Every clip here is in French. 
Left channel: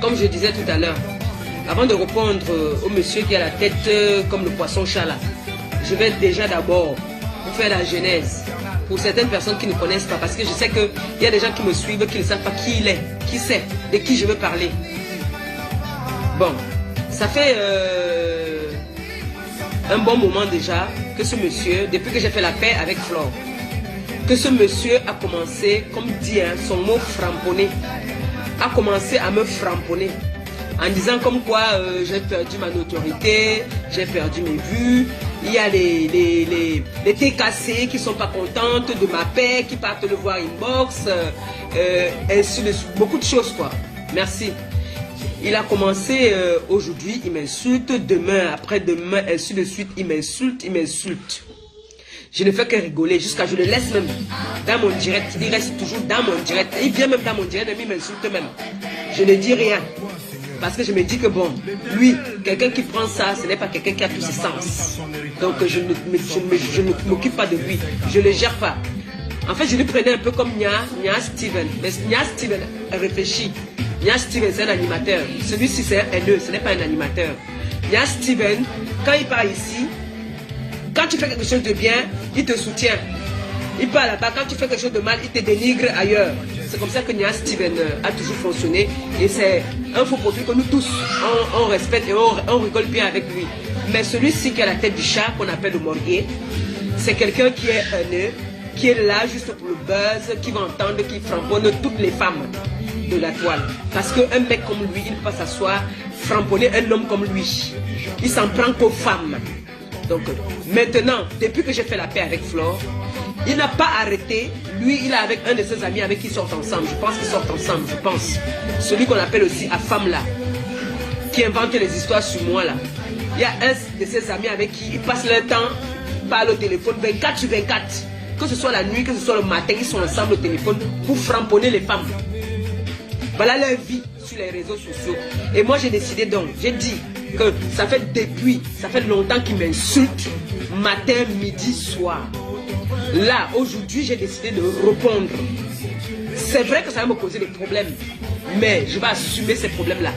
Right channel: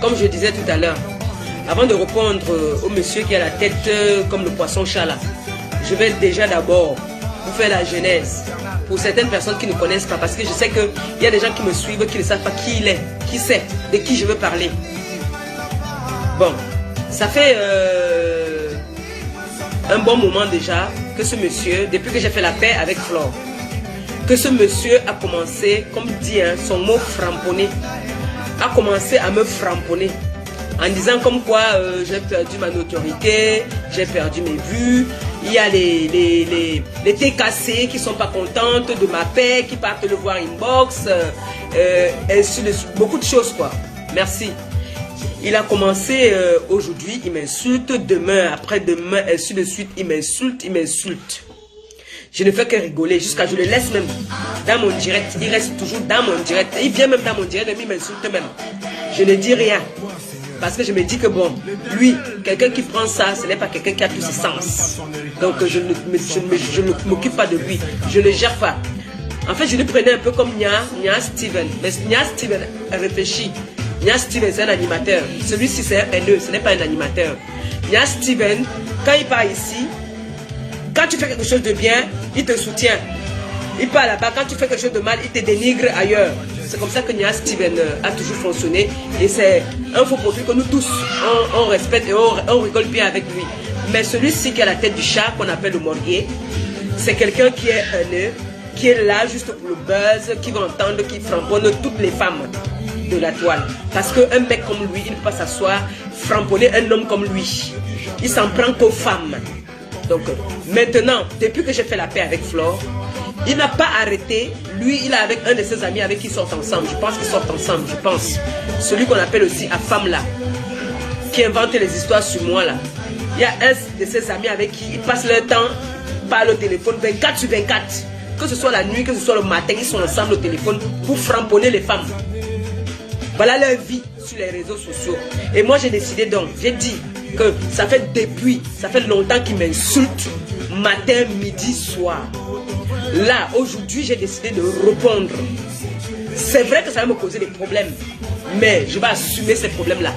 comme je disais tout à l'heure, avant de répondre au monsieur qui a la tête comme le poisson-chat là, je vais déjà d'abord vous faire la genèse pour certaines personnes qui ne connaissent pas, parce que je sais qu'il y a des gens qui me suivent qui ne savent pas qui il est, qui c'est, de qui je veux parler. Bon, ça fait un bon moment déjà que ce monsieur, depuis que j'ai fait la paix avec Flore, que ce monsieur a commencé, comme dit hein, son mot framponné, a commencé à me framponner en disant comme quoi j'ai perdu ma notoriété, j'ai perdu mes vues, il y a les TKC qui sont pas contentes de ma paix, qui partent le voir inbox, ainsi de suite, beaucoup de choses quoi. Merci. Il a commencé aujourd'hui, il m'insulte, demain, après-demain, ainsi de suite, il m'insulte, il m'insulte. Je ne fais que rigoler jusqu'à je le laisse même dans mon direct. Il reste toujours dans mon direct. Il vient même dans mon direct, mais il m'insulte même. Je ne dis rien. Parce que je me dis que bon, lui, quelqu'un qui prend ça, ce n'est pas quelqu'un qui a tous ses sens. Donc je ne m'occupe pas de lui. Je ne le gère pas. En fait, je lui prenais un peu comme Nia Steven. Mais Nia Steven réfléchit. Nia Steven, c'est un animateur. Celui-ci, c'est un haineux, ce n'est pas un animateur. Nia Steven, quand il part ici, quand tu fais quelque chose de bien, il te soutient. Il part là-bas, quand tu fais quelque chose de mal, il te dénigre ailleurs. C'est comme ça que Nia Steven a toujours fonctionné. Et c'est un faux profil que nous tous, on respecte et on rigole bien avec lui. Mais celui-ci qui a la tête du chat, qu'on appelle le morguet, c'est quelqu'un qui est haineux, qui est là juste pour le buzz, qui va entendre, qui framponne toutes les femmes de la toile. Parce qu'un mec comme lui, il ne peut pas s'asseoir, framponner un homme comme lui. Il s'en prend qu'aux femmes. Donc maintenant, depuis que j'ai fait la paix avec Flore, il n'a pas arrêté. Lui, il est avec un de ses amis avec qui ils sortent ensemble. Je pense qu'ils sortent ensemble, je pense. Celui qu'on appelle aussi Afam là, qui invente les histoires sur moi là. Il y a un de ses amis avec qui ils passent leur temps, parlent au téléphone 24 sur 24. Que ce soit la nuit, que ce soit le matin, ils sont ensemble au téléphone pour framponner les femmes. Voilà leur vie sur les réseaux sociaux. Et moi j'ai décidé donc, j'ai dit que ça fait longtemps qu'ils m'insultent, matin, midi, soir. Là, aujourd'hui, j'ai décidé de répondre. C'est vrai que ça va me causer des problèmes, mais je vais assumer ces problèmes-là.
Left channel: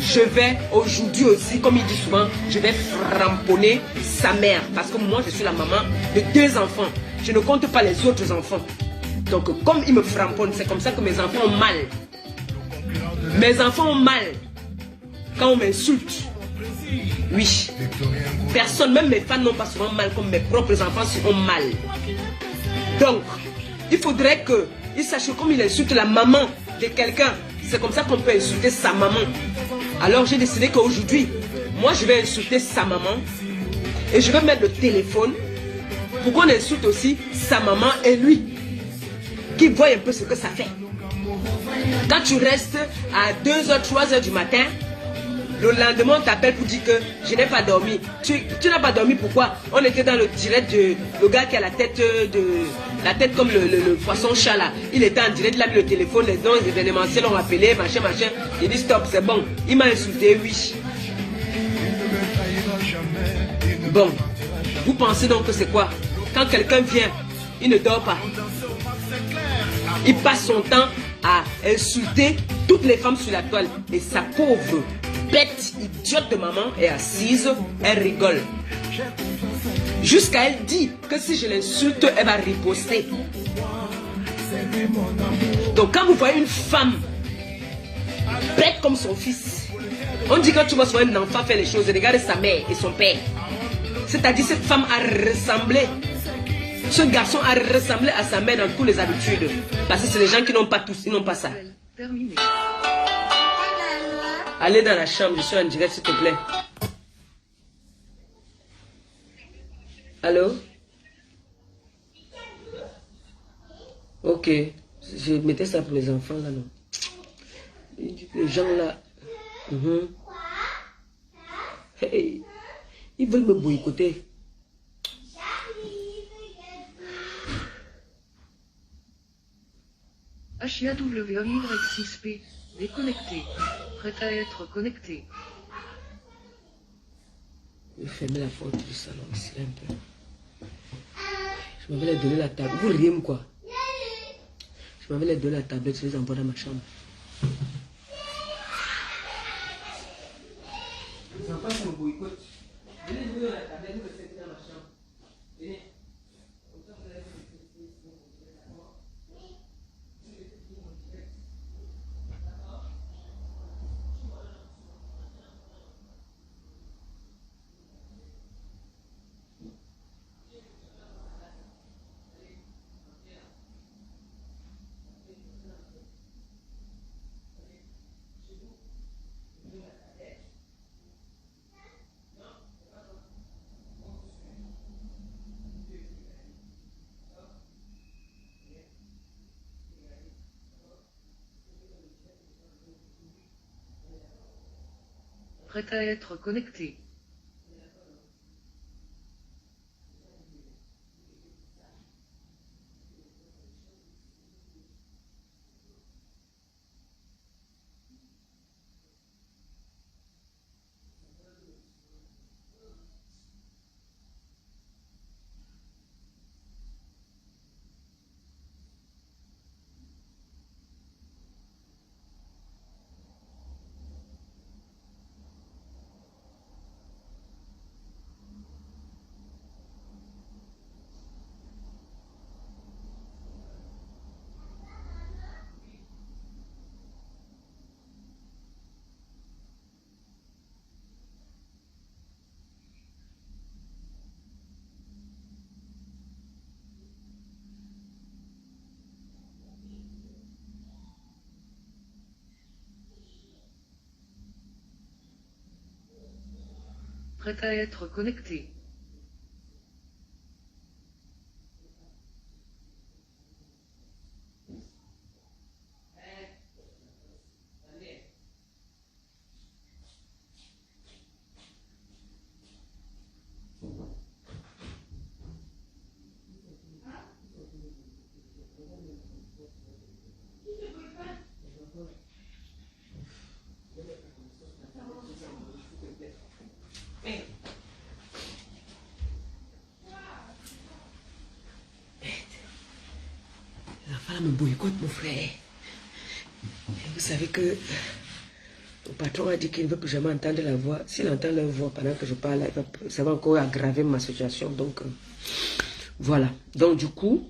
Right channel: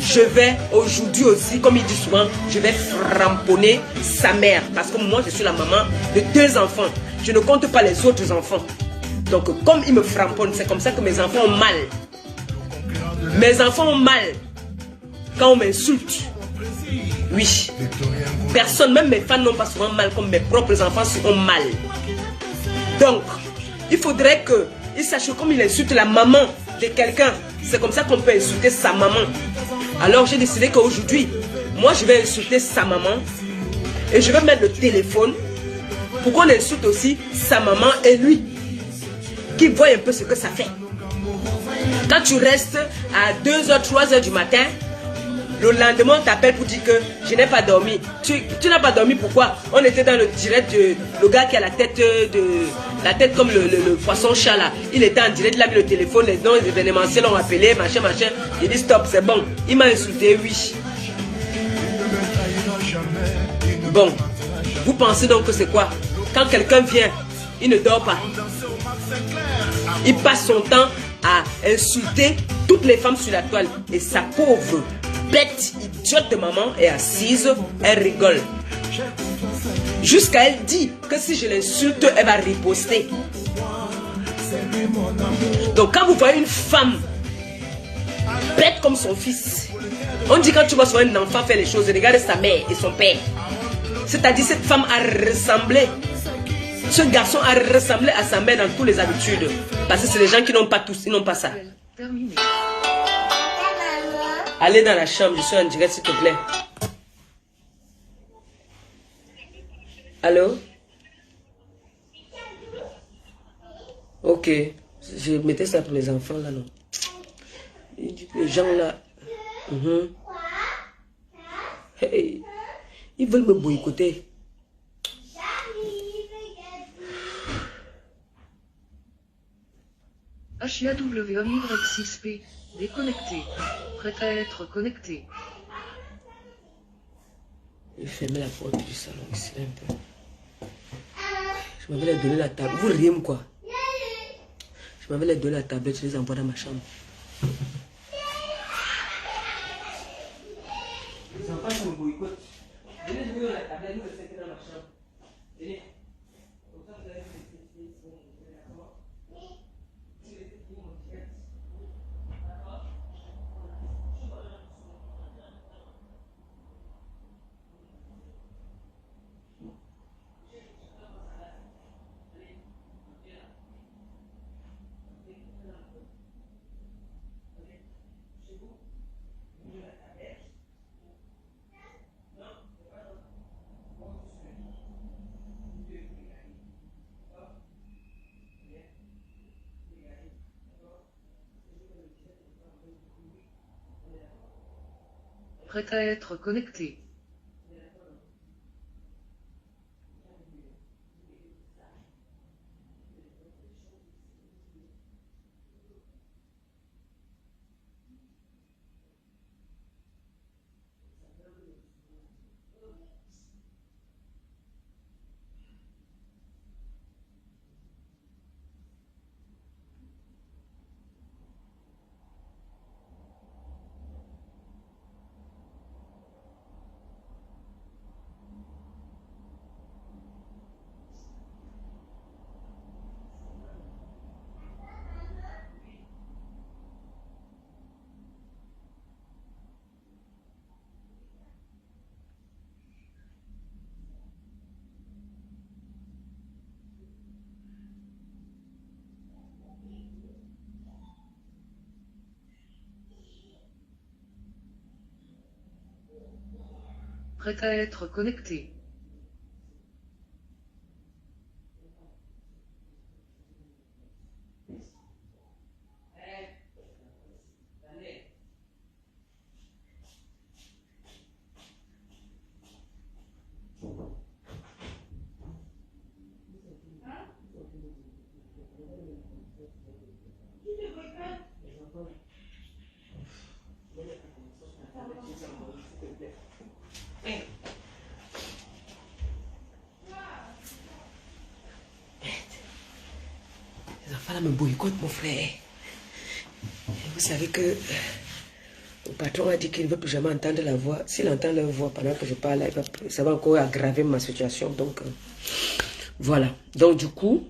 Je vais aujourd'hui aussi, comme il dit souvent, je vais framponner sa mère. Parce que moi, je suis la maman de 2 enfants. Je ne compte pas les autres enfants. Donc, comme il me framponne, c'est comme ça que mes enfants ont mal. Mes enfants ont mal quand on m'insulte. Oui. Personne, même mes fans n'ont pas souvent mal comme mes propres enfants ont mal. Donc, il faudrait qu'il sache que comme il insulte la maman de quelqu'un, c'est comme ça qu'on peut insulter sa maman. Alors j'ai décidé qu'aujourd'hui, moi je vais insulter sa maman et je vais mettre le téléphone pour qu'on insulte aussi sa maman et lui, qui voit un peu ce que ça fait. Quand tu restes à 2h, 3h du matin, le lendemain on t'appelle pour dire que je n'ai pas dormi. Tu n'as pas dormi, pourquoi? On était dans le direct de le gars qui a la tête comme le poisson-chat là. Il était en direct, il a mis le téléphone, les événementiels l'ont appelé, machin. Il dit stop, c'est bon. Il m'a insulté, oui. Bon, vous pensez donc que c'est quoi? Quand quelqu'un vient, il ne dort pas. Il passe son temps à insulter toutes les femmes sur la toile. Et sa pauvre bête idiote de maman est assise, elle rigole. Jusqu'à elle dit que si je l'insulte, elle va riposter. Donc quand vous voyez une femme bête comme son fils, on dit quand tu vois un enfant faire les choses, regarde sa mère et son père. C'est-à-dire cette femme a ressemblé, ce garçon a ressemblé à sa mère dans toutes les habitudes. Parce que c'est les gens qui n'ont pas tous, ils n'ont pas ça. Allez dans la chambre, je suis en direct s'il te plaît. Allô? Ok, je mettais ça pour les enfants là, non? Les gens là, hey, ils veulent me boycotter. HIAWY6P, déconnecté, prêt à être connecté. Je vais fermer la porte du salon ici un peu. Je m'avais donné la table. Vous riez quoi? Je m'avais donné la tablette, je les envoie dans ma chambre. pas, ça me boycotte. Venez jouer la tablette, nous restons dans ma chambre. Venez. Comme ça, vous allez me tester. D'accord? Prêt à être connecté. Prêt à être connecté. Les enfants là me boycottent, mon frère. Vous savez que le patron a dit qu'il ne veut plus jamais entendre la voix. S'il entend leur voix pendant que je parle, ça va encore aggraver ma situation. Donc, voilà. Donc, du coup,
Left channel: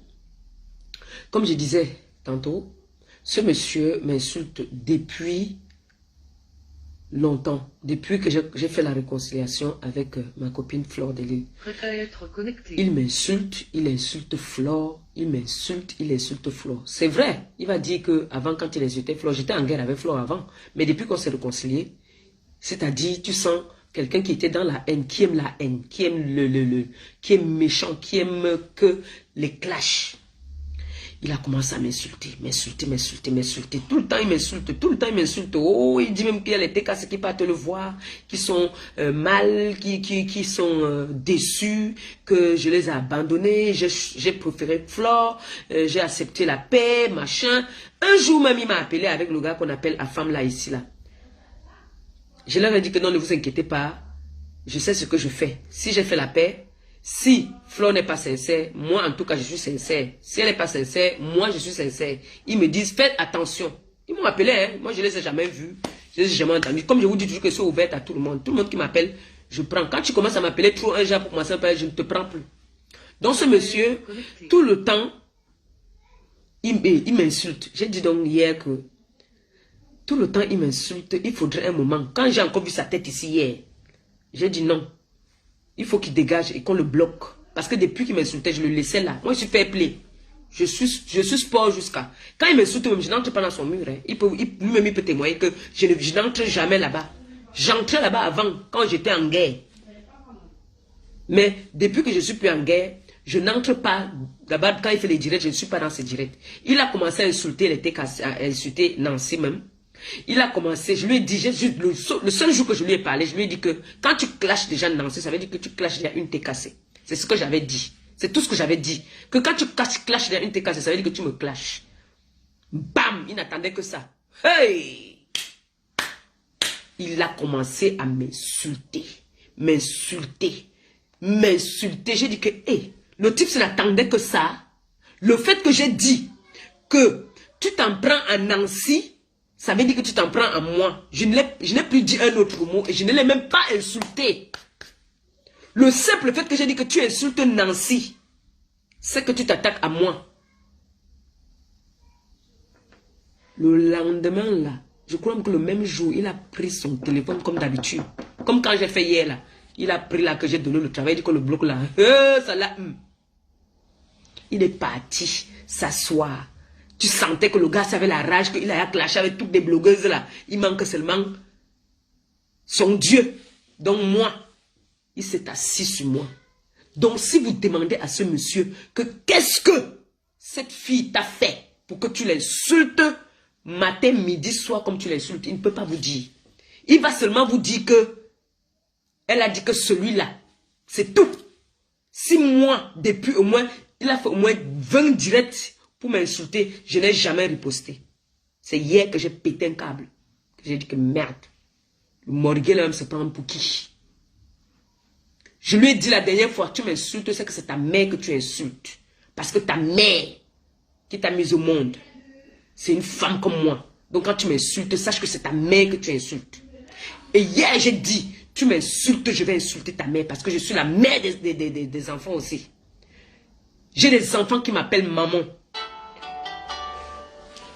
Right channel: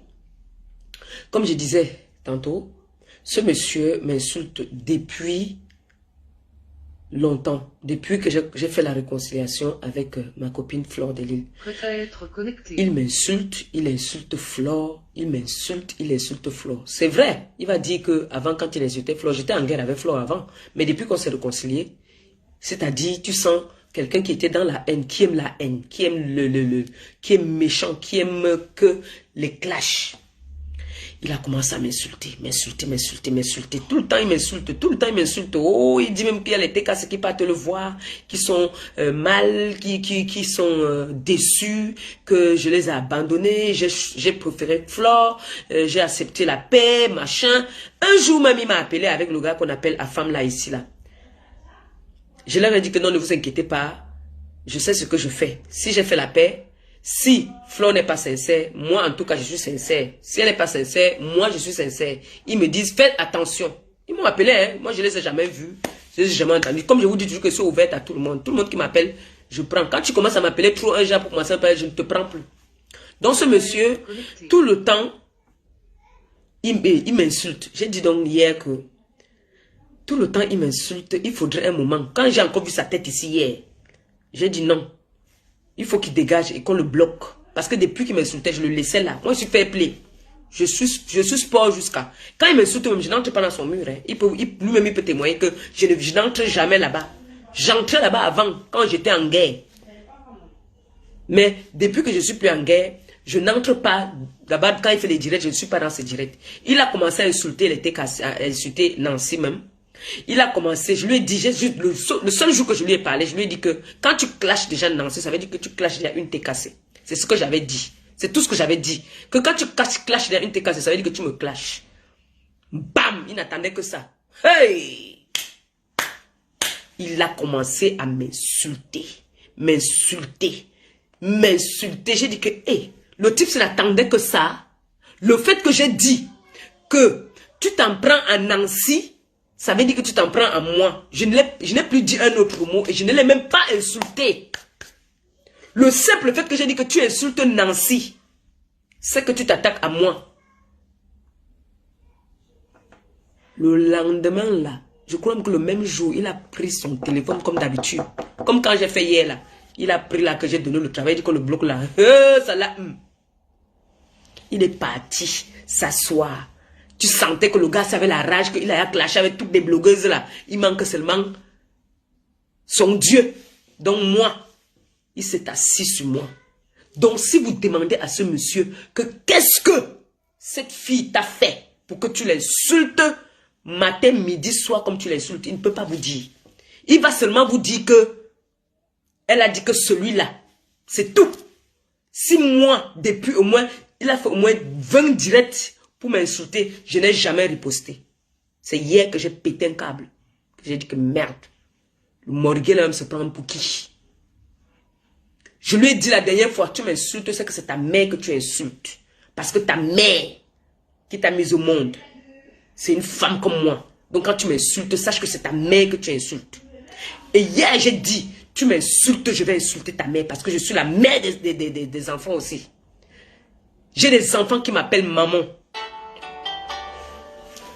comme je disais tantôt, ce monsieur m'insulte depuis longtemps, depuis que j'ai fait la réconciliation avec ma copine Flore de Lille. Prêt à être connecté. Il insulte Flore, il insulte Flore. C'est vrai, il va dire que avant quand il insultait Flore, j'étais en guerre avec Flore avant, mais depuis qu'on s'est réconcilié, c'est-à-dire tu sens quelqu'un qui était dans la haine, qui aime la haine, qui aime qui est méchant, qui aime que les clashs. Il a commencé à m'insulter. Tout le temps, il m'insulte. Oh, il dit même qu'il y a les TKC qui partent le voir, qui sont mal, qui sont déçus, que je les ai abandonnés. J'ai préféré Flore, j'ai accepté la paix, machin. Un jour même, il m'a appelé avec le gars qu'on appelle Afam là, ici, là. Je leur ai dit que non, ne vous inquiétez pas. Je sais ce que je fais. Si j'ai fait la paix, si Flore n'est pas sincère, moi en tout cas je suis sincère. Si elle n'est pas sincère, moi je suis sincère. Ils me disent faites attention. Ils m'ont appelé, hein. Moi je ne les ai jamais vus. Je ne les ai jamais entendus. Comme je vous dis toujours que je suis ouverte à tout le monde. Tout le monde qui m'appelle, je prends. Quand tu commences à m'appeler trop un genre pour commencer à parler, je ne te prends plus. Donc ce monsieur, tout le temps, il m'insulte. J'ai dit donc hier que tout le temps il m'insulte. Il faudrait un moment. Quand j'ai encore vu sa tête ici hier, j'ai dit non. Il faut qu'il dégage et qu'on le bloque. Parce que depuis qu'il m'insultait, je le laissais là. Moi, je suis fair play. Je suis sport jusqu'à... Quand il m'insulte, je n'entre pas dans son mur. Hein. Lui-même, il peut témoigner que je n'entre jamais là-bas. J'entrais là-bas avant, quand j'étais en guerre. Mais depuis que je ne suis plus en guerre, je n'entre pas là-bas. Quand il fait les directs, je ne suis pas dans ces directs. Il a commencé à insulter les TKC, à insulter Nancy même. Il a commencé, je lui ai dit, le seul jour que je lui ai parlé, je lui ai dit que quand tu clashes déjà Nancy, ça veut dire que tu clashes déjà une TKC. C'est ce que j'avais dit. C'est tout ce que j'avais dit. Que quand tu clashes déjà une TKC, ça veut dire que tu me clashes. Bam! Il n'attendait que ça. Hey! Il a commencé à m'insulter. M'insulter. J'ai dit que, hey, le type, n'attendait que ça. Le fait que j'ai dit que tu t'en prends à Nancy, Ça veut dire que tu t'en prends à moi. Je n'ai plus dit un autre mot et je ne l'ai même pas insulté. Le simple fait que j'ai dit que tu insultes Nancy, c'est que tu t'attaques à moi. Le lendemain, là, je crois que le même jour, il a pris son téléphone comme d'habitude. Comme quand j'ai fait hier, là. Il a pris là que j'ai donné le travail, il dit que le bloc là, ça l'a... Il est parti s'asseoir. Tu sentais que le gars avait la rage, qu'il a clashé avec toutes les blogueuses là. Il manque seulement son Dieu. Donc moi, il s'est assis sur moi. Donc si vous demandez à ce monsieur que qu'est-ce que cette fille t'a fait pour que tu l'insultes matin, midi, soir comme tu l'insultes, il ne peut pas vous dire. Il va seulement vous dire que elle a dit que celui-là, c'est tout. Si moi, depuis au moins, il a fait au moins 20 directs pour m'insulter, je n'ai jamais riposté. C'est hier que j'ai pété un câble. J'ai dit que merde. Le morguel là se prend pour qui? Je lui ai dit la dernière fois, tu m'insultes, c'est que c'est ta mère que tu insultes. Parce que ta mère qui t'a mise au monde, c'est une femme comme moi. Donc quand tu m'insultes, sache que c'est ta mère que tu insultes. Et hier, j'ai dit, tu m'insultes, je vais insulter ta mère parce que je suis la mère des enfants aussi. J'ai des enfants qui m'appellent maman.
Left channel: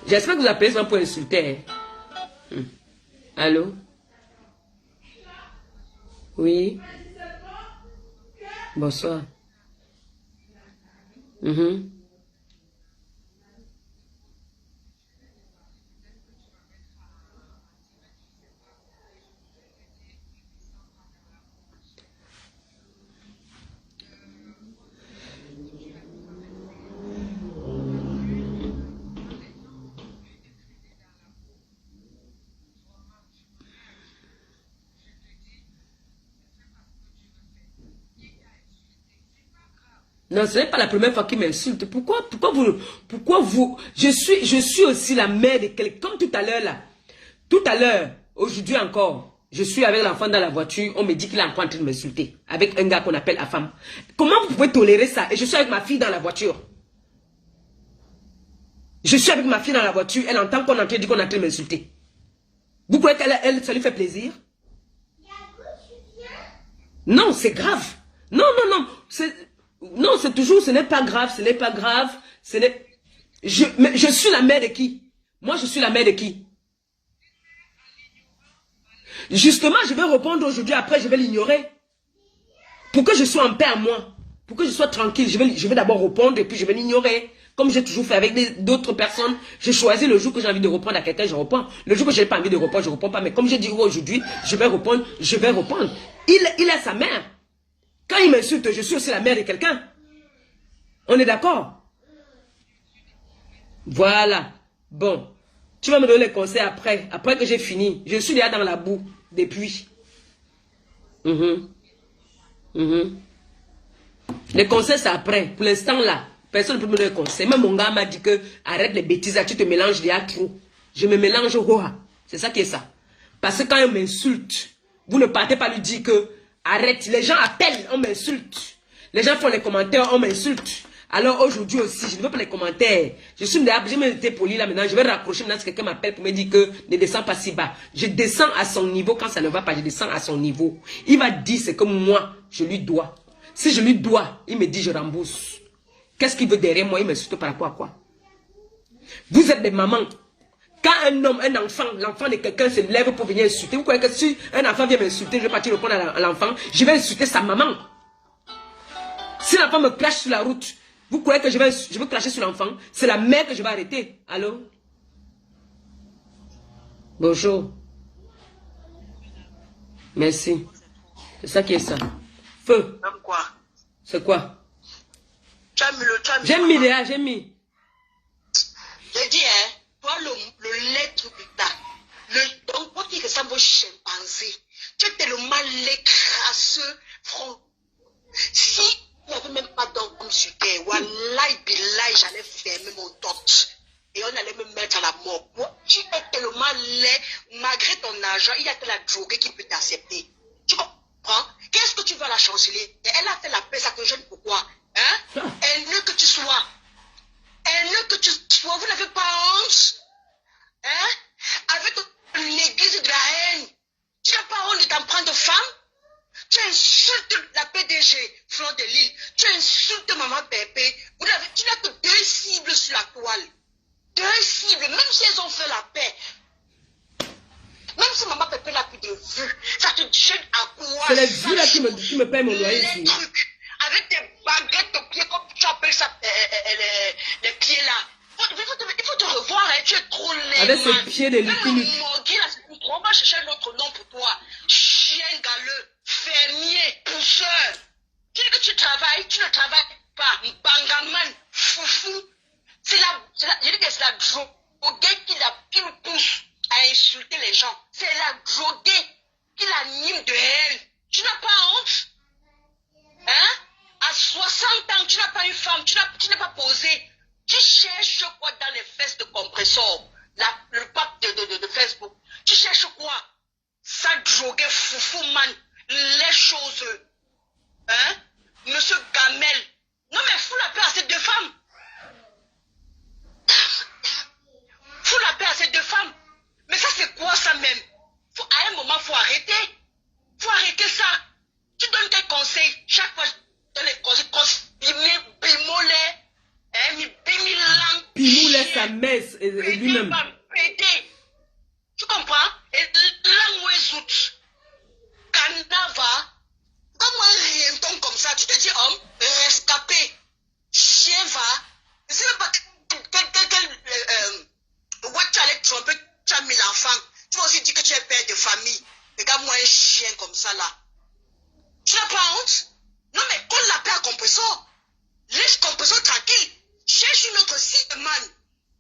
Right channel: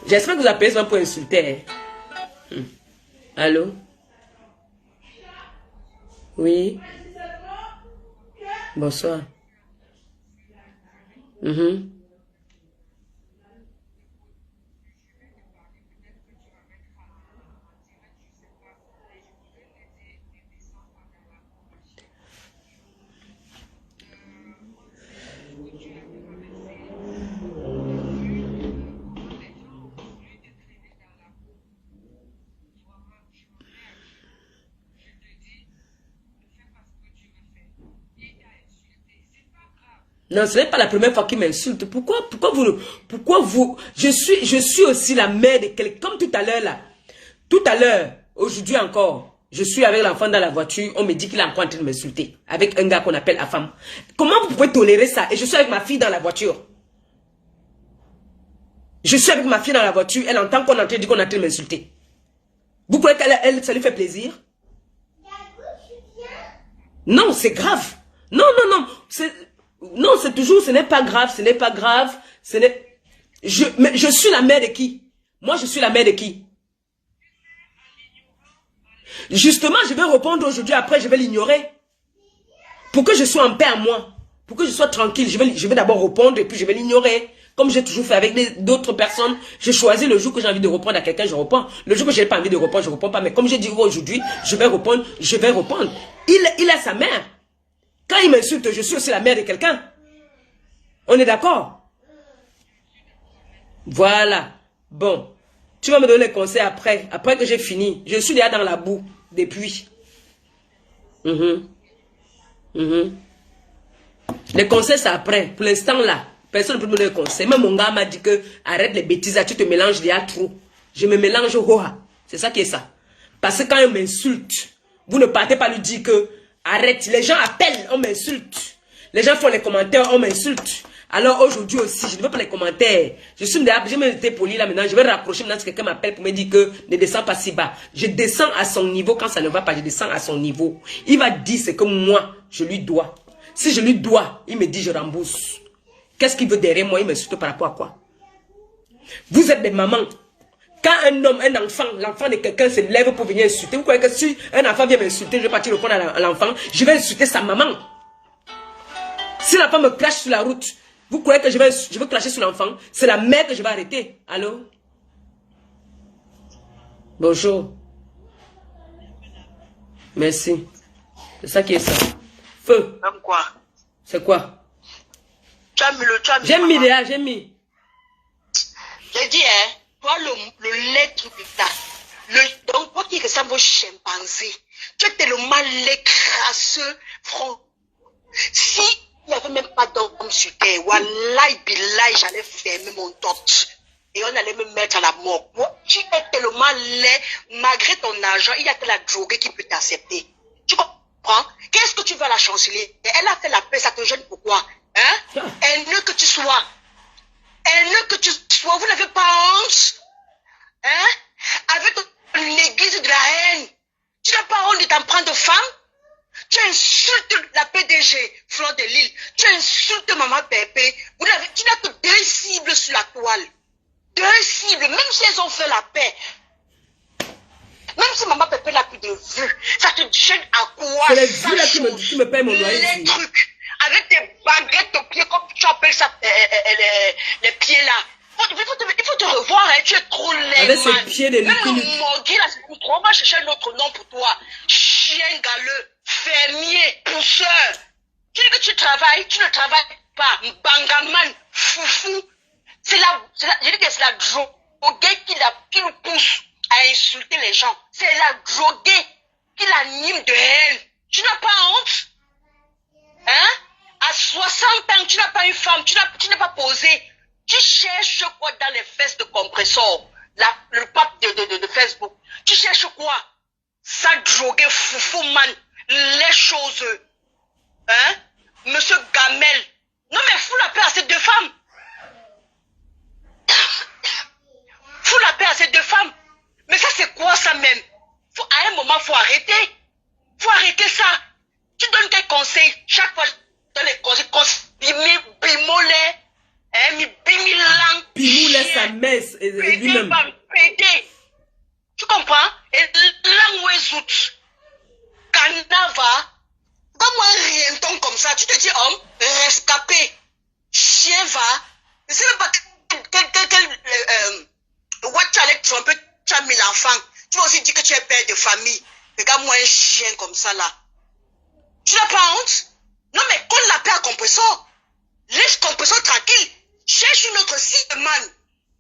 J'espère que vous appelez ça pour insulter. Allô? Oui? Bonsoir. Non, ce n'est pas la première fois qu'il m'insulte. Pourquoi vous, je suis aussi la mère de quelqu'un, comme tout à l'heure là. Tout à l'heure, aujourd'hui encore, je suis avec l'enfant dans la voiture, on me dit qu'il est encore en train de m'insulter. Avec un gars qu'on appelle Afam. Comment vous pouvez tolérer ça? Et je suis avec ma fille dans la voiture. Je suis avec ma fille dans la voiture, elle entend qu'on est en train de dire qu'on est en train de m'insulter. Vous croyez qu'elle, ça lui fait plaisir? Non, c'est grave. Non, non, non, non, c'est toujours, ce n'est pas grave, ce n'est pas grave, mais je suis la mère de qui? Moi, je suis la mère de qui? Justement, je vais répondre aujourd'hui, après, je vais l'ignorer. Pour que je sois en paix à moi, pour que je sois tranquille, je vais d'abord répondre et puis je vais l'ignorer. Comme j'ai toujours fait avec d'autres personnes, j'ai choisi le jour que j'ai envie de répondre à quelqu'un, je réponds. Le jour que je n'ai pas envie de répondre, je ne réponds pas. Mais comme je dis aujourd'hui, je vais répondre, je vais répondre. Il a sa mère. Quand il m'insulte, je suis aussi la mère de quelqu'un. On est d'accord? Voilà. Bon. Tu vas me donner les conseils après. Après que j'ai fini. Je suis déjà dans la boue depuis. Les conseils, c'est après. Pour l'instant, là, personne ne peut me donner les conseils. Même mon gars m'a dit que arrête les bêtises, tu te mélanges déjà trop. Je me mélange au Roha. C'est ça qui est ça. Parce que quand il m'insulte, vous ne partez pas lui dire que arrête. Les gens appellent, on m'insulte. Les gens font les commentaires, on m'insulte. Alors aujourd'hui aussi, je ne veux pas les commentaires. J'ai même été poli là maintenant. Je vais raccrocher maintenant si quelqu'un m'appelle pour me dire que ne descends pas si bas. Je descends à son niveau. Quand ça ne va pas, je descends à son niveau. Il va dire ce que moi, je lui dois. Si je lui dois, il me dit je rembourse. Qu'est-ce qu'il veut derrière moi? Il m'insulte par rapport à quoi? Vous êtes des mamans. Quand un homme, un enfant, l'enfant de quelqu'un se lève pour venir insulter, vous croyez que si un enfant vient m'insulter, je vais partir répondre à l'enfant, je vais insulter sa maman. Si l'enfant me crache sur la route, vous croyez que je vais cracher sur l'enfant? C'est la mère que je vais arrêter. Allô? Bonjour. Merci. C'est ça qui est ça. Feu. Comme quoi? C'est quoi? J'ai mis déjà, j'ai mis. J'ai dit, hein, toi, le lait truc là. Donc, toi qui ressemble au chimpanzé, tu es tellement laid, crasseux, franc. Si il n'y avait même pas d'homme sur terre, wallahi billahi, j'allais fermer mon torche. Et on allait me mettre à la mort. Tu es tellement laid, malgré ton argent, il n'y a que la droguée qui peut t'accepter. Tu comprends? Qu'est-ce que tu veux à la chancelier? Elle a fait la paix, ça te gêne pourquoi? Hein? Haineux que tu sois. Haineux que tu sois, vous n'avez pas honte? Hein? avec l'église de la haine. Tu n'as pas honte de t'en prendre femme? Tu insultes la PDG, Fleur de Lille. Tu insultes Maman Pépé. Tu n'as que 2 cibles sur la toile. 2 cibles, même si elles ont fait la paix. Même si Maman Pépé n'a plus de vues, ça te gêne à quoi? C'est les vues là qui me payent mon loyer les ici. Trucs, avec tes baguettes aux pieds, comme tu appelles ça, les pieds là. Il faut te revoir, hein, tu es trop laid. Avec ses pieds de lupine. On va chercher un autre nom pour toi. Chien galeux, fermier, pousseur. Tu dis que tu travailles, tu ne travailles pas. Bangaman, foufou. Je dis que c'est la droguée qui nous pousse à insulter les gens. C'est la droguée qui l'anime de haine. Tu n'as pas honte? Hein? À 60 ans, tu n'as pas une femme, tu n'as pas posé. Tu cherches quoi dans les fesses de compresseur? Le pape de Facebook. Tu cherches quoi? Ça drogué, foufou, man. Les choses. Hein? Monsieur Gamel. Non mais fous la paix à ces 2 femmes. Fous la paix à ces 2 femmes. Mais ça c'est quoi ça même? À un moment, faut arrêter. Faut arrêter ça. Tu donnes tes conseils. Chaque fois, tu donnes les conseils. Bimolé. Pimoulé sa messe lui-même. Tu comprends? Et l'angouézout. Canava. Comme un rienton comme ça, tu te dis, homme, rescapé. Chien va. Je ne sais même pas quel what avec Trump, tu as mis l'enfant. Tu vas aussi dire que tu es père de famille. Regarde-moi un chien comme ça là. Tu n'as pas honte? Non mais qu'on l'appelle à compresseur. Laisse compresseur tranquille. Cherche une autre cible, man.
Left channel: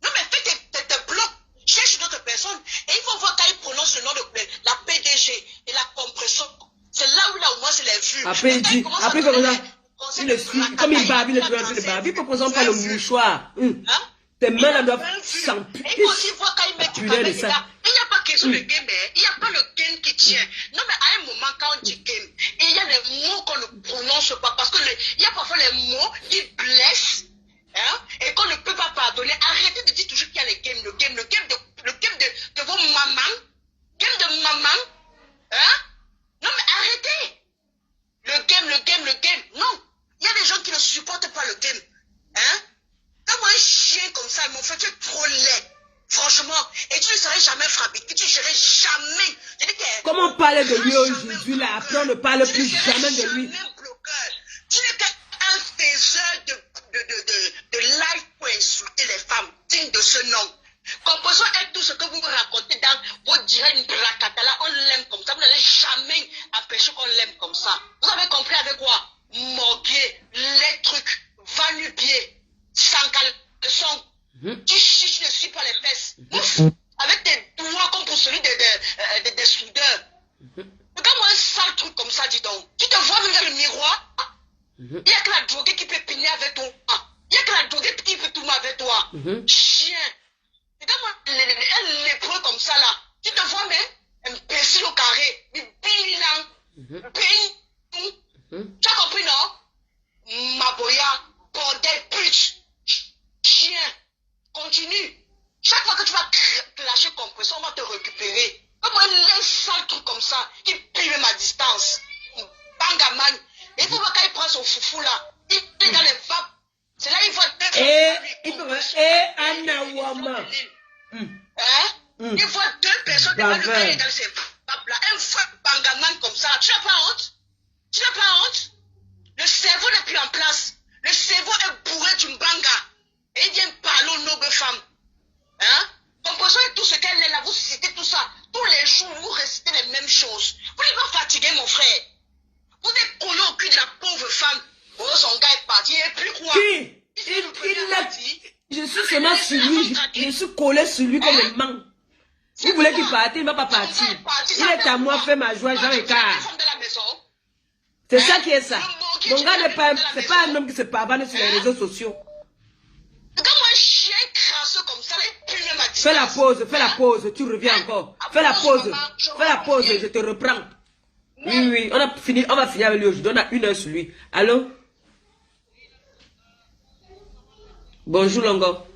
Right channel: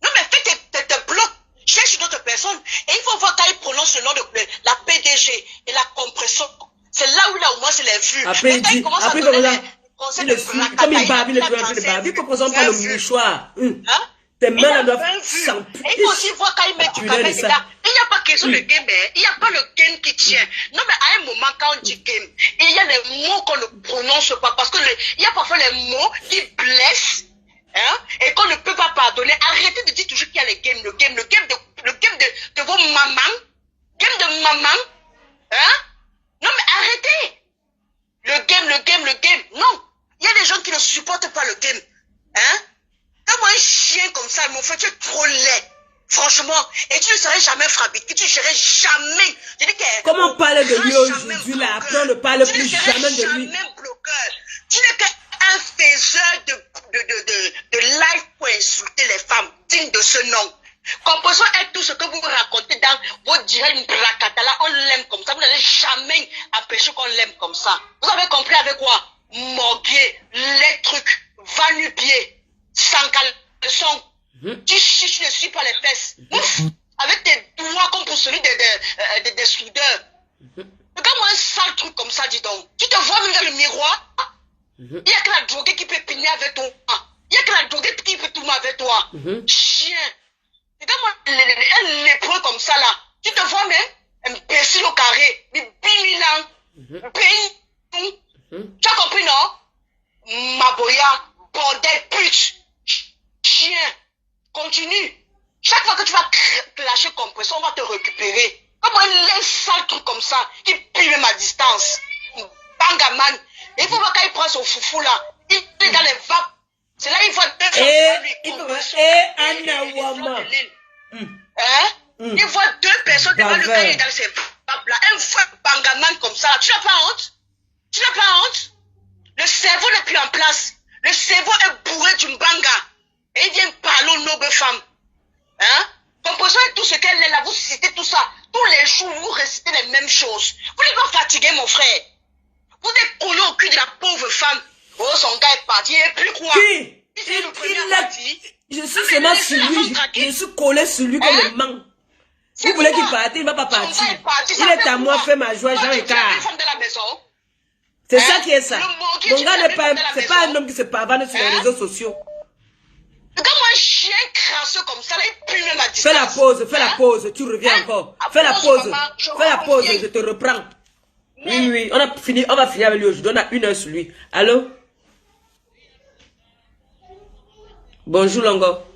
Non mais fais tes blocs. Cherche une autre personne. Et il faut voir quand il prononce le nom de la PDG et la compresseur. C'est là où il a au moins c'est les vues. Après il dit, après il le suit, comme il bave, il est en train de baver. Il ne présente pas le mouchoir. Tes mains là doivent s'empuler. Il faut aussi voir quand il met du café dedans. Il n'y a pas question de game, il n'y a pas le game qui tient. Non, mais à un moment, quand on dit game, il y a des mots qu'on ne prononce pas. Parce que il y a parfois les mots qui blessent, hein, et qu'on ne peut pas pardonner. Arrêtez de dire toujours qu'il y a le game de vos mamans. Game de maman. Hein? Non, mais arrêtez. Le game. Non. Il y a des gens qui ne supportent pas le game. Hein? Comme un chien comme ça, mon frère, tu es trop laid. Franchement. Et tu ne serais jamais fabriqué. Tu ne serais jamais. Je dis que, comment on parle de lui aujourd'hui là? Après, on ne parle plus jamais de lui. Tu n'es qu'un faiseur de live pour insulter les femmes. Digne de ce nom. Composons est tout ce que vous racontez dans votre direct bracatala. On l'aime comme ça. Vous n'allez jamais empêcher qu'on l'aime comme ça. Vous avez compris avec quoi? Morguer, les trucs, va-nu-pied. Sans caleçon, tu chiches, ne suis pas les fesses. Ouf, avec tes doigts comme pour celui des soudeurs. Regarde-moi un sale truc comme ça, dis donc. Tu te vois même dans le miroir? Il n'y a que la droguée qui peut piner avec toi. Il n'y a que la droguée qui peut tourner avec toi. Chien. Regarde-moi un lépreux comme ça là. Tu te vois même? Imbécile au carré. Mais bimilan. Tu as compris, non? Maboya, bordel, pute. Chien, continue. Chaque fois que tu vas lâcher compression, on va te récupérer. Comment un sale truc comme ça, qui pue même à distance. Bangaman. Et il faut voir quand il prend son foufou là. Il est dans les vapes. C'est là qu'il voit Anna Wama. Il voit 2 personnes devant le dans ces vapes là. Un vrai bangaman comme ça. Tu n'as pas honte? Tu n'as pas honte? Le cerveau n'est plus en place. Le cerveau est bourré d'une banga. Et il vient parler aux nobles femmes. Hein? Composant tout ce qu'elle est là, vous citez tout ça. Tous les jours, vous récitez les mêmes choses. Vous n'êtes pas fatigué, mon frère. Vous êtes collé au cul de la pauvre femme. Oh, son gars est parti. Et puis quoi? Qui? Je suis seulement sur lui. Je suis collé sur lui comme un man. Vous voulez qu'il parte, il ne va pas partir. Il est à moi, fait ma joie, Jean Écart. C'est ça qui est ça. Mon gars n'est pas, c'est pas un homme qui se pavane sur les réseaux sociaux. Regarde-moi un chien crasseux comme ça, là, il pue même à distance. Fais la pause, tu reviens encore. Fais la pause, je te reprends. Oui, on va finir avec lui aujourd'hui. On a 1 heure sur lui. Allô? Bonjour, Longo.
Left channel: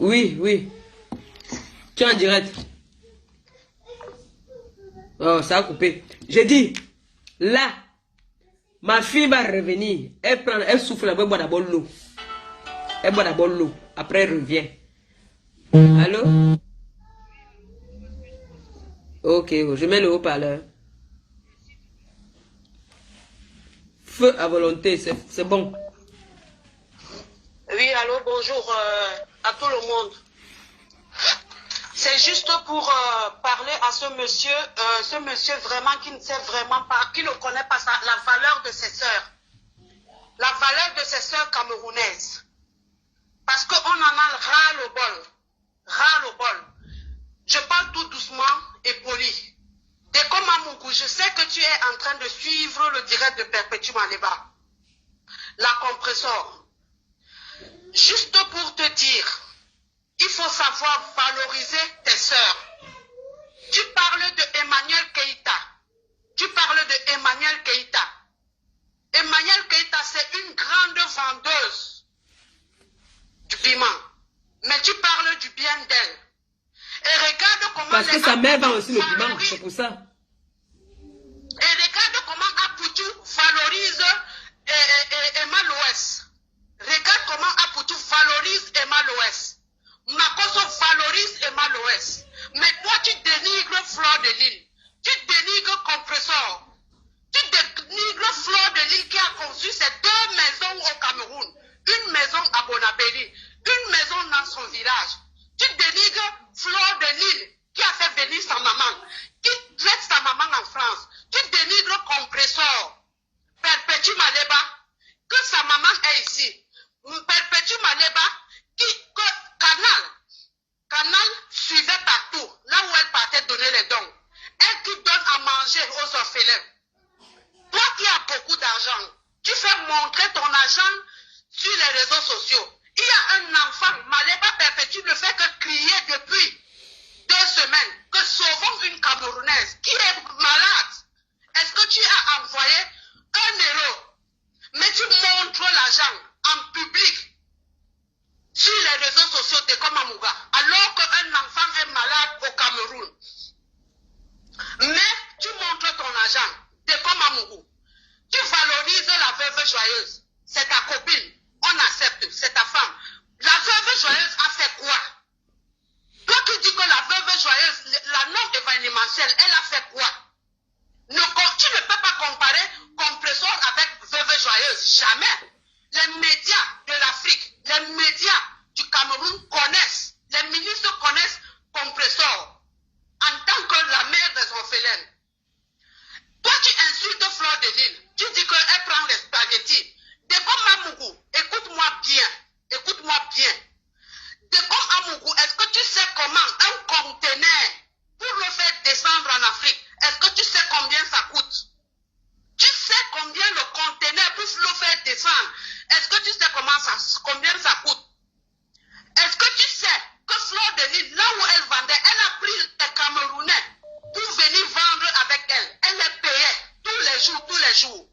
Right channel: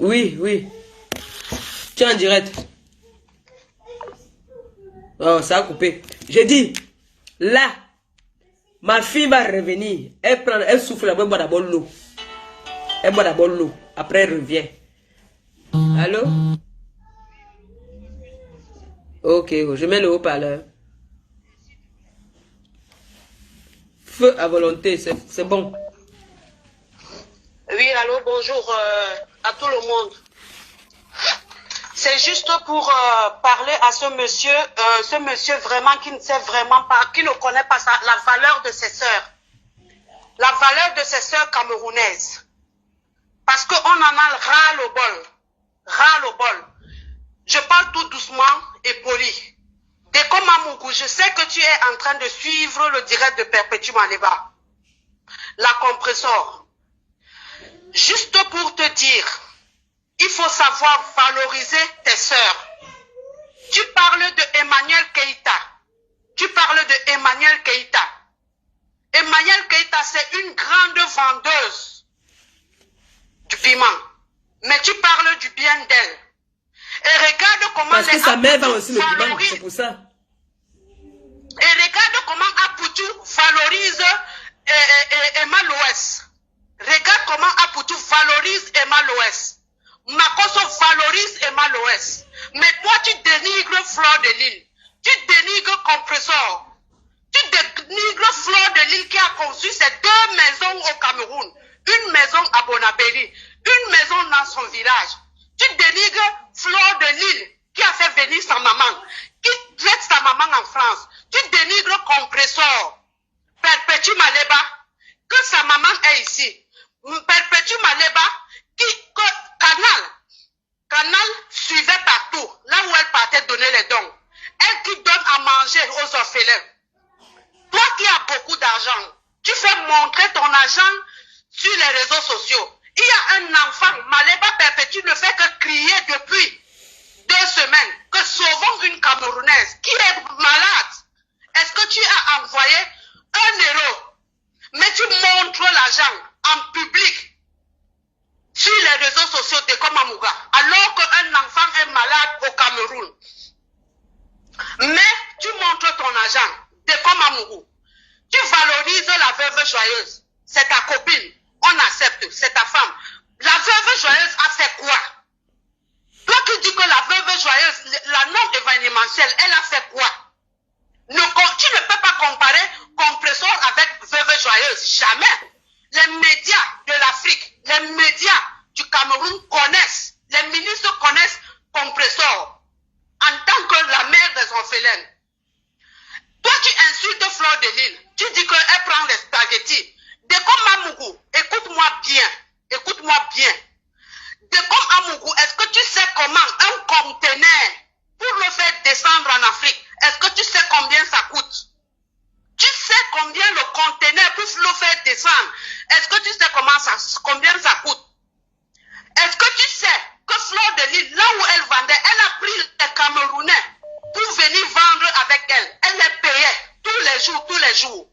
Oui, oui. Tu es en direct. Oh, ça a coupé. J'ai dit, là, ma fille va revenir. Elle souffle, elle boit d'abord l'eau. Elle boit d'abord l'eau. Après, elle revient. Allô? Ok, je mets le haut-parleur. Feu à volonté, c'est bon. Oui, allô, bonjour à tout le monde. C'est juste pour parler à ce monsieur vraiment qui ne sait vraiment pas, qui ne connaît pas la valeur de ses sœurs. La valeur de ses sœurs camerounaises. Parce qu'on en a ras-le-bol. Je parle tout doucement et poli. Dès comme Amougou, je sais que tu es en train de suivre le direct de Perpétue Maleba. La compressor. Juste pour te dire, il faut savoir valoriser tes sœurs. Tu parles de Emmanuel Keïta. Emmanuel Keïta, c'est une grande vendeuse du piment. Mais tu parles du bien d'elle. Et regarde comment... Parce que sa mère vend aussi le piment, c'est pour ça. Et regarde comment Aputu valorise Emma Loès. Regarde comment Aputu valorise Emma Loès. Makoso valorise Emma Loès. Mais toi, tu dénigres Fleur de Lille. Tu dénigres Compressor. Tu dénigres Fleur de Lille qui a conçu ces 2 maisons au Cameroun. Une maison à Bonabéry, une maison dans son village. Tu dénigres Fleur de Lille qui a fait venir sa maman, qui traite sa maman en France. Tu dénigres Compressor. Perpétue Maleba, que sa maman est ici. Perpétue Maleba, que Canal suivait partout, là où elle partait donner les dons. Elle qui donne à manger aux orphelins. Toi qui as beaucoup d'argent, tu fais montrer ton argent sur les réseaux sociaux. Il y a un enfant, Maleba Perpétue ne fait que crier depuis 2 semaines que sauvons une Camerounaise qui est malade. Est-ce que tu as envoyé 1 euro? Mais tu montres l'argent en public sur les réseaux sociaux de Komamouga, alors qu'un enfant est malade au Cameroun. Mais tu montres ton argent de Komamougou. Tu valorises la veuve joyeuse. C'est ta copine. On accepte. C'est ta femme. La veuve joyeuse a fait quoi? Toi qui dis que la veuve joyeuse, la non événementielle, elle a fait quoi? Tu ne peux pas comparer Compressor avec veuve joyeuse. Jamais. Les médias de l'Afrique, les médias du Cameroun connaissent, les ministres connaissent Compressor en tant que la mère des orphelins. Toi, tu insultes Fleur de Lille. Tu dis qu'elle prend les spaghettis. Dekom Amougou, écoute-moi bien. Dekom Amougou, est-ce que tu sais comment un conteneur, pour le faire descendre en Afrique, est-ce que tu sais combien ça coûte? Tu sais combien le conteneur pour le faire descendre? Est-ce que tu sais combien ça coûte? Est-ce que tu sais que Fleur de Lille, là où elle vendait, elle a pris les Camerounais pour venir vendre avec elle. Elle les payait tous les jours.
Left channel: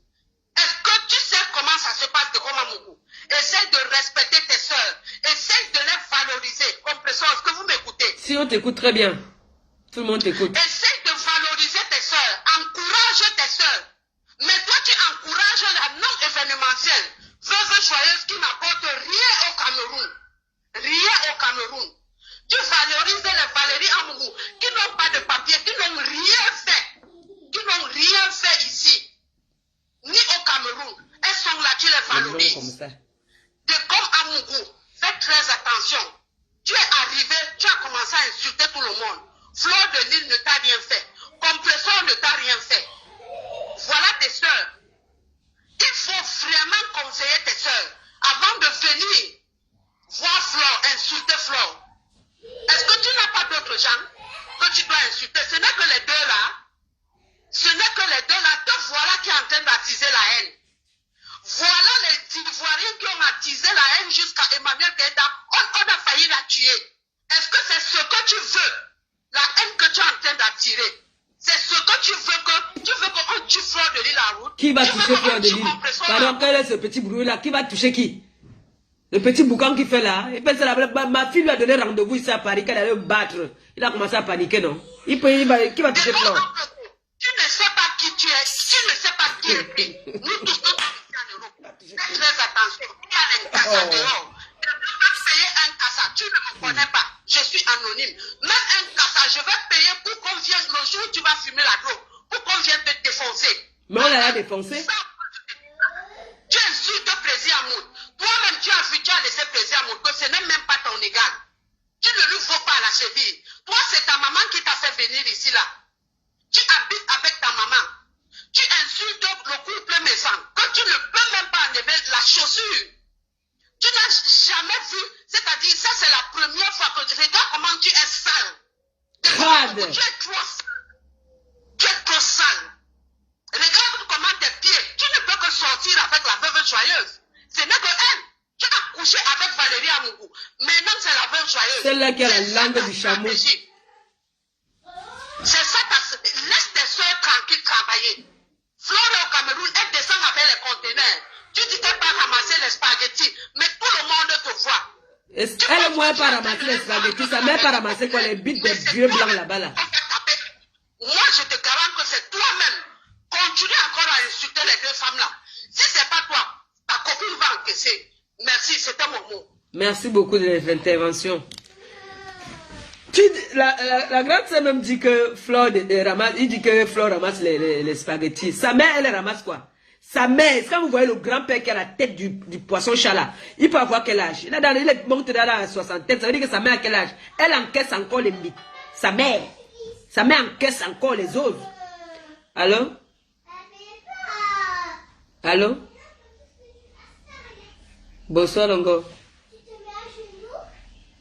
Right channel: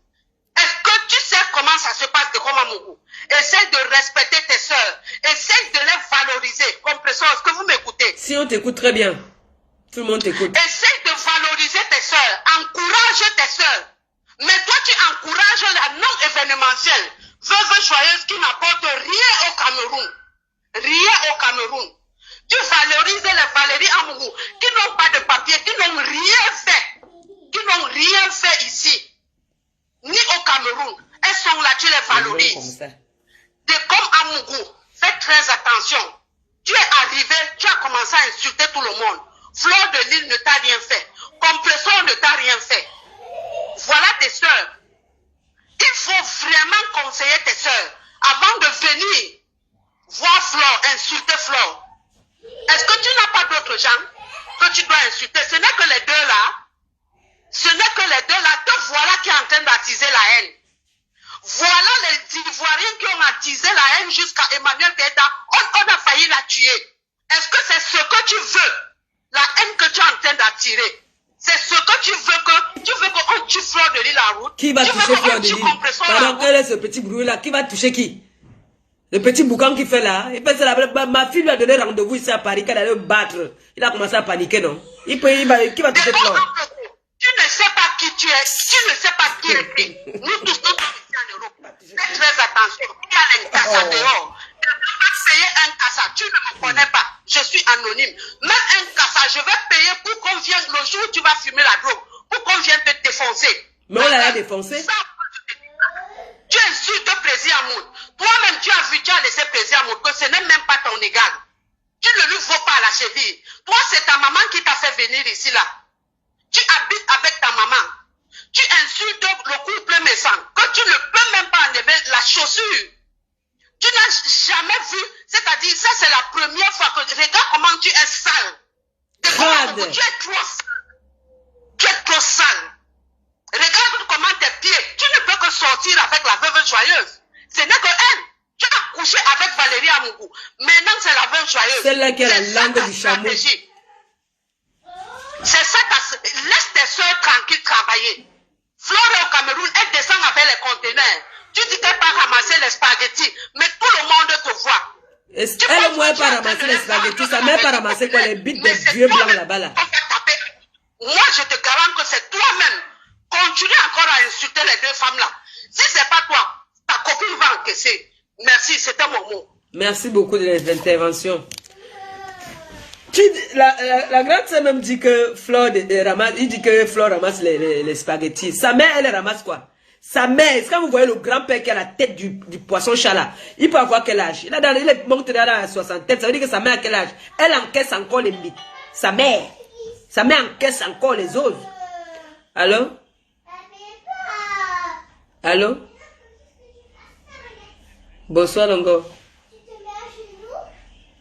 Est-ce que tu sais comment ça se passe de Komamougou? Essaye de respecter tes soeurs. Essaye de les valoriser. Compressor, est-ce que vous m'écoutez? Si on t'écoute très bien. Tout le monde t'écoute. Essaye de valoriser tes soeurs. Encourage tes soeurs. Mais toi, tu encourages la non-événementielle. Veuve joyeuse qui n'apporte rien au Cameroun. Rien au Cameroun. Tu valorises les Valérie Amougou qui n'ont pas de papier, qui n'ont rien fait ici. Ni au Cameroun. Elles sont là, tu les valorises. De comme Amougou, fais très attention. Tu es arrivé, tu as commencé à insulter tout le monde. Fleur de Lille ne t'a rien fait. Compressor ne t'a rien fait. Voilà tes soeurs. Il faut vraiment conseiller tes soeurs avant de venir voir Fleur, insulter Fleur. Est-ce que tu n'as pas d'autres gens que tu dois insulter? Ce n'est que les deux là. Te voilà qui est en train d'attiser la haine. Voilà les Ivoiriens qui ont attisé la haine jusqu'à Emmanuel Keïta. On a failli la tuer. Est-ce que c'est ce que tu veux? La haine que tu es en train d'attirer. C'est ce que tu veux qu'on tue Fleur de Lille à route. Qui va toucher Fleur de Lille? Pardon, quel est ce petit bruit là? Qui va toucher qui? Le petit boucan qu'il fait là, il fait ça, ma fille lui a donné rendez-vous ici à Paris, qu'elle allait le battre. Il a commencé à paniquer, non? Qui va toucher Flore? Tu ne sais pas qui tu es, tu ne sais pas qui est. Nous tous sommes en Europe. Fais très attention. Il y a un cassa dehors. Je vais payer un cassa. Tu ne me connais pas. Je suis anonyme. Même un cassa, je vais payer pour qu'on vienne le jour où tu vas fumer la drogue, pour qu'on vienne te défoncer. Mais on l'a défoncé. Tu insultes Plaisir Amour. Toi-même, tu as vu, tu as laissé Plaisir Amour, que ce n'est même pas ton égal. Tu ne lui vaux pas à la cheville. Toi, c'est ta maman qui t'a fait venir ici, là. Tu habites avec ta maman. Tu insultes le couple méchant. Que tu ne peux même pas enlever la chaussure. Tu n'as jamais vu. C'est-à-dire, ça, c'est la première fois que... Regarde comment tu es sale. Crade. Tu es trop sale. Tu es trop sale. Regarde comment tes pieds, tu ne peux que sortir avec la veuve joyeuse. Ce n'est que elle. Tu as couché avec Valérie Amougou. Maintenant, c'est la veuve joyeuse. Celle-là qui a la langue du chameau. C'est ça, laisse tes soeurs tranquilles travailler. Flore au Cameroun, elle descend avec les conteneurs. Tu dis qu'elle pas ramasser les spaghettis, mais tout le monde te voit. Elle, moi, elle pas ramasser les spaghettis. Sa mère pas ramasser quoi, les bites des vieux blancs là-bas là. Moi, je te garantis que c'est toi-même. Continue encore à insulter les deux femmes là. Si c'est pas toi, ta copine va encaisser. Merci, c'était mon mot. Merci beaucoup de l'intervention. La grande sœur même dit que Flore ramasse, il dit que Flore ramasse les spaghettis. Sa mère, elle ramasse quoi? Sa mère, quand vous voyez le grand-père qui a la tête du poisson chat là, il peut avoir quel âge? Il est monté dans la soixantaine, ça veut dire que sa mère a quel âge? Elle encaisse encore les mythes. Sa mère encaisse encore les autres. Allô? Allô? Bonsoir Longo.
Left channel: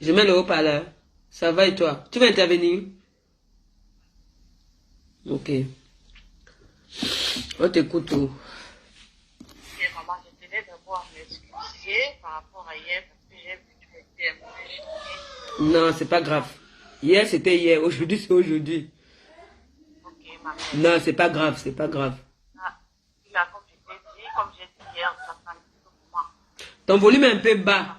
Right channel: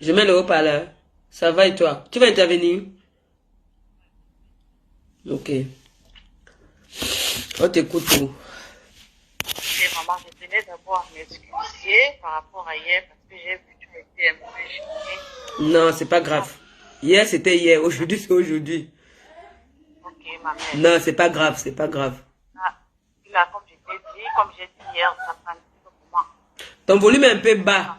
Je mets le haut-parleur. Ça va et toi? Tu vas intervenir? Ok. On t'écoute. Maman, je tenais d'abord à m'excuser par rapport à hier parce que j'ai vu que tu étais un peu gênée. Non, c'est pas grave. Hier, c'était hier. Aujourd'hui, c'est aujourd'hui. Ok, ma mère. Non, c'est pas grave, c'est pas grave. Ah, là, comme j'ai dit hier, ça prend un petit peu pour moi. Ton volume est un peu bas.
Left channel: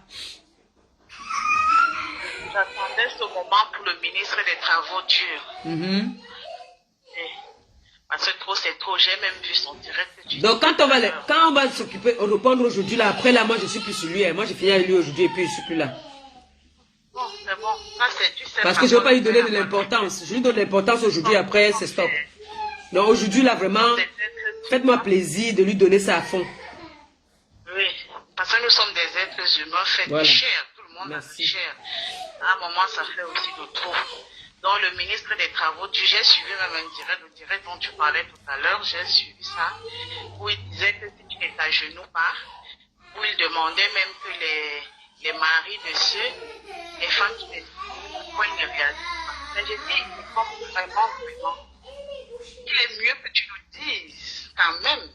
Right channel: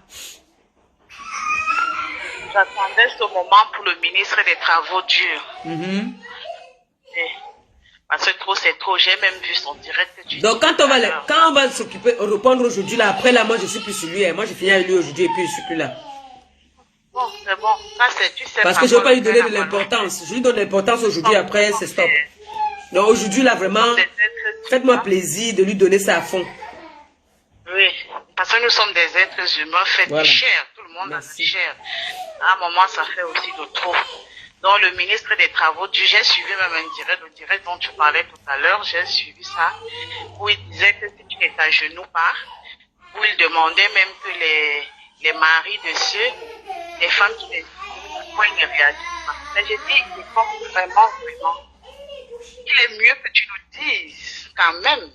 J'attendais ce moment pour le ministre des Travaux durs. Parce que trop, c'est trop. J'ai même vu son direct. Donc, quand on va s'occuper, répondre aujourd'hui, là, après, là, moi, je suis plus sur lui. Hein. Moi, j'ai fini avec lui aujourd'hui et puis je suis plus là. Bon, c'est bon. Tu sais parce que je ne veux pas lui donner de l'importance. Je lui donne l'importance aujourd'hui, après, c'est stop. Donc, aujourd'hui, là, vraiment, faites-moi plaisir de lui donner ça à fond. Oui, parce que nous sommes des êtres humains faits de chair. Tout le monde a de chair. À un moment, ça fait aussi de trop. Donc, le ministre des Travaux, j'ai suivi même le direct dont tu parlais tout à l'heure, j'ai suivi ça, où il disait que si tu n'es à genoux pas, où il demandait même que les maris de ceux, les femmes qui ne pourquoi ils ne réalisent pas. Mais j'ai dit, il faut vraiment, il est mieux que tu nous dises, quand même,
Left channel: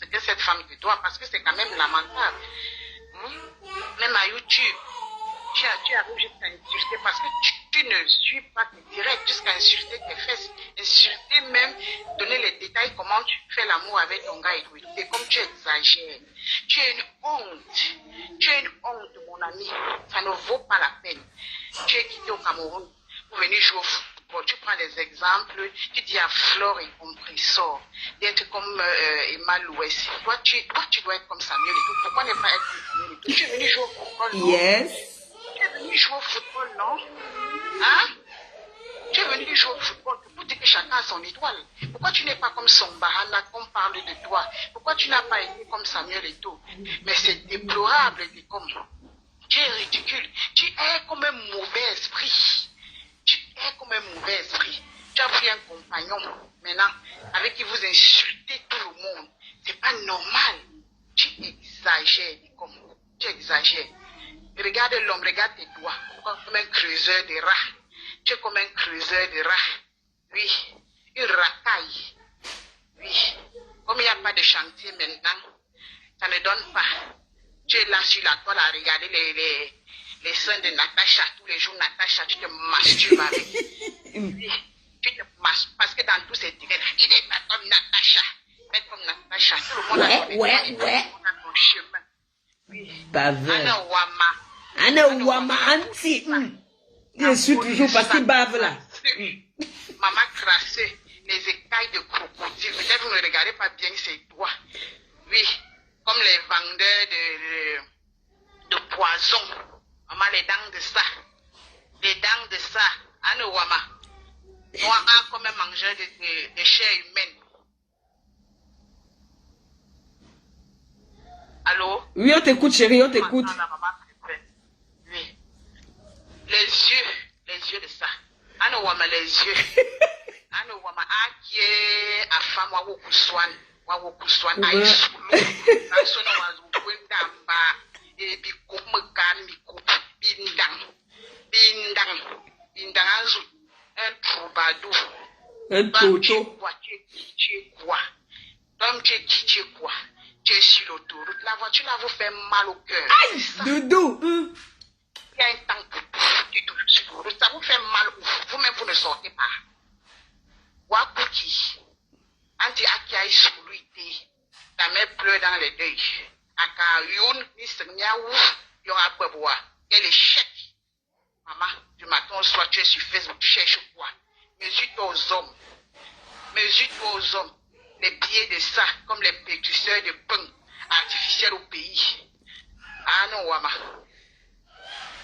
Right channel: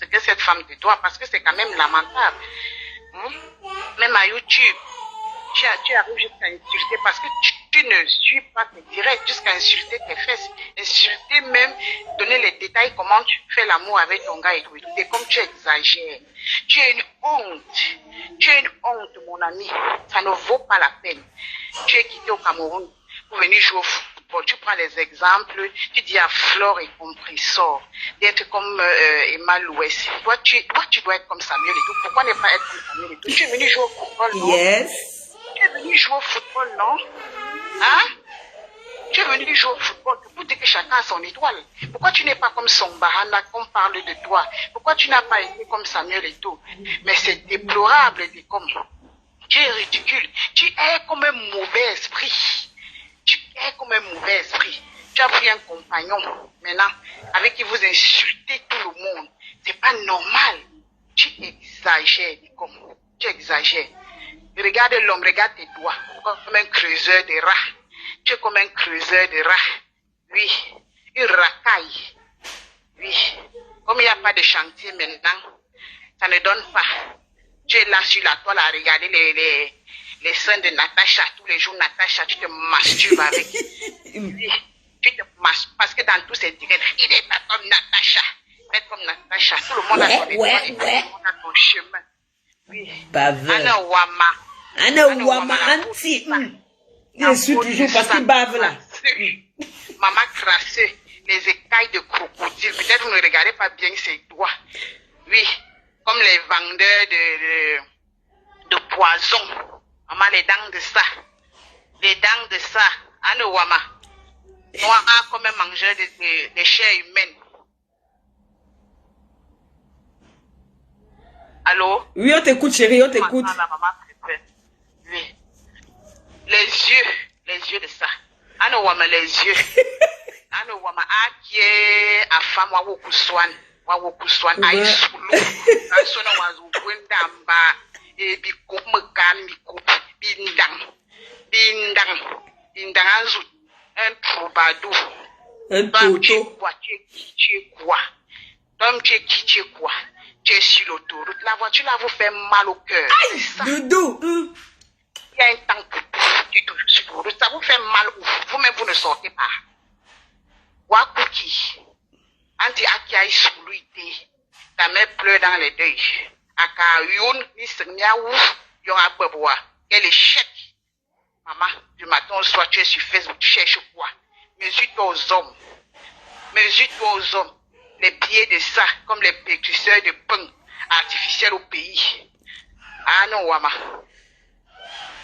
ce que cette femme te doit, parce que c'est quand même lamentable. Même à YouTube, tu arrives jusqu'à insulter parce que tu ne suis pas tes directs, jusqu'à insulter tes fesses, insulter même, donner les détails, comment tu fais l'amour avec ton gars et tout. Et comme tu exagères, tu es une honte, mon ami, ça ne vaut pas la peine. Tu es quitté au Cameroun pour venir jouer au football, tu prends les exemples, tu dis à Flore et compris, sort, d'être comme Emma Louès. Toi, tu dois être comme Samuel et tout. Pourquoi ne pas être comme Samuel et tout? Tu es venu jouer au football, non? Yes. Tu es venu jouer au football, non? Hein? Tu es venu jouer au football pour dire que chacun a son étoile. Pourquoi tu n'es pas comme son Bahana, qu'on parle de toi? Pourquoi tu n'as pas été comme Samuel et tout? Mais c'est déplorable, comme tu es ridicule. Tu es comme un mauvais esprit. Tu es comme un mauvais esprit. Tu as pris un compagnon, maintenant, avec qui vous insultez tout le monde. C'est pas normal. Tu exagères, comme tu exagères. Regarde l'homme, regarde tes doigts, comme un creuseur de rats. Tu es comme un creuseur de rats. Oui, une racaille. Oui, comme il n'y a pas de chantier maintenant, ça ne donne pas. Tu es là sur la toile à regarder les seins de Natacha. Tous les jours, Natacha, tu te masturbes avec. Oui, tu te masturbes parce que dans tous ces directs, il n'est pas comme Natacha. Faites comme Natacha. Tout le monde a son étoile, tout le monde a son chemin. Oui. baveur. Anna Wama. Anna Wama, anti. Je suis toujours parce qu'il bave là. Maman tracé les écailles de crocodile. Peut-être vous ne regardez pas bien ses doigts. Oui, comme les vendeurs de poison. Maman, les dents de ça. Les dents de ça. Anna Wama. Moi, comme un mangeur de chair humaine. Allô? Oui, on t'écoute, chérie, on t'écoute. Oui. Les yeux de ça. Ano wama les yeux. Ano wama akie afam wa wokuswan aisulu. Asona wazu kwendamba ebi komkamiko bindang azu un troubadour. Un toto. Tu es sur l'autoroute, la voiture là vous fait mal au cœur. Aïe, doudou. Il y a un temps pour ça vous fait mal. Vous-même, vous ne sortez pas. Wakuki. Anti akia isuluité. Ta mère pleure dans les deuils. Aka youn, ni semyaou, y'aura beboa. Quel échec. Maman, du matin au soir, tu es sur Facebook, tu cherches quoi? Mesure-toi aux hommes. Mesure-toi aux hommes. Les pieds de ça, comme les pétrisseurs de pain artificiels au pays. Ah non, Wama.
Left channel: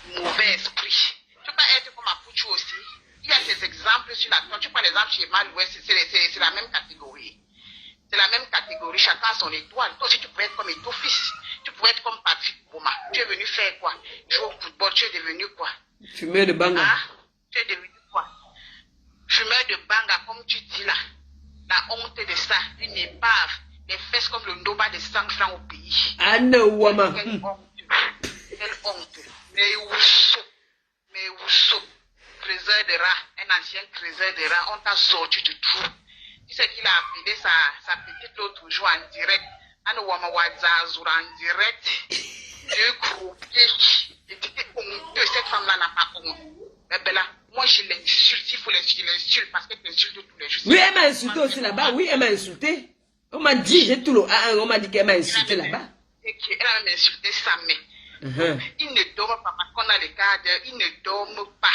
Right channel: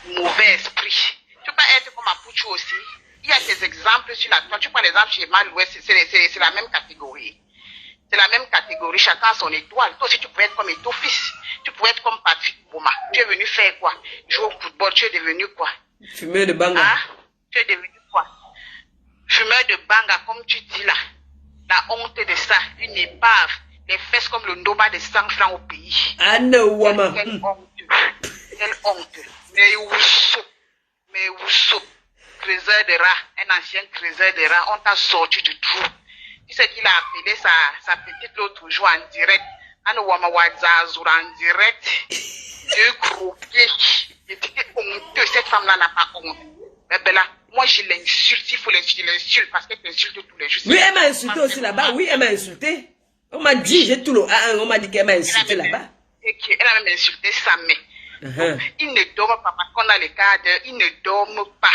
Mauvais esprit. Tu peux pas être comme Apuchu aussi. Il y a des exemples sur la toile. Tu prends l'exemple chez Malouest, c'est la même catégorie. C'est la même catégorie. Chacun a son étoile. Toi aussi, tu pouvais être comme Etofis. Tu pouvais être comme Patrick Bouma. Tu es venu faire quoi? Jouer au football. Tu es devenu quoi? Fumeur de banga. Ah, tu es devenu quoi? Fumeur de banga, comme tu dis là. La honte de ça, une épave, les fesses comme le Ndoba de 100 francs au pays. Ah non, Wama. Quelle honte. Quelle honte. Mais Ousso, trésor de rat, un ancien trésor de rat, on t'a sorti du trou. Tu sais qu'il a appelé sa petite l'autre jour en direct. Ano Wama Wadzazur en direct. Deux croquets. J'étais honteux, cette femme-là n'a pas honte. Mais Bella, moi je l'insulte, il faut l'insulte parce qu'elle t'insulte tous les jours. Oui, elle m'a insulté aussi là-bas. Oui, elle m'a insulté. On m'a dit, j'ai tout le... on m'a dit qu'elle m'a insulté là-bas. Elle a même insulté sa mère. Il ne dorment pas parce qu'on a les cadres, ils ne dorment pas.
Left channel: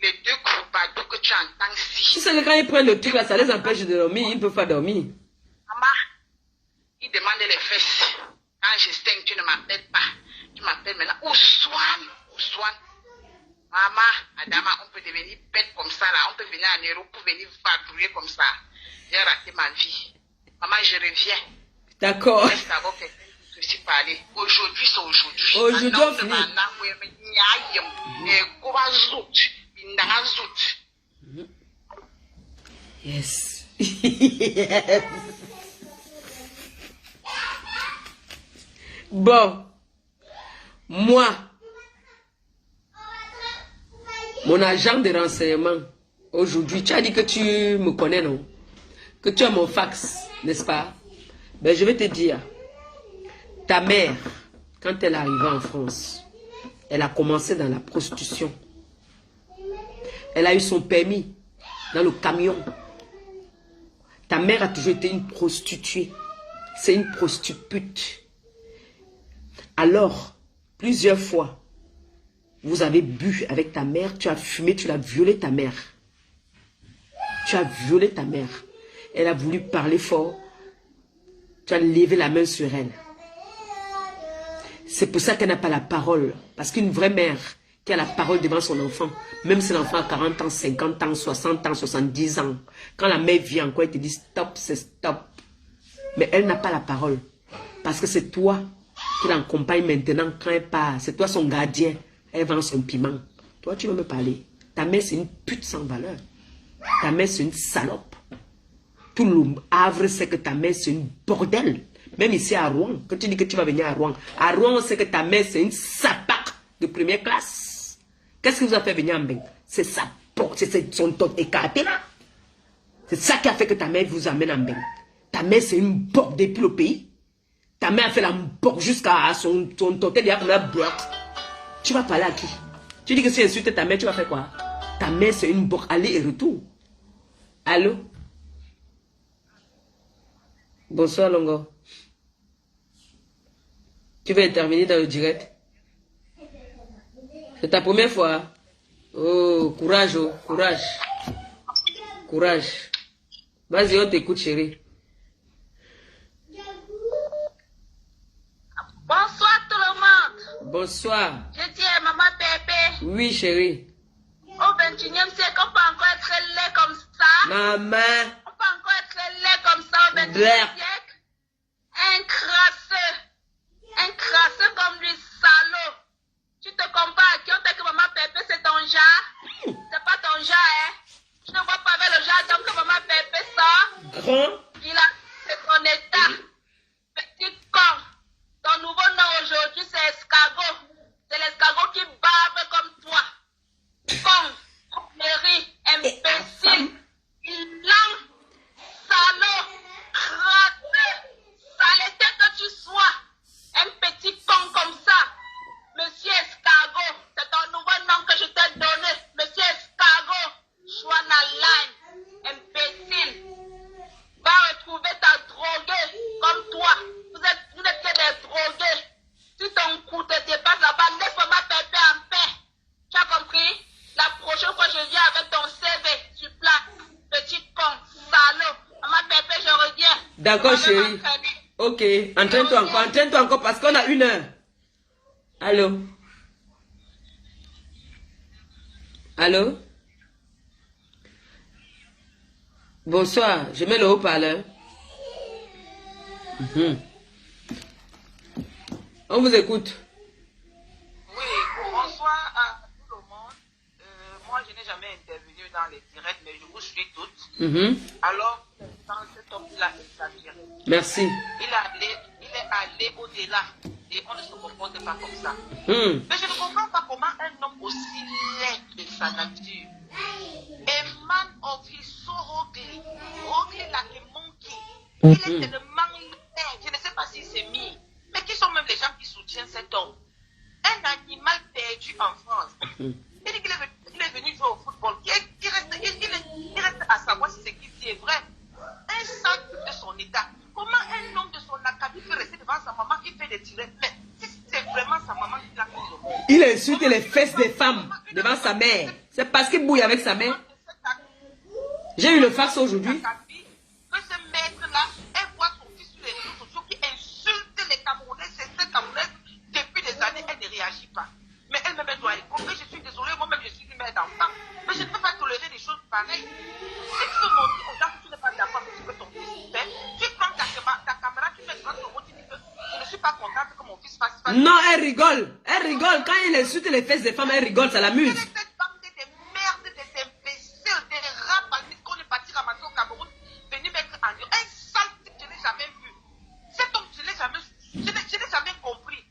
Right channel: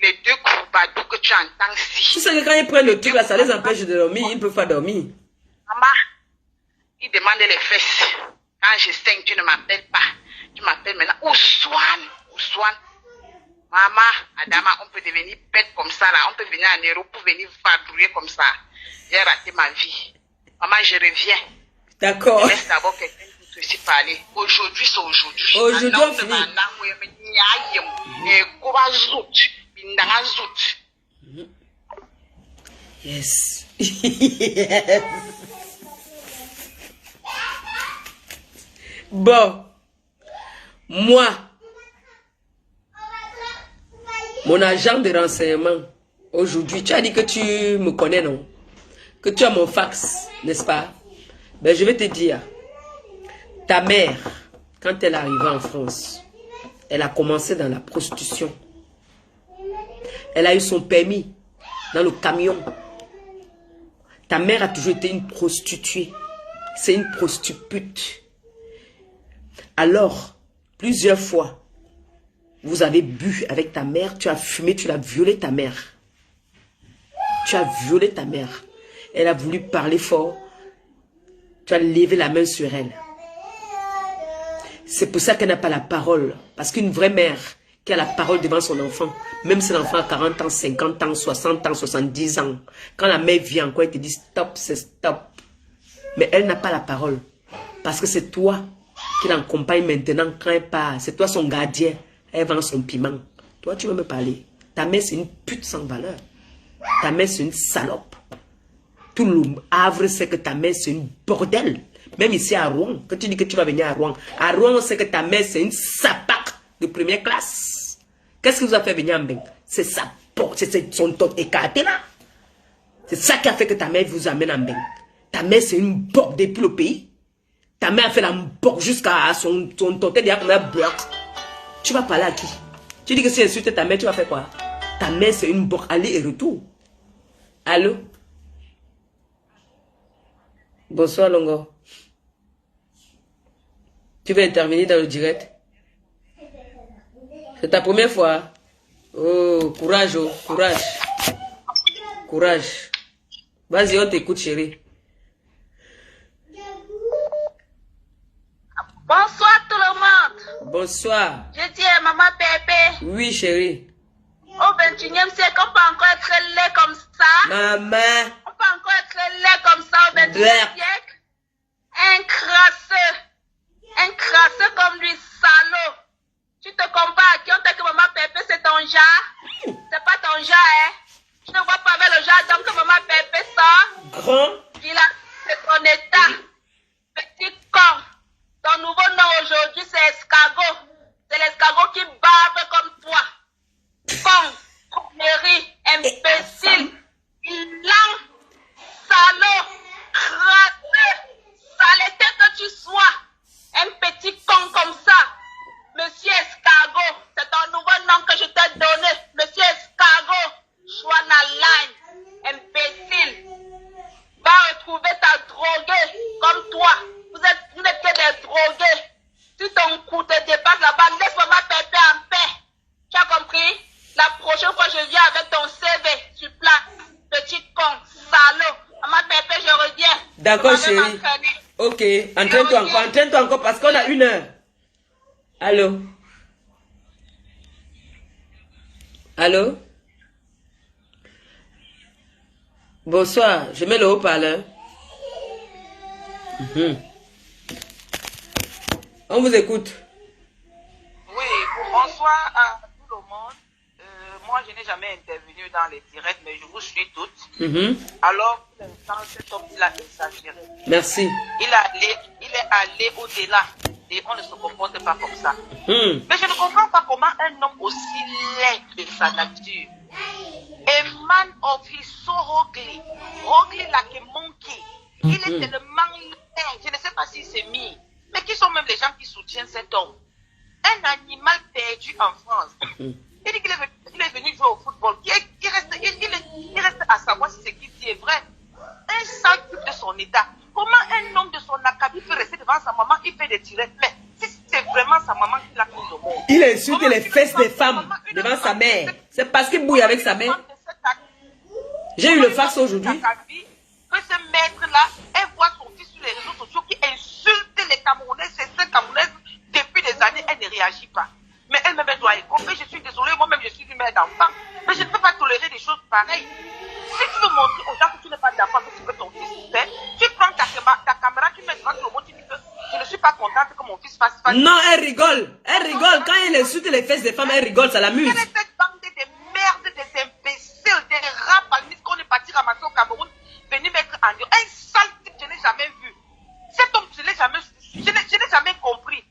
Les deux croubadous que tu entends si. Tu sais que quand ils prennent le truc là, ça les empêche de dormir, ils ne peuvent pas dormir. Maman, ils demandent les fesses. Quand je saigne, tu ne m'appelles pas. Tu m'appelles maintenant. Ousouane. Maman, Adama, on peut devenir bête comme ça là. On peut venir en Europe pour venir vadrouiller comme ça. J'ai raté ma vie. Maman, je reviens. D'accord. Laisse d'abord quelqu'un qui te parler. Aujourd'hui, c'est aujourd'hui. Aujourd'hui, on finit. Yes. Bon. Moi, mon agent de renseignement, aujourd'hui, tu as dit que tu me connais, non? Que tu as mon fax, n'est-ce pas? Ben, je vais te dire, ta mère, quand elle est arrivée en France, elle a commencé dans la prostitution. Elle a eu son permis dans le camion. Ta mère a toujours été une prostituée. C'est une prostituée. Alors, plusieurs fois, vous avez bu avec ta mère, tu as fumé, tu l'as violé ta mère. Tu as violé ta mère. Elle a voulu parler fort. Tu as levé la main sur elle. C'est pour ça qu'elle n'a pas la parole. Parce qu'une vraie mère qui a la parole devant son enfant, même si l'enfant a 40 ans, 50 ans, 60 ans, 70 ans, quand la mère vient encore, elle te dit stop, c'est stop. Mais elle n'a pas la parole. Parce que c'est toi qui l'accompagne maintenant quand elle part. C'est toi son gardien. Elle vend son piment. Toi, tu veux me parler. Ta mère, c'est une pute sans valeur. Ta mère, c'est une salope. Tout le Havre sait que ta mère, c'est une bordel. Même ici à Rouen, quand tu dis que tu vas venir à Rouen, on sait que ta mère, c'est une sapac de première classe. Qu'est-ce qui vous a fait venir en Beng? C'est sa porte, c'est son tot écarté là. C'est ça qui a fait que ta mère vous amène en Beng. Ta mère, c'est une porte depuis le pays. Ta mère a fait la porte jusqu'à son totel, il y a comme un bloc. Tu vas parler à qui? Tu dis que si tu insultes ta mère, tu vas faire quoi? Ta mère, c'est une porte aller et retour. Allô? Bonsoir, Longo. Tu veux intervenir dans le direct? C'est ta première fois? Oh, courage, oh, courage. Courage. Vas-y, on t'écoute, chérie. Bonsoir tout le monde. Bonsoir. Je dis à maman Pépé, Oui, chérie. au 21e siècle, on peut encore être laid comme ça. Maman. On peut encore être laid comme ça au 21e Blair. siècle. Un crasseux comme lui, salaud. Tu te compares à qui? On t'a que maman Pépé, c'est ton genre. C'est pas ton genre, hein. Tu ne vois pas avec le genre d'homme que maman Pépé sort. Grand. Il a c'est ton état. Petit con. Ton nouveau nom aujourd'hui, c'est escargot. C'est l'escargot qui barbe comme toi. Con, connerie, imbécile, lent, salaud, crasseux, saleté que tu sois. Un petit con comme ça. Monsieur Escargot, c'est ton nouveau nom que je t'ai donné. Monsieur Escargot, Chouanaline, imbécile. Va retrouver ta droguée comme toi. Vous n'êtes que des drogués. Si ton cou te dépasse là-bas, laisse maman Pépé en paix. Tu as compris? La prochaine fois, je viens avec ton CV. Tu places. Petit con, salaud. Maman Pépé, je reviens. D'accord, chérie. Ok, entraîne-toi encore parce qu'on a 1 heure. Allô? Allô? Bonsoir, je mets le haut-parleur. On vous écoute. Oui, bonsoir à tout le monde. Moi, je n'ai jamais intervenu dans les directs, mais je vous suis toutes. Alors, pour l'instant, cet homme, il a exagéré. Merci. Il est allé au-delà. Et on ne se comporte pas comme ça. Mais je ne comprends pas comment un homme aussi laid de sa nature, a man of his so ugly, ugly like a monkey, il est tellement laid, je ne sais pas si c'est mis, mais qui sont même les gens qui soutiennent cet homme? Un animal perdu en France. Il dit qu'il est venu jouer au football. Il reste à savoir si ce qu'il dit est vrai. Un sale type de son état. Comment un homme de son acabit peut rester devant sa maman, il fait des directs? Mais si c'est vraiment sa maman qui l'a fait au monde. Il insulte les fesses des femmes devant sa mère. C'est parce qu'il bouille avec sa mère. J'ai eu le fax aujourd'hui. Que ce maître-là, elle voit son fils sur les réseaux sociaux qui insulte les Camerounais, ces Camerounaises depuis des années, elle ne réagit pas. Mais elle-même, elle doit y comprendre. Je suis désolée, moi-même, je suis une mère d'enfant. Mais je ne peux pas tolérer des choses pareilles. Si tu veux montrer aux gens que tu n'es pas d'enfant, que tu veux ton fils fait, tu prends ta caméra, tu mets devant le mot, tu dis que je ne suis pas contente que mon fils fasse. Non, elle rigole. Elle rigole. Quand il insulte les fesses des femmes, elle rigole, ça l'amuse. Quelle est cette bande de merdes, des imbéciles, des rats parmi qu'on est parti ramasser au Cameroun, venir mettre en dur? Un sale type, je n'ai jamais vu. Cet homme, je n'ai jamais compris.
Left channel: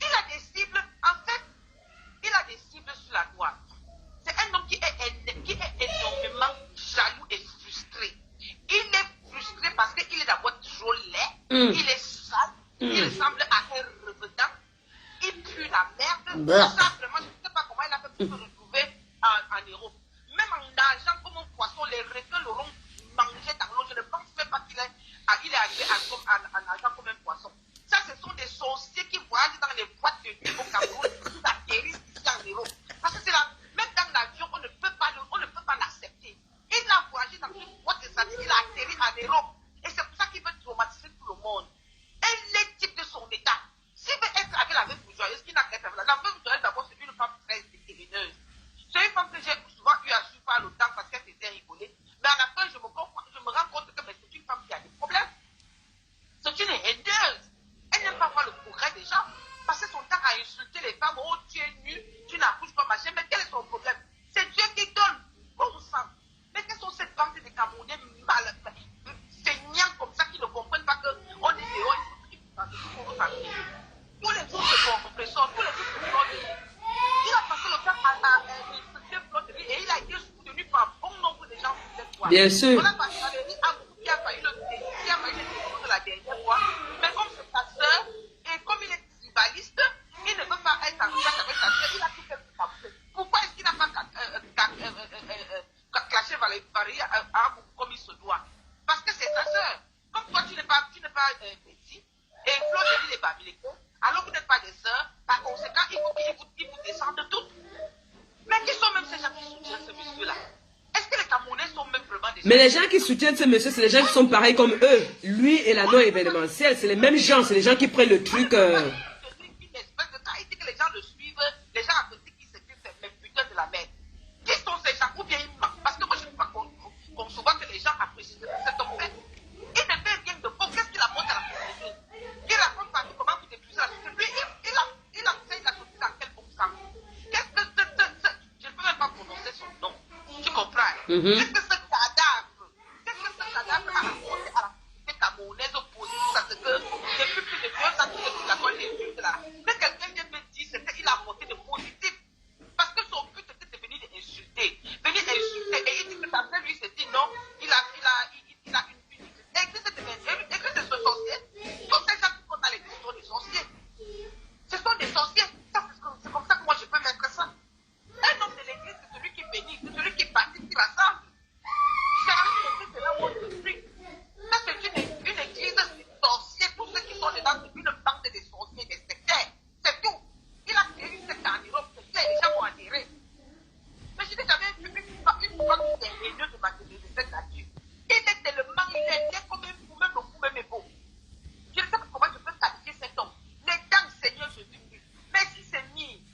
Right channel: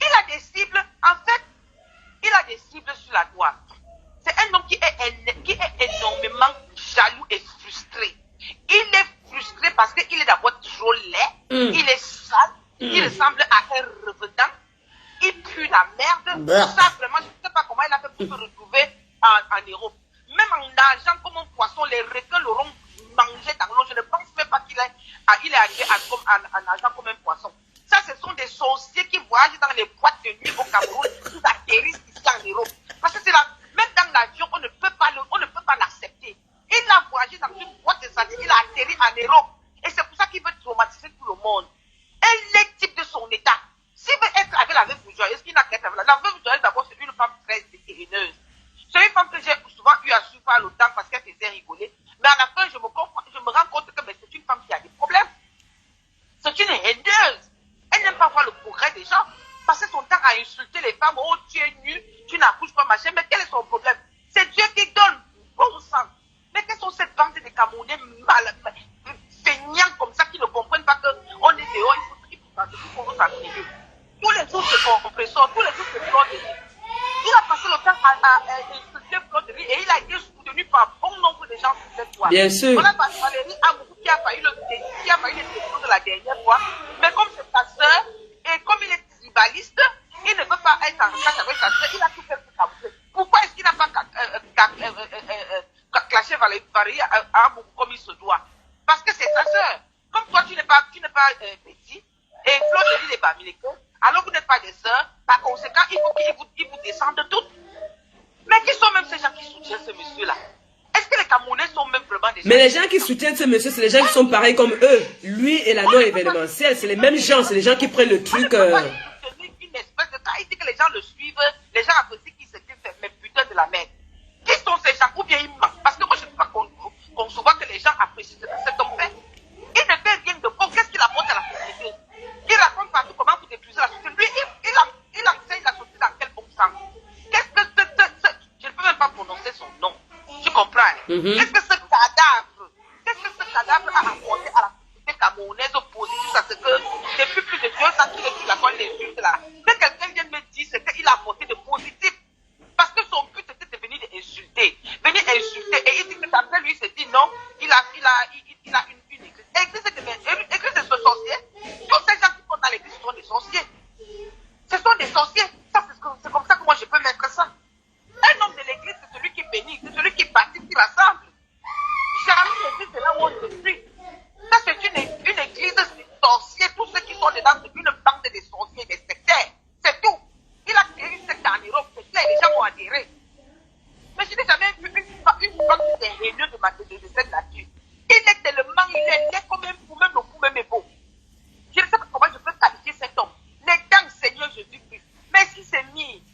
Il a des cibles, en fait, il a des cibles sur la droite. C'est un homme qui est énormément jaloux et frustré. Il est frustré parce qu'il est d'abord trop laid, il est sale, il ressemble à un revenant, il pue la merde. Ça, vraiment, je ne sais pas comment il a fait pour se retrouver en Europe. Même en nageant comme un poisson, les requins l'auront mangé dans l'eau. Je ne pense même pas qu'il est arrivé en nageant comme un poisson. Ça, ce sont des sorciers qui voyagent dans les boîtes de nuit au Cameroun, qui atterrissent ici en Europe. Parce que c'est là, même dans l'avion, on ne peut pas l'accepter. Il a voyagé dans une boîte de sardines, il a atterri en Europe. Et c'est pour ça qu'il veut traumatiser tout le monde. Elle est type de son état. S'il veut être avec la veuve bourgeoise, qu'il n'a qu'à être avec la veuve bourgeoise, d'abord, c'est une femme très vétérineuse. C'est une femme que j'ai souvent eu à suivre par le temps parce qu'elle faisait rigoler. Mais à la fin, je me rends compte que c'est une femme qui a des problèmes. C'est une haineuse. Elle n'aime pas voir le progrès des gens. Passer son temps à insulter les femmes. Oh, tu es nu, tu n'accouches pas, machin. Mais quel est son problème? C'est Dieu qui donne. Bon sang. Mais quelles sont ces bandes de Camerounais feignants comme ça qui ne comprennent pas qu'on est dehors, il faut s'appuyer. Tous les jours, c'est son compresseur. Tous les jours, c'est Claude de Riz. Il a passé le temps à insulter Claude de Riz et il a été soutenu par bon nombre de gens sur cette fois. Bien sûr. On a passé Valérie Amourou qui a failli le sélection de la dernière fois. Mais comme c'est sa sœur et comme il est tribaliste, il ne veut pas être en classe avec sa sœur. Il a tout fait pour s'amuser. Pourquoi est-ce qu'il n'a pas clashé Valérie Amourou comme il se doit? Parce que c'est sa sœur. Comme toi, tu n'es pas petit, et Claude de Riz est Bamileke, Alors vous n'êtes pas des sœurs, par conséquent, il faut qu'ils vous descendent toutes. Mais qui sont même ces gens qui soutiennent ce monsieur-là? Est-ce que les Camerounais sont même vraiment des gens? Mais les gens qui soutiennent ce monsieur, c'est les gens qui sont pareils comme eux. Lui et la non-événementielle, c'est les mêmes gens, c'est les gens qui prennent le truc. Une espèce de cas, il dit que les gens le suivent, les gens apprécient qu'il se dit, mais putain de la merde. Qui sont ces gens? Ou bien ils mentent? Parce que moi, je ne sais pas concevoir que les gens apprécient cet homme fait. Il ne fait rien de bon. Qu'est-ce qu'il apporte à la société? Il raconte partout comment vous détruisez la société. Lui, il enseigne la société dans quel bon sens? Qu'est-ce que je ne peux même pas prononcer son nom. Tu comprends? Qu'est-ce que ce cadavre a apporté à la société camerounaise positive? Parce que depuis plus de 2 ans qu'il est sur la pointe des insultes là. Que quelqu'un vient me dire ce qu'il a apporté de positif. Parce que son but était de venir insulter. Venir insulter. Et il dit que après lui, il se dit non, il a une église. Église de ce sorcier. Tous ces gens qui sont dans l'église sont des sorciers. Ce sont des sorciers. C'est comme ça que moi je peux mettre ça. Un homme de l'église, c'est celui qui bénit, c'est celui qui bâtit, qui rassemble. Jamais l'église, c'est là où on se suit. Ça, c'est une église de sorciers. Tous ceux qui sont dedans, c'est une bande de sorciers, des sectaires. C'est tout. Il a créé une secte en Europe, c'est clair, les gens ont adhéré. Mais je n'ai jamais vu une femme des réunions de cette nature. Il est tellement, il est laid comme un fou, même le fou même est beau. Je ne sais pas comment je peux qualifier cet homme. Les dents, Seigneur Jésus-Christ. Mais s'il s'est mis,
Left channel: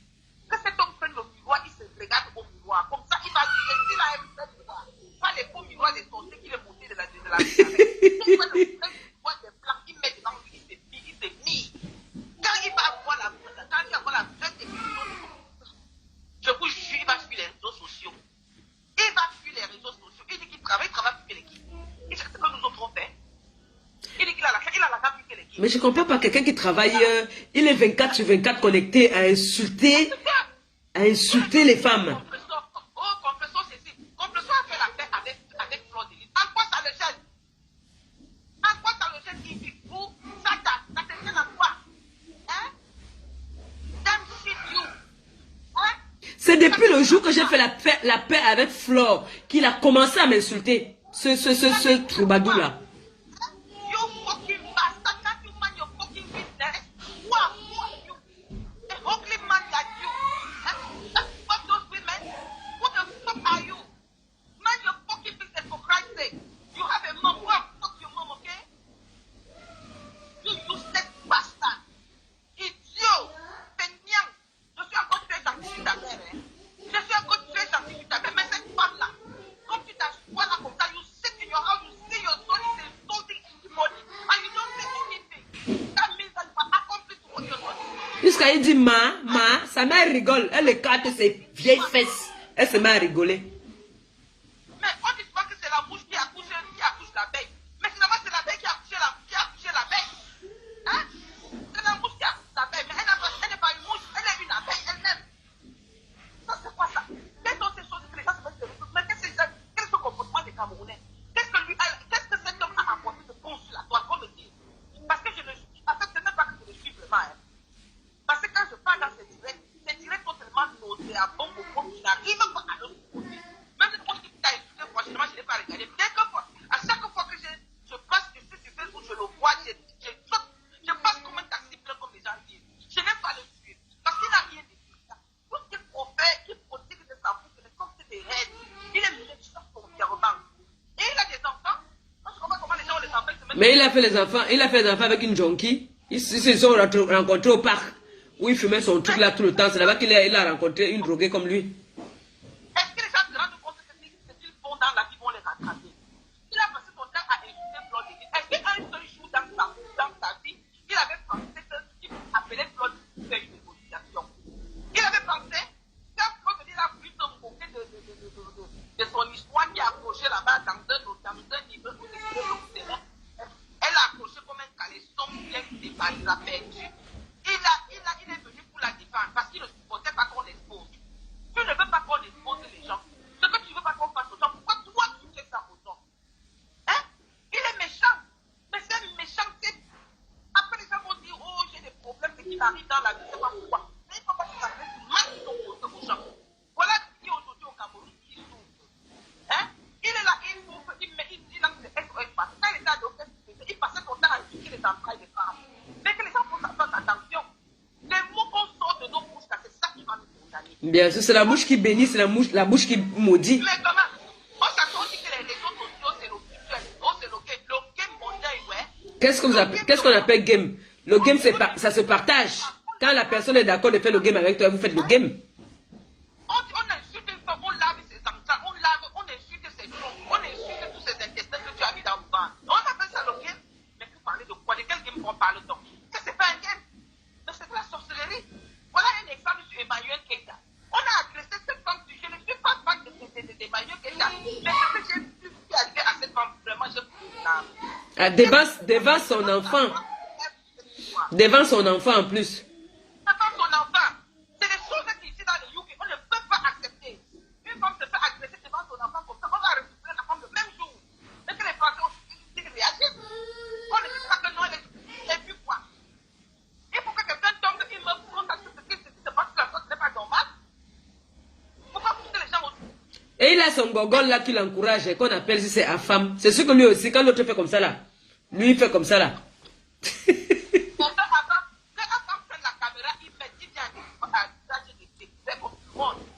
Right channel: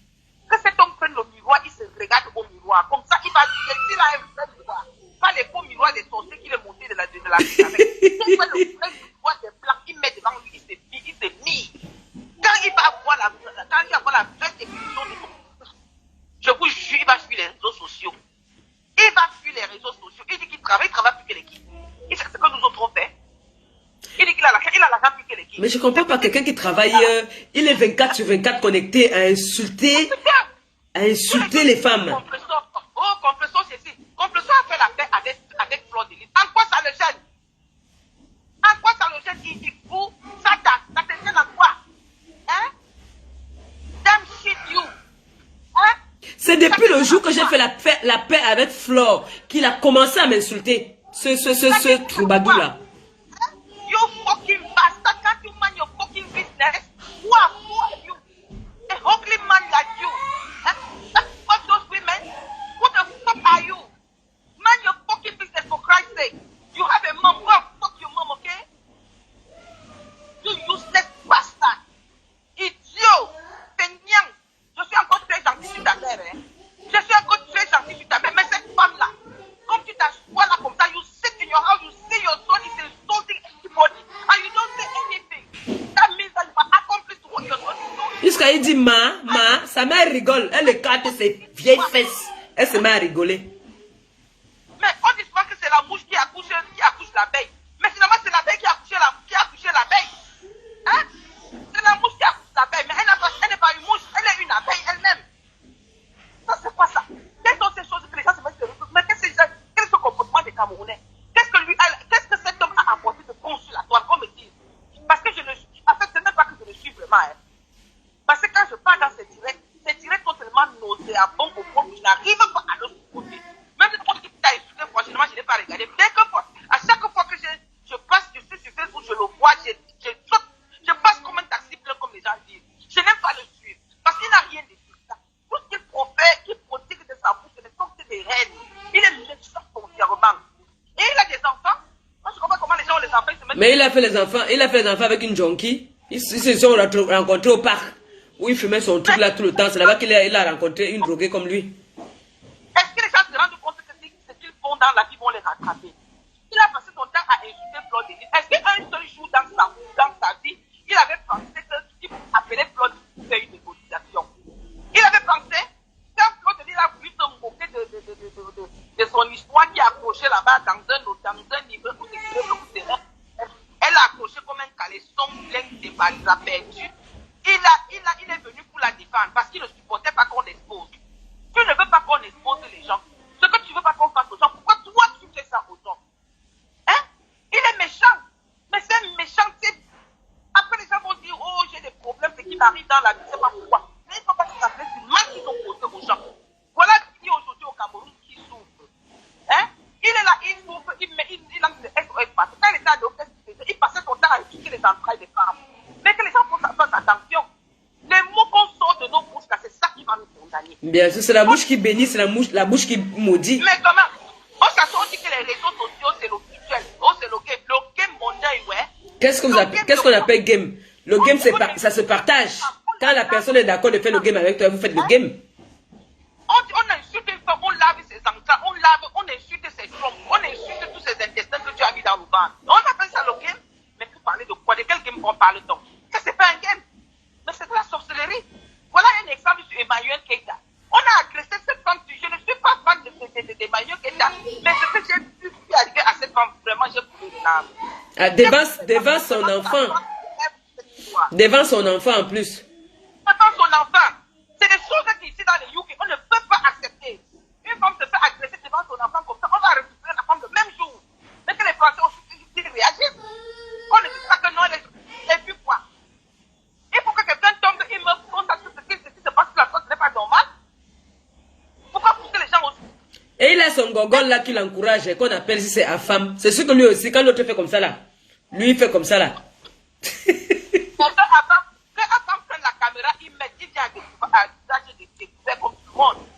que cet homme prenne le miroir, il se regarde au miroir. Comme ça, il va dire, s'il a un vrai miroir, pas les faux miroirs des sorciers qu'il est monté de la vie avec. Il fait le vrai miroir des blancs, il met devant lui, il se mit. Quand il va avoir la vraie définition de son, je vous jure, il va fuir les réseaux sociaux. Il va fuir les réseaux sociaux. Il dit qu'il travaille plus que l'équipe. Il fait ce que nous autres on fait. Il dit qu'il a l'argent plus que l'équipe. Mais je ne comprends pas, quelqu'un qui travaille, il est 24 sur 24 connecté à insulter les femmes. Compressor, c'est si. Compressor a fait la paix avec Fleur de Lys. En quoi ça le gêne? En quoi ça le gêne? Il fout, ça te gêne en quoi? Hein? Damn shit you. Hein? C'est depuis le jour que j'ai fait la paix avec Flore qu'il a commencé à m'insulter. Ce troubadour-là. You fucking bastard, can't you mind your fucking business? Who are you? A ugly man like you. What those women? Who the fuck are you? Mind your fucking business for Christ's sake. You have a mom, well, fuck your mom, okay? You useless bastard. Idiot. Peignant. Je suis encore très gentil sur ta mère, hein. Je suis encore très gentil sur ta mère, mais cette femme-là, comme tu t'assois là comme ça, you sit in your house, you see your son is insulting anybody, and you don't say anything. That means that you are accomplice to what you're doing. Jusqu'à il dit, sa mère rigole. Elle écarte ses vieilles fesses. Elle se met à rigoler. Mais on dit souvent que c'est la mouche qui accouche l'abeille. Mais finalement, c'est l'abeille qui a accouché l'abeille. Hein? C'est la mouche qui accouche l'abeille, mais elle n'est pas une mouche, elle est une abeille elle-même. Ça, c'est pas ça. Quelles sont ces choses que les gens se mettent sur les choses? Mais quel est ce comportement des Camerounais? Qu'est-ce que cet homme a apporté de bon sur la toile, qu'on me dise? Parce que en fait, c'est même pas que je le suis vraiment. Hein. Parce que quand je parle dans ces directs sont tellement nauséabonds au point que je n'arrive pas à le supporter. Même si on dit que tu as insulté, franchement, je ne l'ai pas regardé. Dès que, à chaque fois que je passe, je suis sur Facebook, je le vois, je passe comme un taxi plein, comme les gens disent. Je n'aime pas le suivre. Parce qu'il n'a rien de tout ça. Tout ce qu'il profère, qu'il prodigue de sa bouche, ce sont des rênes. Il est méchant foncièrement. Et il a des enfants. Moi, je comprends comment les gens ont les enfants. Mais il a fait les enfants avec une junkie. Ils se sont rencontrés au parc. Où il fumait son truc là tout le temps. C'est là-bas qu'il a rencontré une droguée comme lui. Est-ce que les gens se rendent compte que ce qu'ils font dans la vie vont les rattraper? Il a passé son temps à insulter Fleur de Lys. Est-ce qu'un seul jour dans sa vie, il avait pensé qu'il appelait Fleur de Lys pour faire une négociation? Il avait pensé, quand Fleur de Lys a voulu se moquer de son histoire qui a accroché là-bas dans un niveau où elle a accroché comme un caleçon plein de balles, il a perdu. Il est venu pour la défendre parce qu'il ne supportait pas qu'on expose. Tu ne veux pas qu'on expose les gens. Ce que tu ne veux pas qu'on fasse aux gens, pourquoi toi tu fais ça aux gens? Hein? Il est méchant. Mais c'est méchant. Après les gens vont dire, oh j'ai des problèmes, c'est qui m'arrive dans la vie, je ne sais pas pourquoi. Mais il ne faut pas que ça fasse du mal qu'ils ont causé aux gens. Voilà qui aujourd'hui au Cameroun qui souffre. Hein? Il est là, il souffre, il lance le SOS parce que quand il était à l'hôpital, il passait son temps à étudier les entrailles des femmes. Mais que les gens fassent attention. Bien sûr, c'est la bouche qui bénit, c'est la bouche qui maudit. Mais comment? On s'assoit, on dit que les réseaux sociaux, c'est le virtuel. Oh, c'est le game. Le game mondial, ouais. Qu'est-ce qu'on appelle game? Le game, ça se partage. Quand la personne est d'accord de faire le game avec toi, vous faites le game. On insulte une femme, on lave ses enfants, on insulte ses trompes, on insulte tous ces intestins que tu as mis dans le ventre. On appelle ça le game. Mais vous parlez de quoi? De quel game on parle donc? Que c'est pas un game. Mais c'est de la sorcellerie. Voilà un exemple sur Emmanuel Keïta. On a agressé cette femme. Je ne suis pas fan d'Emmanuel Keïta. Mais ce que j'ai vu arriver à cette femme, vraiment, je trouve Devant son enfant. Devant son enfant en plus. Devant son enfant. C'est des choses qui ici dans les UK, on ne peut pas accepter. Une femme se fait agresser devant son enfant comme ça, on va récupérer la femme le même jour. Mais que les Français aussi réagissent. On ne dit pas que non, et puis quoi? Il faut que quelqu'un tombe, il me constate ce qui se passe sur la côte, ce n'est pas normal. Pourquoi pousser les gens aussi? Et il a son gogol là qui l'encourage, qu'on appelle si c'est femme. C'est sûr que lui aussi, quand l'autre fait comme ça là, lui il fait comme ça là.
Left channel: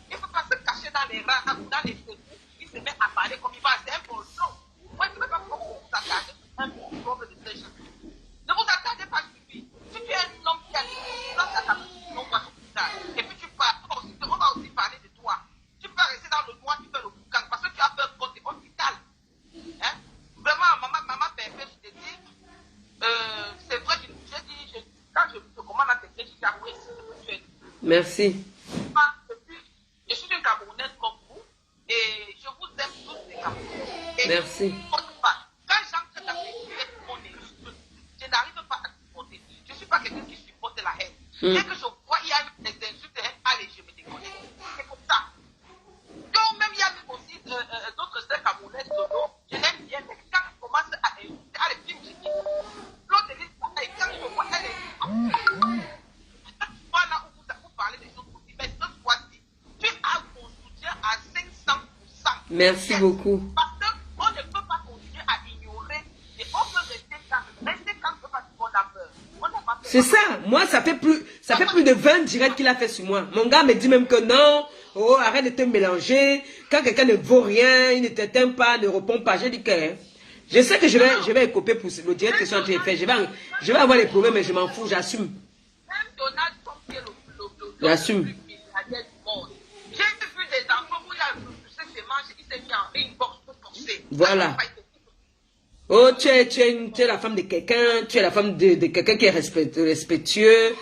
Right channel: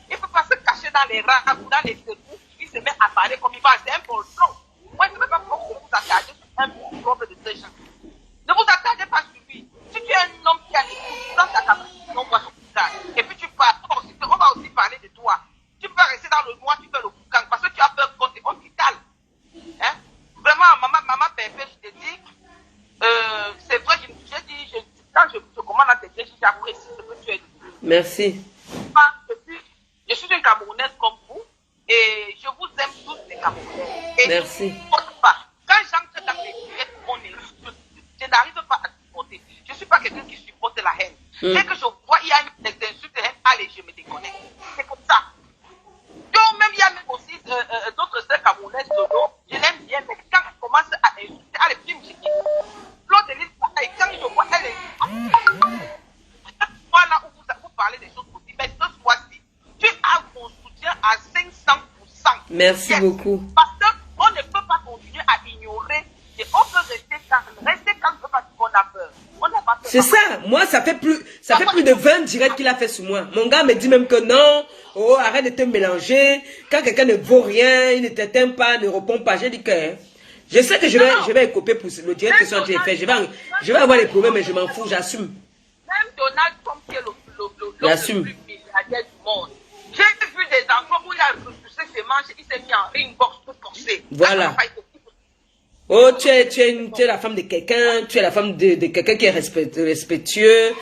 Il ne faut pas se cacher dans les rats ou dans les secours. Il se met à parler comme il va. C'est un poltron. Moi, je ne veux pas que vous vous attardez sur un problème de ce genre. Ne vous attardez pas sur lui. Si tu es un homme qui a des dans ta capacité, on va se boucan. Et puis tu pars. On va aussi parler de toi. Tu peux rester dans le noir, tu fais le boucan. Parce que tu as peur qu'on t'étale. Hein? Vraiment, maman, Pépé, je te dis, c'est vrai, j'ai dit, quand je commande à tes pieds, j'apprécie ce que tu as dit. Merci. Je suis une Camerounaise comme vous et je vous aime tous les Camerounais. Et merci. Quand j'entre dans les directs, je n'arrive pas à supporter. Je ne suis pas quelqu'un qui supporte la haine. Dès que je vois il y a des insultes de haine, allez, je me déconnecte. C'est comme ça. Donc, même il y a même aussi d'autres sœurs camerounaises de l'eau, je l'aime bien, mais quand elle commence à insulter, allez, puis je dis, Claude Elise, quand je vois, elle est. Voilà où vous parlez des choses aussi. Mais ce soir-ci, tu as mon soutien à 500%. Merci beaucoup. Parce qu'on ne peut pas continuer à ignorer et on peut rester calme. Rester calme parce qu'on a peur. On n'a pas peur. C'est ça. Moi, ça fait plus de 20 directs qu'il a fait sur moi. Mon gars me dit même que non. Oh, arrête de te mélanger. Quand quelqu'un ne vaut rien, il ne t'atteint pas, ne répond pas. J'ai dit que je sais que je vais écoper pour le direct que je suis en train de faire. Je vais avoir des problèmes, mais je m'en fous, j'assume. Même Donald Trump qui est le j'assume. plus milliardaire du monde. J'ai vu des enfants où il a repoussé ses manches, il s'est mis en ring box pour forcer. Voilà. Oh, tu es la femme de quelqu'un, tu es la femme de quelqu'un qui est respectueux.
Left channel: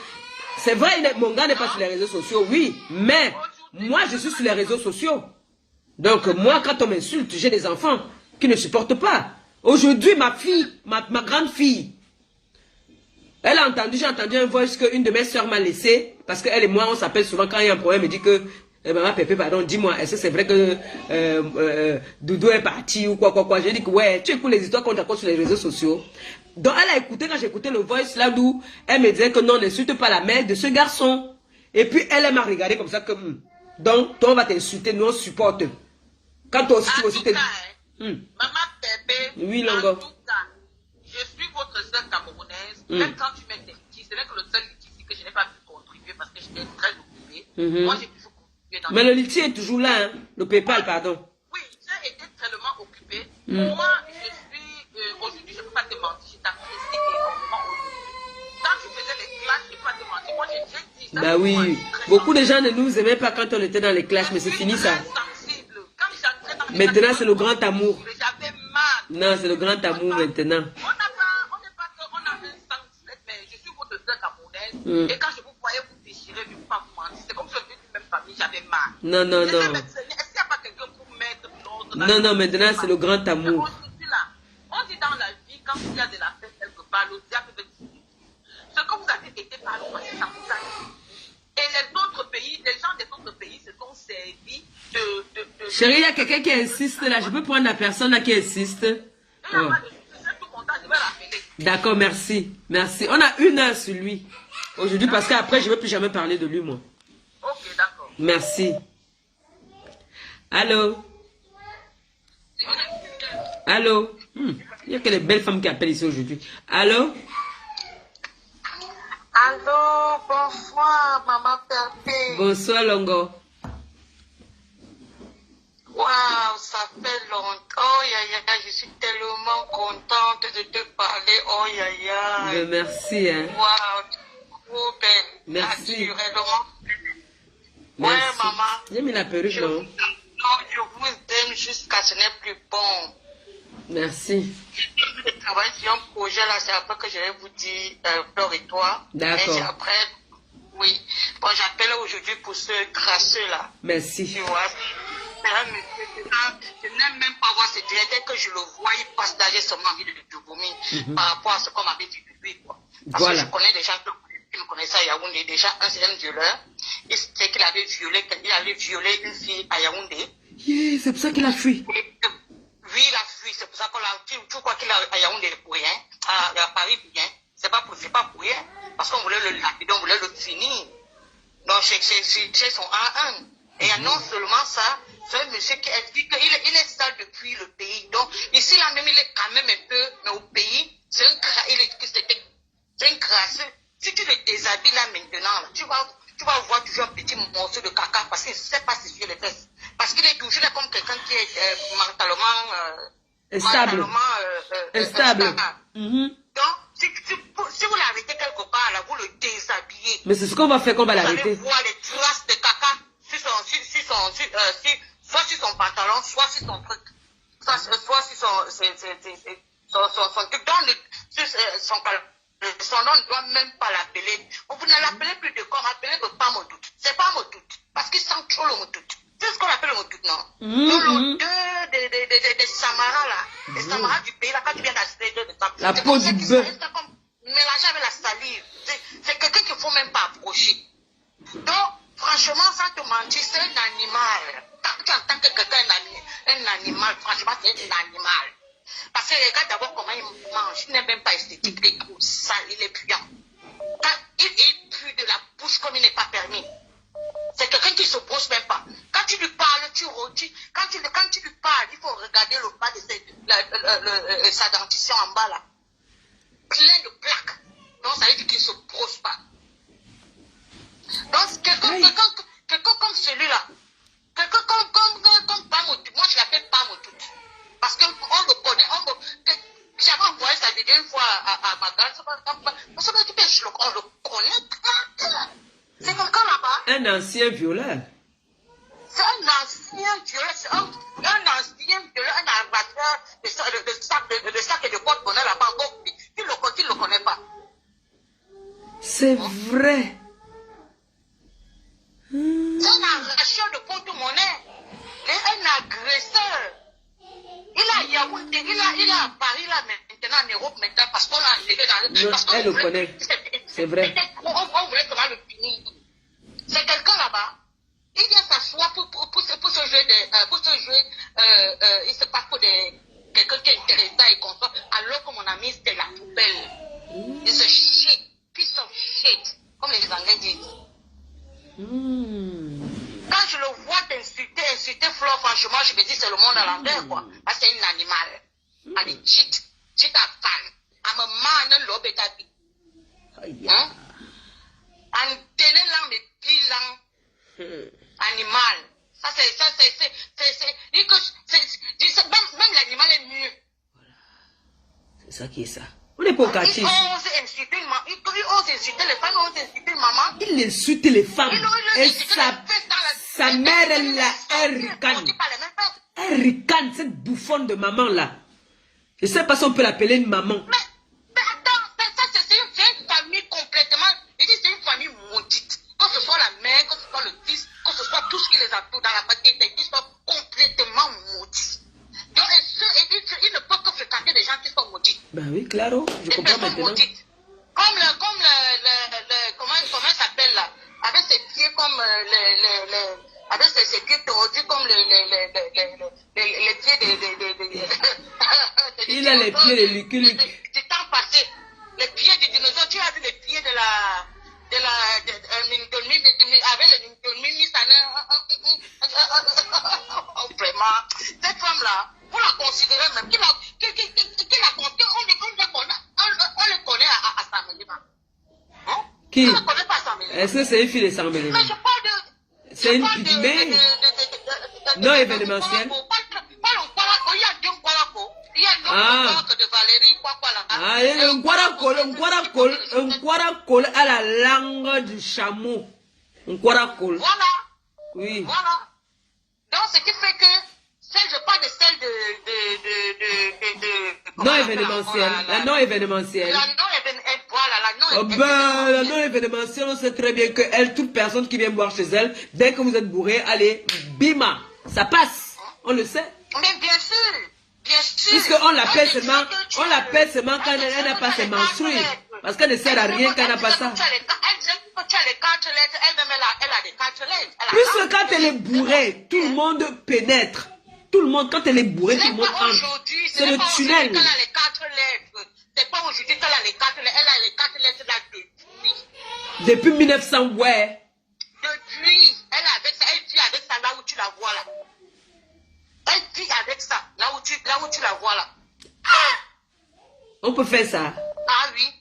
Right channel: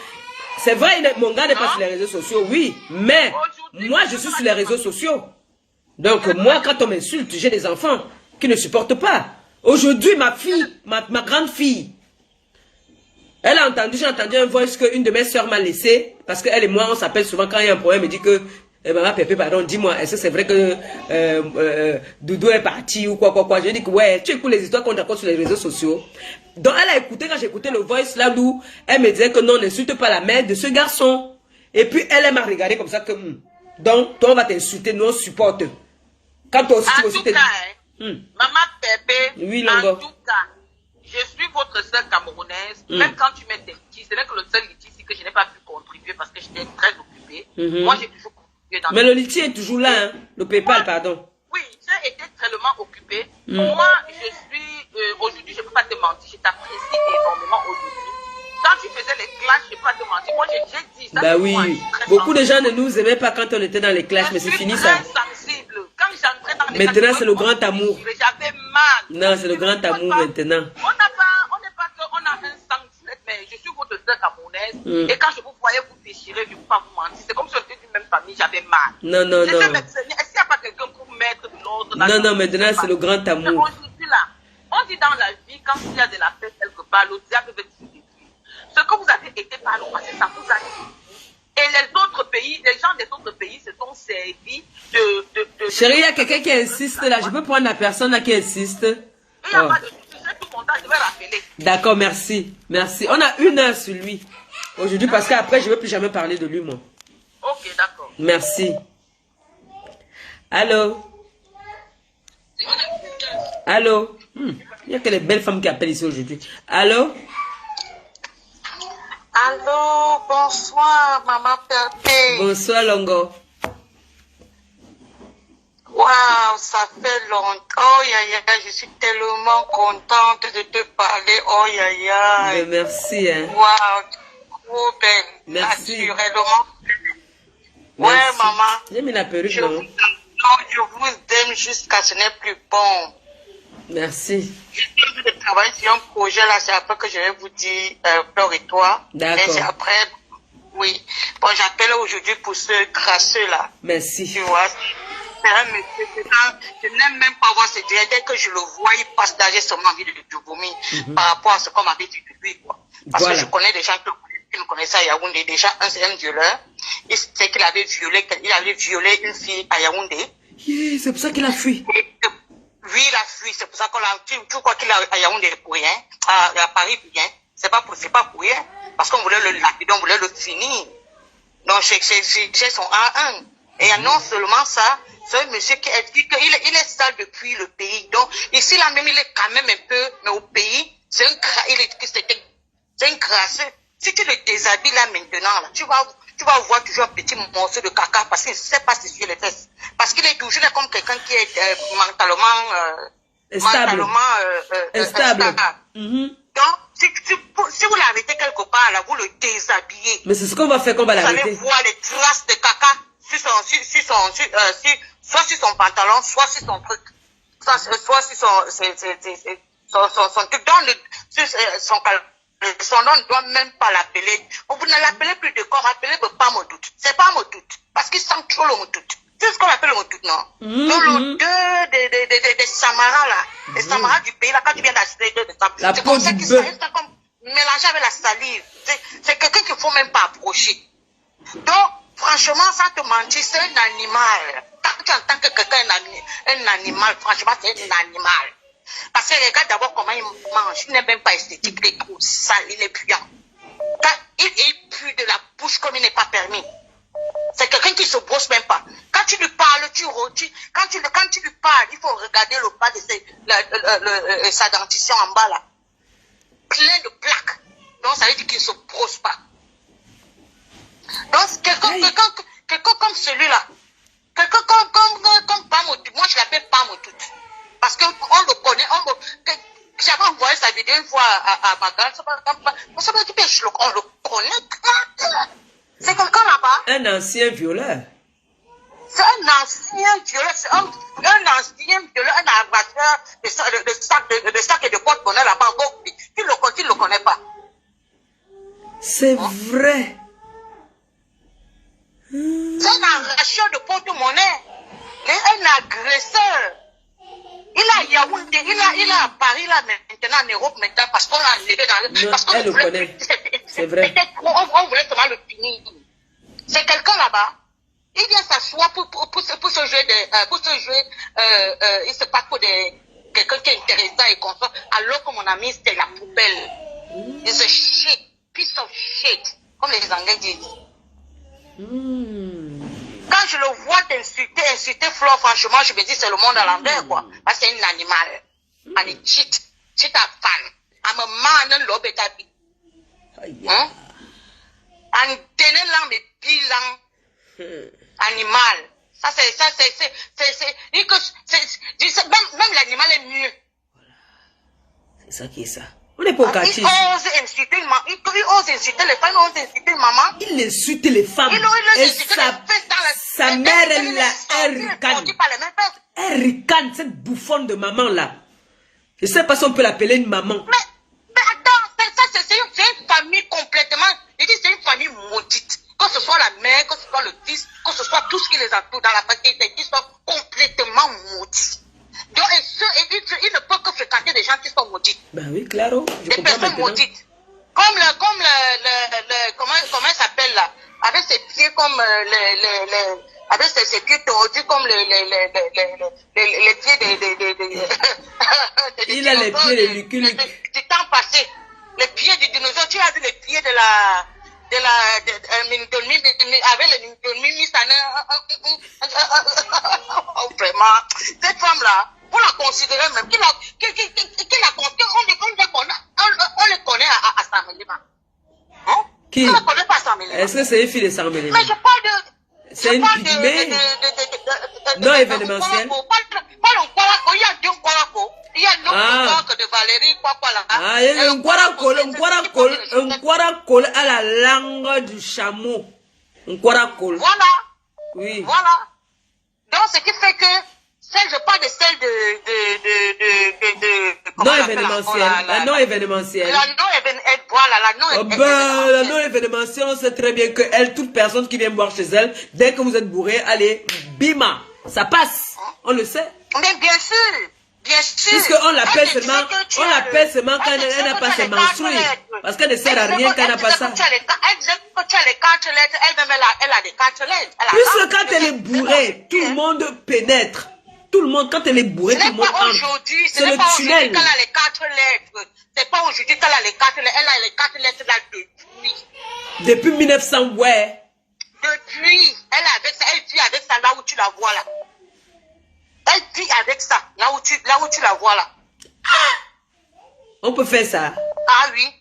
C'est vrai, mon gars n'est pas sur les réseaux sociaux, oui, mais moi je suis sur les réseaux sociaux. Donc moi, quand on m'insulte, j'ai des enfants qui ne supportent pas. Aujourd'hui, ma fille, ma grande fille, elle a entendu, j'ai entendu un voice qu'une de mes soeurs m'a laissé, parce qu'elle et moi, on s'appelle souvent quand il y a un problème, elle dit que, maman Pépé, pardon, dis-moi, est-ce que c'est vrai que Doudou est parti ou quoi. Je dis que ouais, tu écoutes les histoires qu'on raconte sur les réseaux sociaux. Donc elle a écouté, quand j'ai écouté le voice là où elle me disait que non, n'insulte pas la mère de ce garçon. Et puis elle m'a regardé comme ça que, donc toi on va t'insulter, nous on supporte. Quand toi aussi tu aussi Maman Pépé, oui, Longo. En tout cas, je suis votre sœur camerounaise. Même quand tu mets tes petits, c'est vrai que le seul litige que je n'ai pas pu contribuer parce que j'étais très occupée. Moi, j'ai toujours contribué dans. Mais le litige est toujours là, hein? Le PayPal, pardon. Oui, j'ai été tellement occupée. Moi, je suis. Aujourd'hui, je ne peux pas te mentir, je t'apprécie énormément aujourd'hui. Quand tu faisais les clashs, je ne peux pas te mentir. Moi, j'ai dit ça. Bah oui. Beaucoup de gens ne nous aimaient pas quand on était dans les clashs, mais c'est fini ça. Maintenant, c'est le grand amour. J'avais mal. Non, c'est le grand amour maintenant. On n'est pas qu'on a un sang direct, mais je suis votre sœur camerounaise. Et quand je vous voyais vous déchirer, je ne peux pas vous mentir. C'est comme si on était d'une même famille, j'avais mal. Non, non, non. Est-ce qu'il n'y a pas quelqu'un pour mettre de l'ordre? Non, non, maintenant, c'est le grand amour. On dit dans la vie, quand il y a de la paix quelque part, le diable veut se détruire. Ce que vous avez été par le passé, ça vous a dit. Et les autres pays, les gens des autres pays se sont servis de... Chérie, il y a quelqu'un qui insiste là. Je peux prendre la personne là qui insiste. Il n'y a pas de souci, c'est tout content, je vais rappeler. D'accord, merci. Merci. On a 1 heure sur lui. Aujourd'hui, parce qu'après, je ne veux plus jamais parler de lui, moi. Ok, d'accord. Merci. Allô? Allô? Il y a que les belles femmes qui appellent ici aujourd'hui. Allô? Allô, bonsoir, maman Pépé. Bonsoir, Longo. Waouh, ça fait longtemps. Oh, je suis tellement contente de te parler. Oh, Merci, hein. Waouh, trop belle. Merci. Naturellement. Merci. Ouais, maman. J'ai mis la perruque, Je non? je vous aime jusqu'à ce n'est plus bon. Merci. Je travaille sur un projet là, c'est après que je vais vous dire, Fleur et toi. D'accord. Et c'est après, oui. Bon, j'appelle aujourd'hui pour ce crasseux là. Merci. Tu vois, c'est un monsieur, je n'aime même pas voir ce direct. Dès que je le vois, il passe d'âge, j'ai seulement envie de vomir par rapport à ce qu'on m'avait dit de lui, quoi. Parce Voilà. que je connais des gens qui me connaissaient à Yaoundé. Déjà, c'est un violeur. Il sait qu'il avait violé une fille à Yaoundé. Yeah, c'est pour ça qu'il a fui. Oui, il a fui, c'est pour ça qu'on l'a. Tu crois qu'il a à Yaoundé pour rien, à Paris pour rien. C'est pas pour rien. Parce qu'on voulait le lapider, on voulait le finir. Donc, c'est son 1-1. Et non seulement ça, c'est un monsieur qui a dit qu'il est sale depuis le pays. Donc, ici, là même, il est quand même un peu, mais au pays, c'est un crasseux. Si tu le déshabilles là maintenant, là, tu vas voir toujours un petit morceau de caca parce qu'il ne sait pas s'essuyer les fesses. Parce qu'il est toujours là comme quelqu'un qui est mentalement instable. Donc, si vous l'arrêtez quelque part, là, vous le déshabillez. Mais c'est ce qu'on va faire qu'on va Vous allez l'arrêter. voir les traces de caca soit sur son pantalon, soit sur son truc. Soit sur son truc. Son nom ne doit même pas l'appeler. Vous ne l'appelez plus de corps, appelez pas Modout. C'est pas Modout. Parce qu'il sent trop le Modout. C'est ce qu'on appelle le Modout, non? L'odeur des Samaras, là. Les Samaras du pays, là, quand tu viens d'acheter de ça. La peau du bœuf. C'est comme mélangé avec la salive. C'est quelqu'un qu'il ne faut même pas approcher. Donc, franchement, sans te mentir, c'est un animal. Quand tu entends que quelqu'un est un animal, franchement, c'est un animal. Parce que regarde d'abord comment il mange. Il n'est même pas esthétique, il est trop sale, il est puant. Quand il pue de la bouche comme il n'est pas permis. C'est quelqu'un qui ne se brosse même pas. Quand tu lui parles, quand tu lui parles, il faut regarder le bas de sa dentition en bas là. Plein de plaques. Donc ça veut dire qu'il ne se brosse pas. Donc quelqu'un comme celui-là, quelqu'un comme Pamotout, moi je l'appelle Pamotout. Parce qu'on le connaît, j'avais envoyé sa vidéo une fois à Magal, on le connaît. C'est quelqu'un là-bas. Un ancien violeur. C'est un ancien violeur, un armateur de sacs et de porte-monnaie là-bas. Tu ne le connais pas. C'est vrai. C'est un arracheur de porte-monnaie. Un agresseur. Il a Yaoundé, il a à Paris là maintenant, en Europe maintenant, parce qu'on l'a enlevé dans le... Non, elle le connaît. C'est vrai. On voulait seulement le finir. C'est quelqu'un là-bas. Il vient s'asseoir pour ce jeu il se passe pour quelqu'un qui est intéressant et consort, alors que mon ami c'était la poubelle. It's a shit, piece of shit, comme les Anglais disent. Quand je le vois insulter Flore, franchement, je me dis c'est le monde à l'envers, quoi. Parce que c'est un animal. And it cheat. Cheat a fan. I'm a man and love it. Hein? And tenez là, mais bilan. Animal. Même l'animal est mieux. C'est ça qui est ça. On n'est pas au quartier. Il ose insulter une maman. Il ose insulter les femmes, il ose insulter une maman. Il insulte les femmes. Et sa mère, elle a un ricane. Un ricane, cette bouffonne de maman là. Je ne sais pas si on peut l'appeler une maman. Mais attends, c'est une famille complètement. Je dis c'est une famille maudite. Que ce soit la mère, que ce soit le fils, que ce soit tout ce qui les entoure dans la famille, ils sont complètement maudits. Donc, il ne peut que fréquenter des gens qui sont maudits. Ben oui, claro, je des comprends maintenant. Maudites. Comme comment il s'appelle là, avec ses pieds comme avec ses pieds tordus comme les pieds des il a les pieds de Lucky. Du temps passé, les pieds du dinosaure. Tu as vu les pieds de avec le vraiment, cette femme-là, on la considérait même, on le connaît à Samelima. Hein? Qui? On ne connaît pas Samelima. Est-ce que c'est une fille de Samelima? Mais je parle de... C'est une pygmée. Non événementiel. Pas le Nkwalako, il y a deux Nkwalako. Il y a une autre de Valérie, quoi, là. Ah, un Nkwalako à la langue du chameau. Un Nkwalako. Voilà. Oui. Voilà. Donc, ce qui fait que, je parle de celle de non événementiel. La non événementielle. La non événementielle, voilà, la non événementielle. La non événementielle, on sait très bien que elle, toute personne qui vient boire chez elle, dès que vous êtes bourré, allez, bima, ça passe. On le sait. Mais bien sûr. Bien sûr. Puisqu'on l'appelle seulement, quand elle n'a pas ses menstrues. Parce qu'elle ne sert à rien quand elle n'a pas ça. Puisque quand elle est bourrée, tout le monde pénètre. Tout le monde, quand elle est bourrée, tout le monde entre. C'est le tunnel. C'est pas aujourd'hui qu'elle a les 4 lettres. Elle a les 4 lettres là depuis. Depuis 1900, ouais. Depuis, elle vit avec ça là où tu la vois là. Elle vit avec ça, là où tu la vois là. On peut faire ça. Ah oui.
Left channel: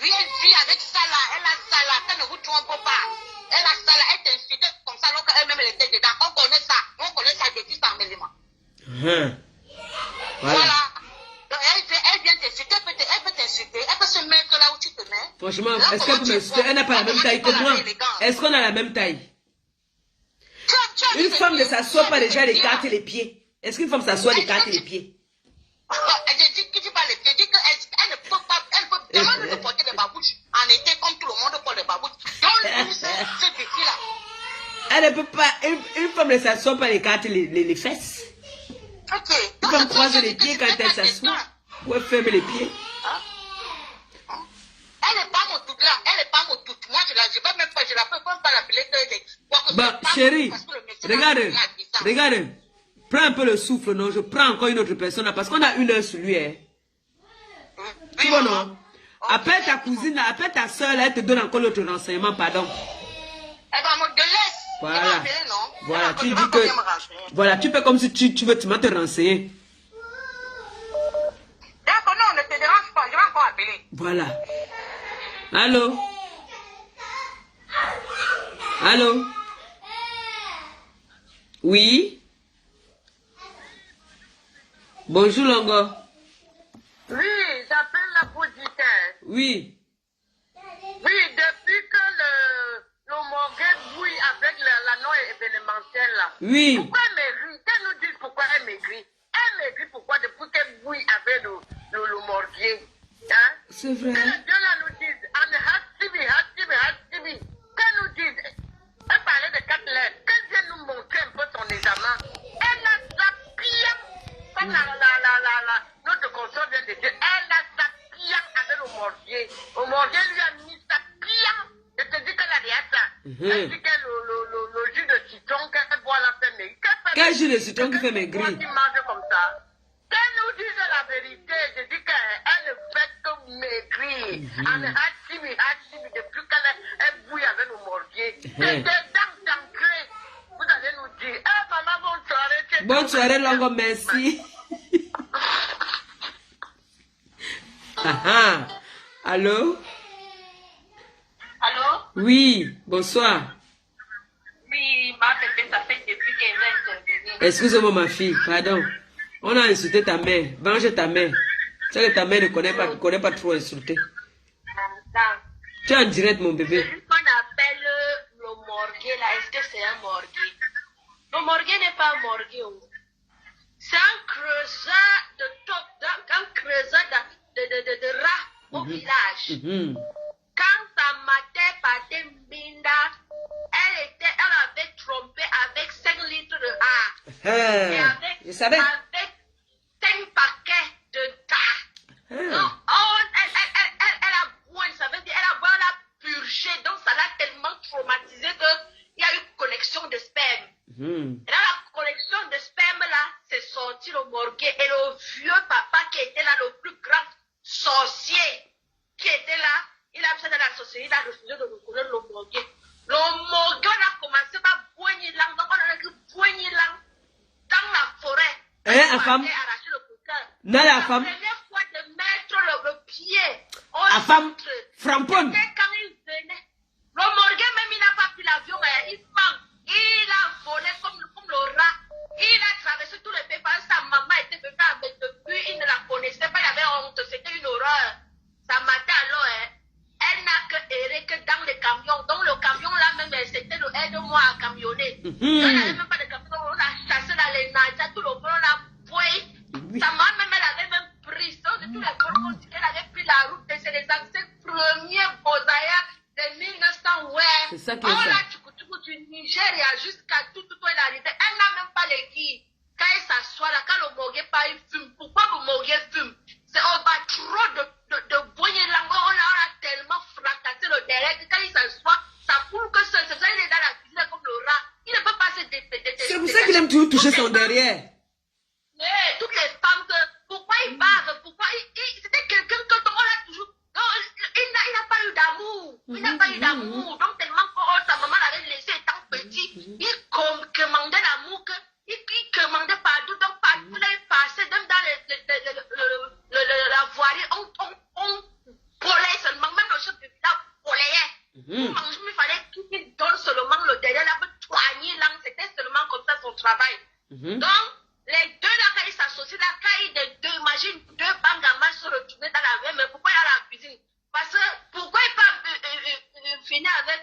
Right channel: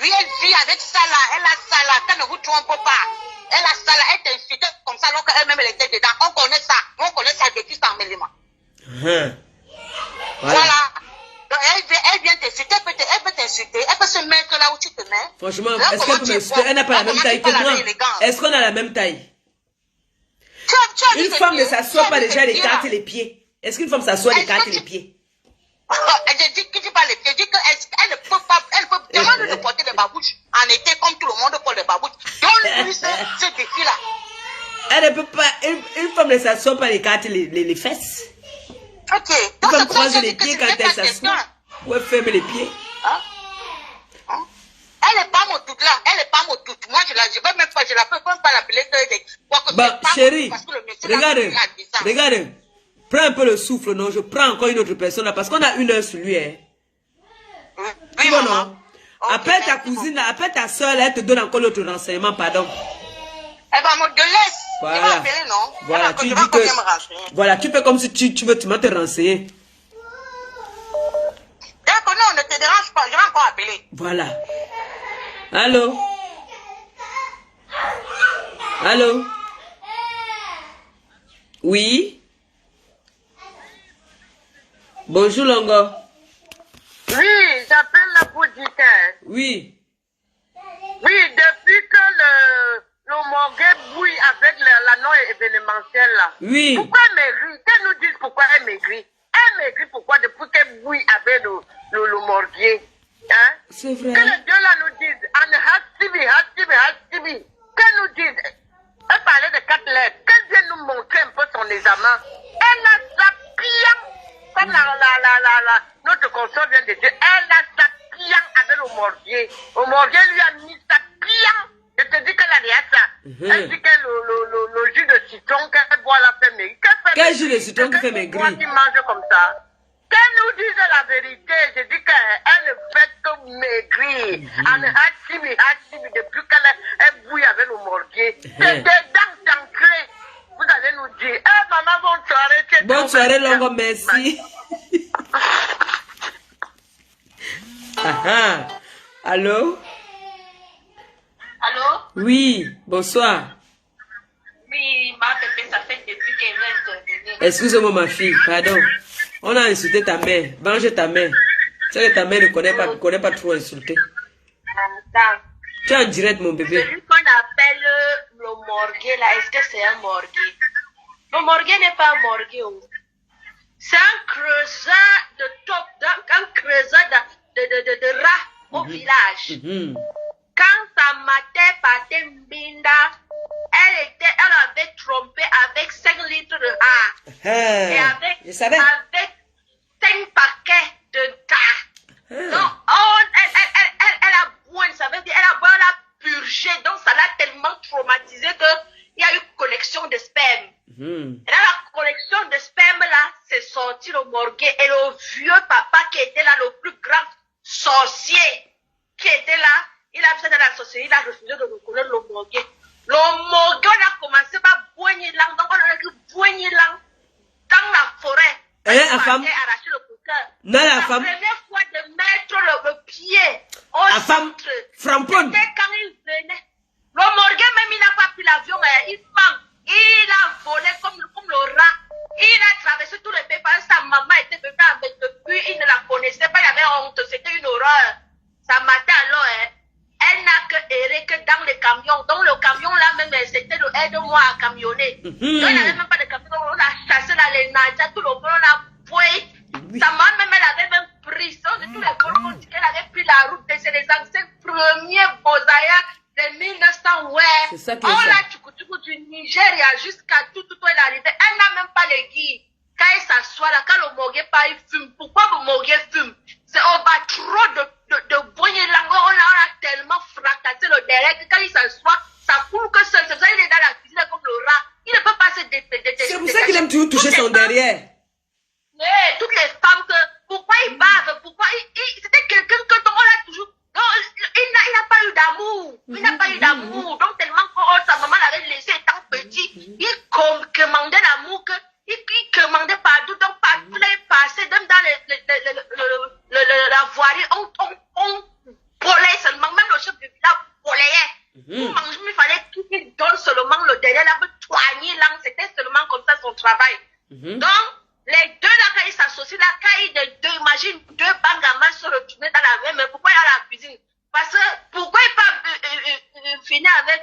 Oui, elle vit avec ça là. Elle a ça là. Ça ne vous trompe pas. Elle a ça là. Elle t'insulte comme ça alors qu'elle-même elle était dedans. On connaît ça. On connaît ça depuis 100 éléments. Voilà. Donc elle vient t'insulter. Elle peut t'insulter. Elle peut se mettre là où tu te mets. Franchement, est-ce qu'elle peut m'insulter? Elle n'a pas la même taille que moi. Est-ce qu'on a la même taille? Une femme ne s'assoit pas déjà, elle écarte les pieds. Est-ce qu'une femme s'assoit, elle écarte les pieds? Je dis que tu parles les pieds. Je dis qu'elle ne peut pas. Elle peut demander de porter des babouches en été comme tout le monde porte des babouches. Donne-lui ce défi-là. Elle ne peut pas. Une femme ne s'assoit pas, elle écarte les fesses. Ok. Une femme croise les pieds quand elle s'assoit. Ou elle ferme les pieds. Elle n'est pas mon tout là. Elle n'est pas mon tout. Moi, je vais même pas. Je la peux même pas l'appeler que. Bah, chérie, regarde. Prends un peu le souffle, non? Je prends encore une autre personne là parce qu'on a 1 heure sur lui. Hein. Tu vois, non? Appelle ta cousine, appelle ta soeur, elle te donne encore l'autre renseignement, pardon. Elle va me laisse. Voilà. Voilà, tu dis que. Voilà, tu fais comme si tu veux te renseigner. D'accord, non, ne te dérange pas, je vais encore appeler. Voilà. Allô? Allô? Oui? Bonjour, Longo. Oui, j'appelle la politique. Oui. Oui, depuis que le Morguet bouille avec la non-événementielle là. Oui. Pourquoi elle maigrit? Qu'elle nous dise pourquoi elle maigrit. Elle maigrit pourquoi depuis qu'elle bouille avec le Morguet. Hein? C'est vrai. Que les deux là nous disent, Hasibi. Qu'elle nous dise, elle parlait de 4 lettres. Qu'elle vienne nous montrer un peu son examen. Elle a sa bien. Comme notre consort vient de dire, elle a sa client avec le Morguet. Le Morguet lui a mis sa client. Je te dis qu'elle a déjà ça. Elle dit que le jus de citron qu'elle boit la fait maigrir. Quel jus de citron qui fait maigrir? Qui mange comme ça. Qu'elle nous dise la vérité. Je dis qu'elle ne fait que maigrir. Depuis qu'elle bouille avec le Morguet. C'est des dents ancrées. Vous allez nous dire, maman, bonne soirée. Bonne soirée, Longo, merci. Allô? Allô? Oui, bonsoir. Oui, ma bébé, ça fait depuis qu'elle vient intervenir. Excuse-moi, ma fille, pardon. On a insulté ta mère. Mange ta mère. Tu sais que ta mère ne connaît pas trop insulter. Tu es en direct, mon bébé. Celui qu'on appelle le Morguet, là, est-ce que c'est un Morguet? Le Morguet n'est pas un Morguet. C'est un creuseur de top, un creuseur de rats au village. Quand sa mère partait Mbinda, elle avait trompé avec 5 litres de rats. Et avec 5 paquets de tas. Donc, elle a boire, ça veut dire elle a purgé. Donc, ça l'a tellement traumatisé qu'il y a eu collection de sperme. Et là, la collection de sperme, là, c'est sorti le Morguet. Et le vieux papa qui était là, le plus grand sorcier qui était là, il a fait dans la sorcellerie, il a refusé de reconnaître le Morguet. Le Morguet, on a commencé par boigner l'ang. Donc, on a écrit boigner l'ang dans la forêt. Et la femme, arraché le cœur. la femme, La première fois de mettre le pied au la femme, framponne. c'était quand il venait. Le Morguet, même, il n'a pas pris l'avion, mais il manque. Il a volé comme le rat. Il n'y avait même pas de camion, on a chassé dans les najas, tout le monde, on a boué. Sa maman même, elle avait même pris ça, de tous les gens qu'on dit qu'elle avait pris la route, c'est les anciens premiers Bozaya de 1900, ouais. C'est ça qui on est ça. l'a du Nigeria jusqu'à tout est arrivé. Elle n'a même pas les guides. Quand il s'assoit là, quand le Mogué pas, il fume. Pourquoi le Mogué fume? C'est on bat trop de boignées langue. On a tellement fracassé le derrière que quand il s'assoit, ça coule que seul. C'est pour ça qu'il est dans la cuisine comme le rat. Il ne peut pas se détester. C'est pour ça qu'il aime toujours toucher son derrière. Mais toutes les femmes que. Pourquoi il bave? Pourquoi c'était quelqu'un que on a toujours. Non, il n'a pas eu d'amour. Il n'a pas eu d'amour. Donc, tellement que sa maman l'avait laissé étant petit, il commandait l'amour, il commandait partout. Donc, partout, là, il passait, même dans la voirie, on volait seulement. Même le chef de village volait. Pour manger, il fallait qu'il donne seulement le derrière, là, pour soigner l'âme. C'était seulement comme ça son travail. Donc, les deux là, quand ils s'associent, là, quand ils imagine deux bangamans se retourner dans la même, mais pourquoi il y a la cuisine? Parce que, pourquoi il pas finir avec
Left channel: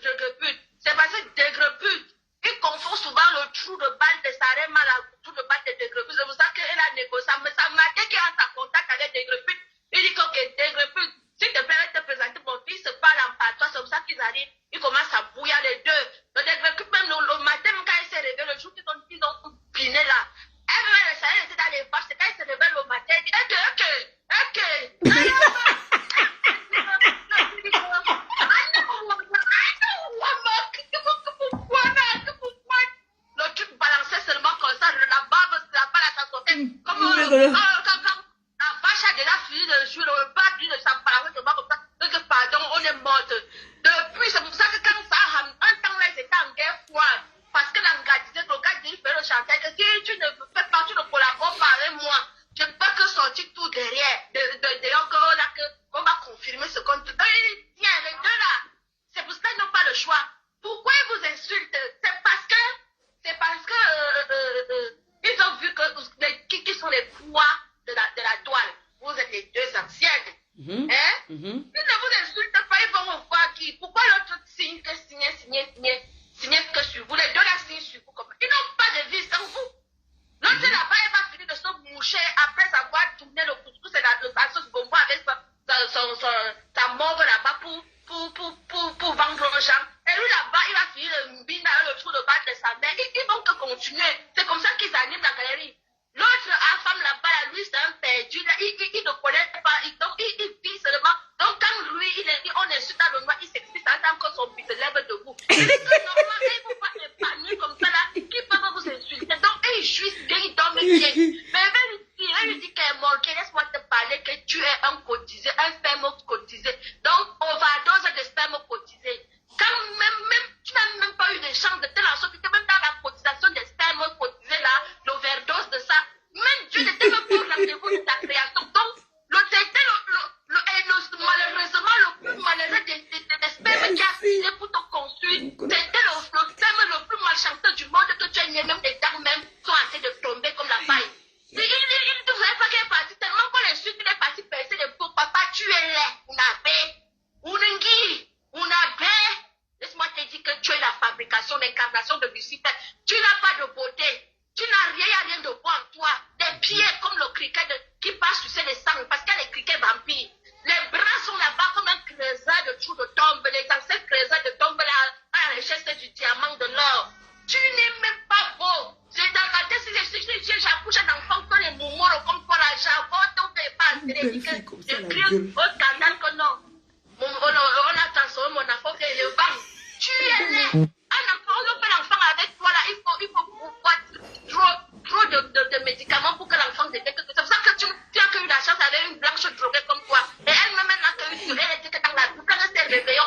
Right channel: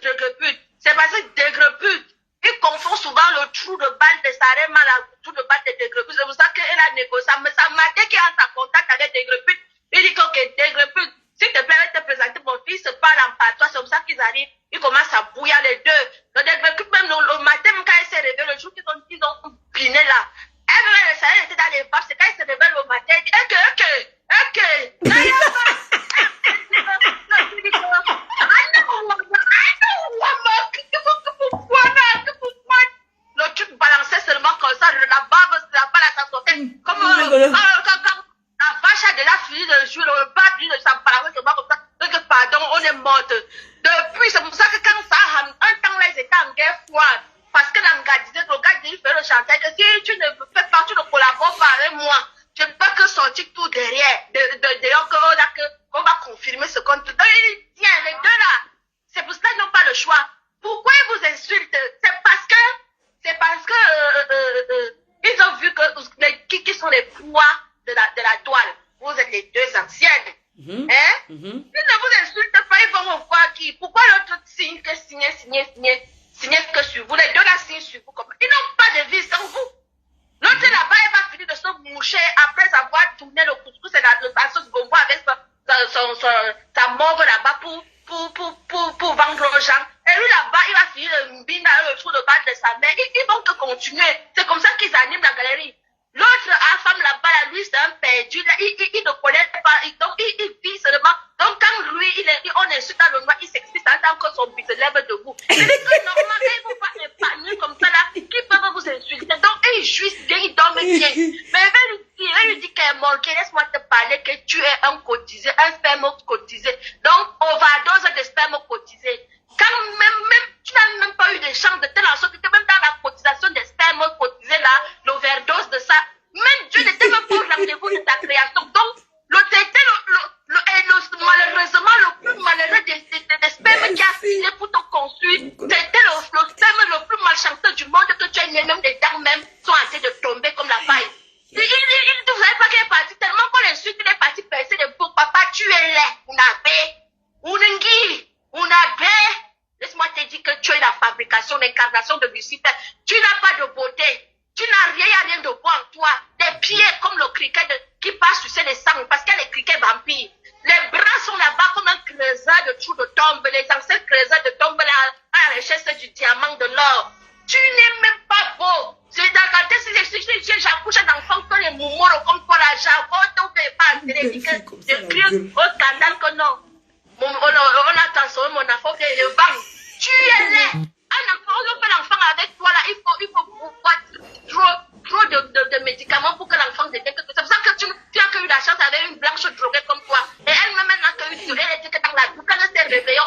Dégrepute? C'est parce que Dégrepute, il confond souvent le trou de balle de Sarema, le trou de balle de Dégrepute. C'est pour ça qu'elle a négocié. Mais ça m'a dit qu'il est en contact avec Dégrepute. Il dit que Dégrepute, s'il te plaît, te présenter mon fils, se parle en patois. C'est comme ça qu'ils arrivent. Ils commencent à bouillir les deux. Le Dégrepute, même le matin, quand il s'est réveillé, le jour qu'ils ont piné là, elle était dans les bars, c'est quand elle se réveille le matin, elle dit, le truc balançait seulement comme ça, la barbe, la balle à sa sortie, comme quand la vache a déjà fini de jouer, le bas de sa balançait seulement comme ça, donc pardon, on est morte. Depuis, c'est pour ça que quand ça, un temps là, ils étaient en guerre froide. Parce que l'engadisé, le gars dit, il fait le chantage. Si tu ne fais pas, tu ne collabores pas avec moi, je ne peux que sortir tout derrière. D'ailleurs, qu'on va confirmer ce qu'on te dit. Tiens, les deux là, c'est pour ça qu'ils n'ont pas le choix. Pourquoi ils vous insultent? C'est parce que ils ont vu que qui sont les poids de la toile. Vous êtes les deux anciennes. Hein? Ils ne vous insultent pas, ils vont voir qui. Pourquoi l'autre signe que signer que sur vous, les deux là signent sur vous. Ils n'ont pas de vie sans vous. L'autre là-bas, elle va finir de se moucher après avoir tourné le couscous et la sauce gombo avec sa morve là-bas pour vendre aux gens. Et lui là-bas, il va finir de mbine dans le trou de balle de sa mère. Ils vont que continuer. C'est comme ça qu'ils animent la galerie. L'autre femme là-bas, lui, c'est un perdu. Là, il ne connaît pas. Donc, il vit seulement. Donc, quand lui, on insulte dans le noir, il s'explique en tant que son but se lève debout. Et normalement, ils ne vont pas épargner comme ça, là, qui peuvent vous insulter. Donc, ils jouissent bien, ils dorment bien. Mais elle lui dit qu'elle est manquée. Laisse-moi te parler que tu es un cotisé, un sperme cotisé. Donc, overdose de sperme cotisé. Quand même, tu n'as même pas eu de chance de telle sorte que même dans la cotisation des spermes cotisés, là, l'overdose de ça, même Dieu n'était même pas au rendez-vous de ta création. Donc, malheureusement, le plus malheureux des spermes qui a fini pour te construire, c'était le sperme le plus malchanceux du monde que tu as né, même les dents même sont en train de tomber comme la paille. Vous savez pas qu'il est parti tellement qu'on l'insulte, il est parti percer les beaux. Papa, tu es là. Laisse-moi te dire que tu es la fabrication, l'incarnation de Lucifer. Tu n'as pas de beauté. Tu n'as rien de beau en toi. Des pieds comme le criquet qui passe sur les sangs parce qu'il y a les criquets vampires. Les bras sont là-bas comme un creuseur de trous de tombe. Les anciens creuseurs de tombe là, à la recherche du diamant, de l'or. Tu n'es même pas beau. C'est dans la tête, si j'accouche un enfant que les moumores comme toi là, j'avoue, tu ne fais pas de crie au scandale que non. On a transformé mon enfant que le vent. Tu es laid. Un enfant, on fait l'enfant avec toi là, il faut trop de médicaments pour que l'enfant devienne quelque chose. C'est pour ça que tu as eu la chance avec une blanche droguée comme toi. Et elle-même n'a que eu elle était que dans la boucle, quand elle s'est réveillée,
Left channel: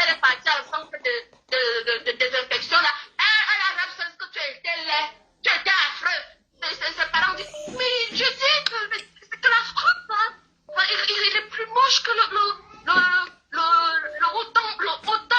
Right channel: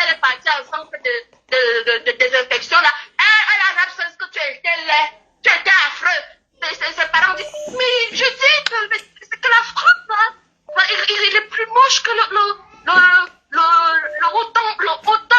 elle est partie à un centre de désinfection là. Elle a l'absence que tu étais laid, tu étais affreux. Ses parents disent, mais je dis que la France là, il est plus moche que le autant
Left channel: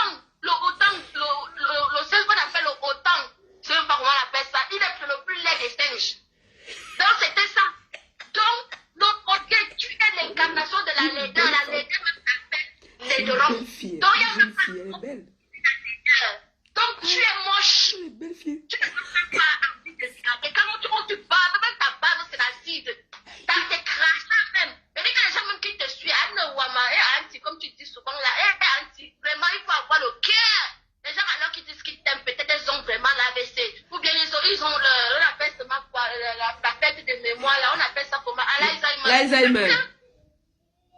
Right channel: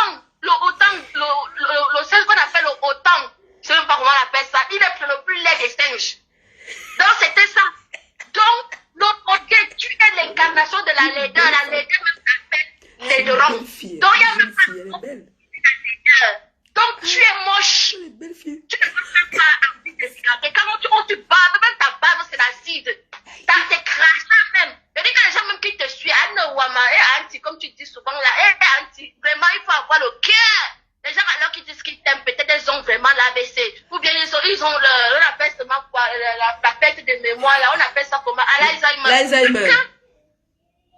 perte de mémoire, là, on appelle ça comment? L'Alzheimer. L'Alzheimer.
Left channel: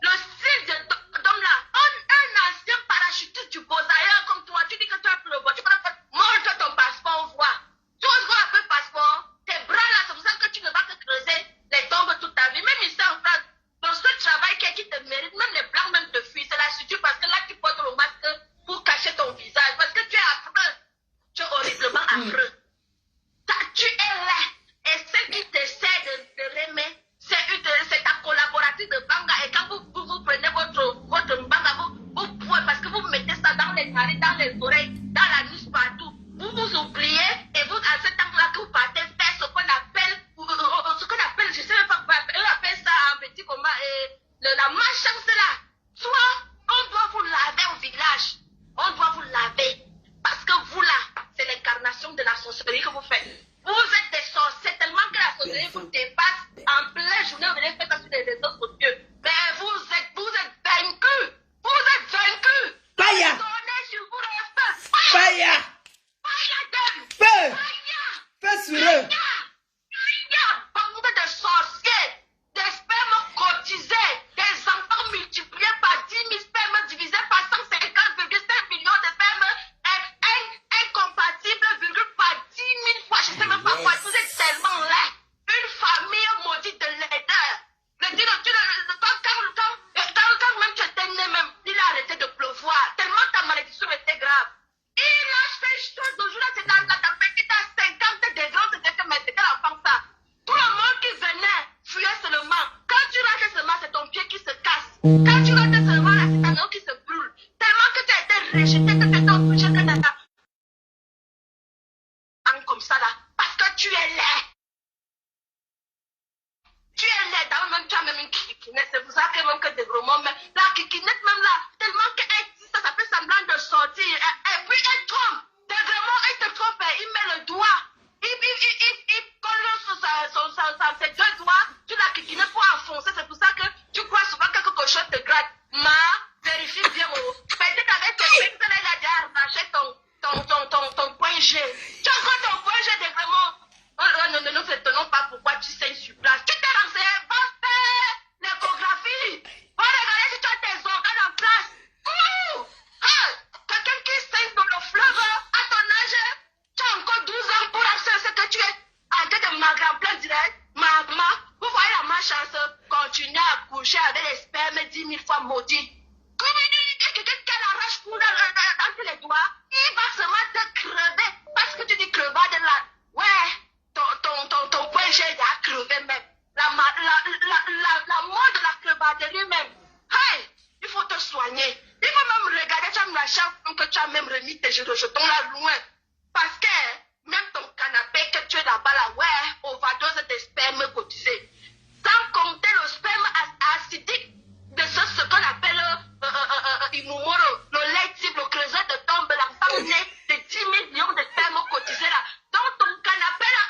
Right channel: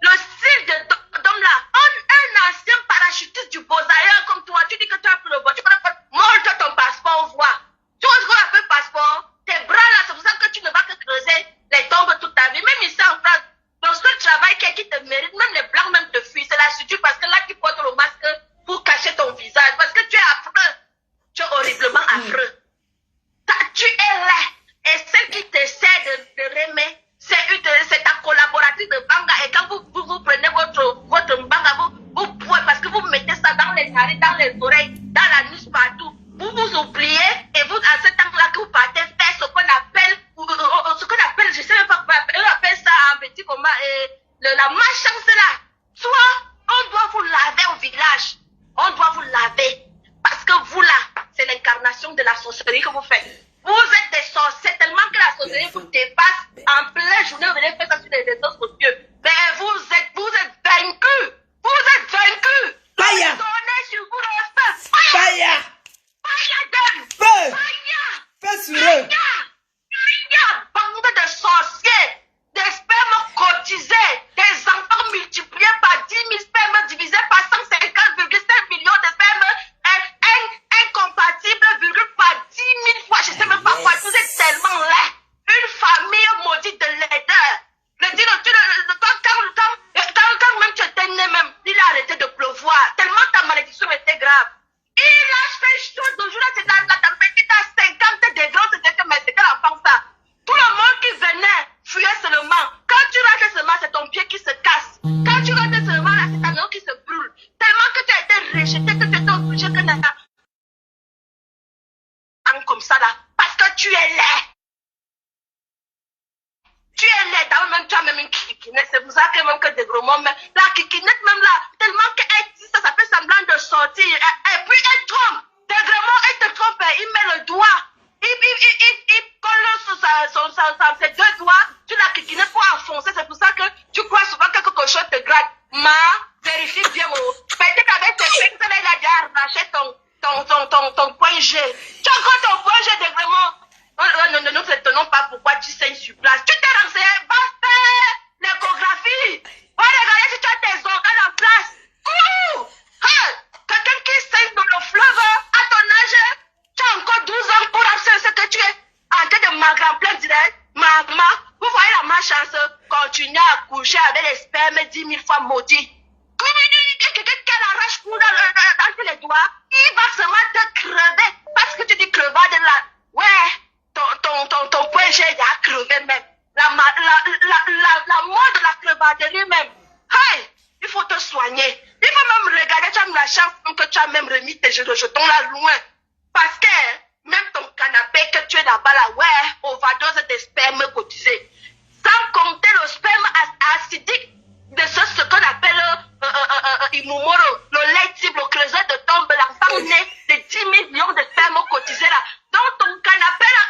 Le style d'homme là, un ancien parachutiste du Beaux-Arts comme toi, tu dis que tu as pris le vol, tu peux pas montre ton passeport, on voit. Tu vois ce qu'on appelle passeport? Tes bras là, c'est pour ça que tu ne vas que creuser les tombes toute ta vie. Même ici en France, dans ce travail qui te mérite, même les blancs même te fuient, c'est la suture parce que là tu portes le masque pour cacher ton visage, parce que tu es affreux. Tu es horriblement affreux. Tu es là. Et celle qui t'essaie de remettre, c'est ta collaboratrice de Banga. Et quand vous prenez votre Banga, vous pouvez, parce que vous mettez ça dans les narines, dans les oreilles, dans la nuque, partout. Vous vous oubliez et vous, à ce temps-là que vous partez faire ce qu'on appelle, je sais même pas, on appelle ça un petit comment, la malchance là. Soit on doit vous laver au village, on doit vous laver. Parce que vous là, c'est l'incarnation de la sorcellerie que vous faites. Vous êtes des sorciers tellement que la sorcellerie vous dépasse. En pleine journée, vous venez faire ça sur les réseaux sociaux. Mais vous êtes vaincus. Vous êtes vaincus. Fire. Donnez sur vous le feu. Fire. Fire donne. Feu. Fire. Feu sur eux. Fire. Bande de sorciers. Des spermes cotisés. Des enfants multipliés par 10 000 spermes divisés par 150,7 millions de spermes. Incompatible, virgule, par 10 000 fois. Je sais même pas quoi. Vous êtes tellement laid. Une famille maudite de laideur. Quand même tu étais né même, il a arrêté de pleuvoir. Tellement ta malédiction était grave. Il a fait chaud de jour. C'est dans la température à 50 degrés. C'était que, mais c'était la femme ça. Tout le monde qui venait fuyait seulement. Quand tu rates seulement, c'est ton pied qui se casse. Quand tu rates seulement, là, c'est ta main qui se brûle. Tellement que tu as été rejeté, que tu étais obligé que tu comme ça là, parce que tu es laid. Tu es laid, d'abord même tu as même une kikinette, c'est pour ça que même que des gros mots, mais la kikinette même là, tellement qu'elle dit ça, ça fait semblant de sortir, et puis elle trompe, des gros mots, elle te trompe, il met le doigt, il colle sur ses deux doigts, tu la kikinette pour enfoncer, c'est pour ça que tu crois souvent que quelque chose te gratte. Vérifie bien, peut-être qu'avec tes pinces, elle a déjà arraché ton point G. Tu as encore ton point G de vraiment. Ne nous retenons pas pourquoi tu saignes sur place. Tu t'es renseigné, va faire l'échographie. Va regarder si tu as tes organes en place. Quelqu'un qui saigne dans le fleuve, à ton âge, tu as encore 12 ans pour lancer ce que tu es en train de m'agrandir direct. Maman, vous voyez la malchance, continuer à coucher avec les spermes 10 000 fois maudits. Quelqu'un qui arrache pour dans les doigts, il va seulement te crever. Parce que tu dis crevade là. Ouais, ton point G il a crevé même. La mort de la crevaderie même. Hey, il faut te soigner. Il faut même regarder, tu as la chance que tu as même remis tes jetons là loin. Parce que même ton canapé que tu es là-bas là, ouais, overdose de sperme cotisé. Sans compter le sperme acidique de ce qu'on appelle Imumoro, le lait type, le creuset de tombe, l'enfant né de 10 millions de spermes cotisés là. Dans ton canapé là,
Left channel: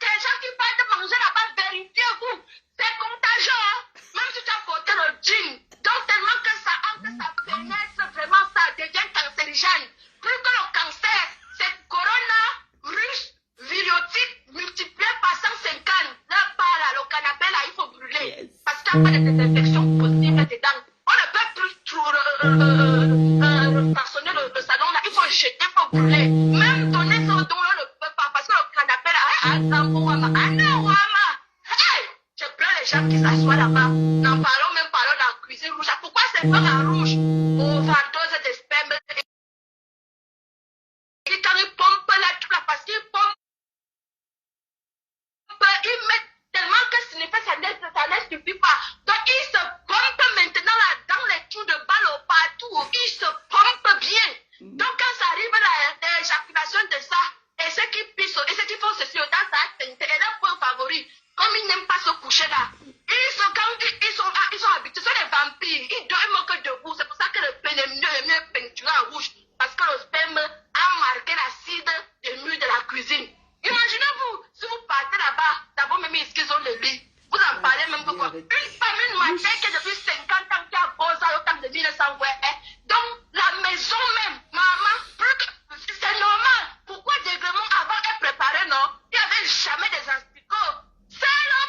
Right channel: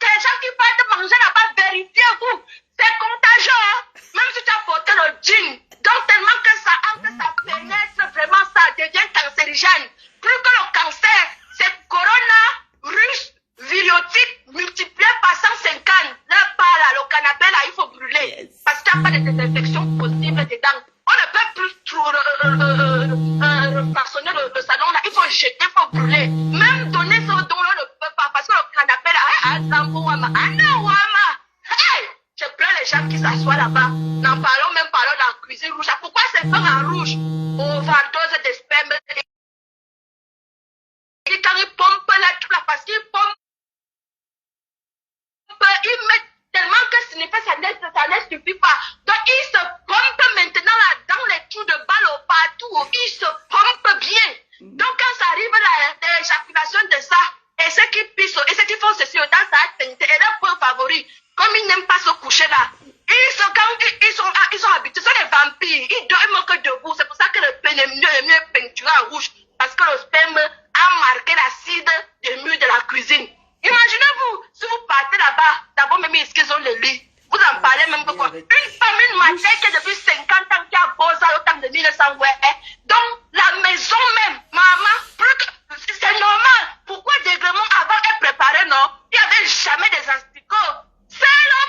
les gens qui partent manger là-bas, vérifiez-vous. C'est contagieux, hein? Même si tu as porté le jean. Donc tellement que ça entre, ça pénètre vraiment, ça devient cancérigène. Plus que le cancer, c'est coronavirus viriotype multiplié par 150. Là, pas là, le canapé là, il faut brûler. Yes. Parce qu'il n'y a pas de désinfection possible dedans. On ne peut plus trop façonner le salon là. Il faut jeter, il faut brûler. Même donner ce don là, on ne peut pas. Parce que le canapé là, hey, je plains les gens qui s'assoient là-bas. N'en parlons même pas de la cuisine rouge. Pourquoi c'est comme en rouge? Overdose de sperme. Et quand ils pompent là, tout là, parce qu'ils pompent, ils mettent tellement que ce n'est pas ça ne suffit pas. Donc ils se pompent maintenant là, dans les trous de balle partout. Ils se pompent bien. Donc quand ça arrive là, l'éjaculation de ça, et ceux qui pissent, et ceux qui font ceci, dans ça, et leur point favori, comme ils n'aiment pas se coucher là, ils sont habitués, ce sont des vampires, ils dorment que debout. C'est pour ça que le mieux est peinturé en rouge, parce que le sperme a marqué l'acide des murs de la cuisine. Imaginez-vous, si vous partez là-bas, d'abord même ils ont le lit, vous en parlez même que quoi. Une famille, une matin qui est depuis 50 ans, qui a bossé au temps de 1900, ouais. Donc la maison même, maman, c'est normal. Pourquoi des gréments avant est préparé, non? Il n'y avait jamais des asticots. C'est le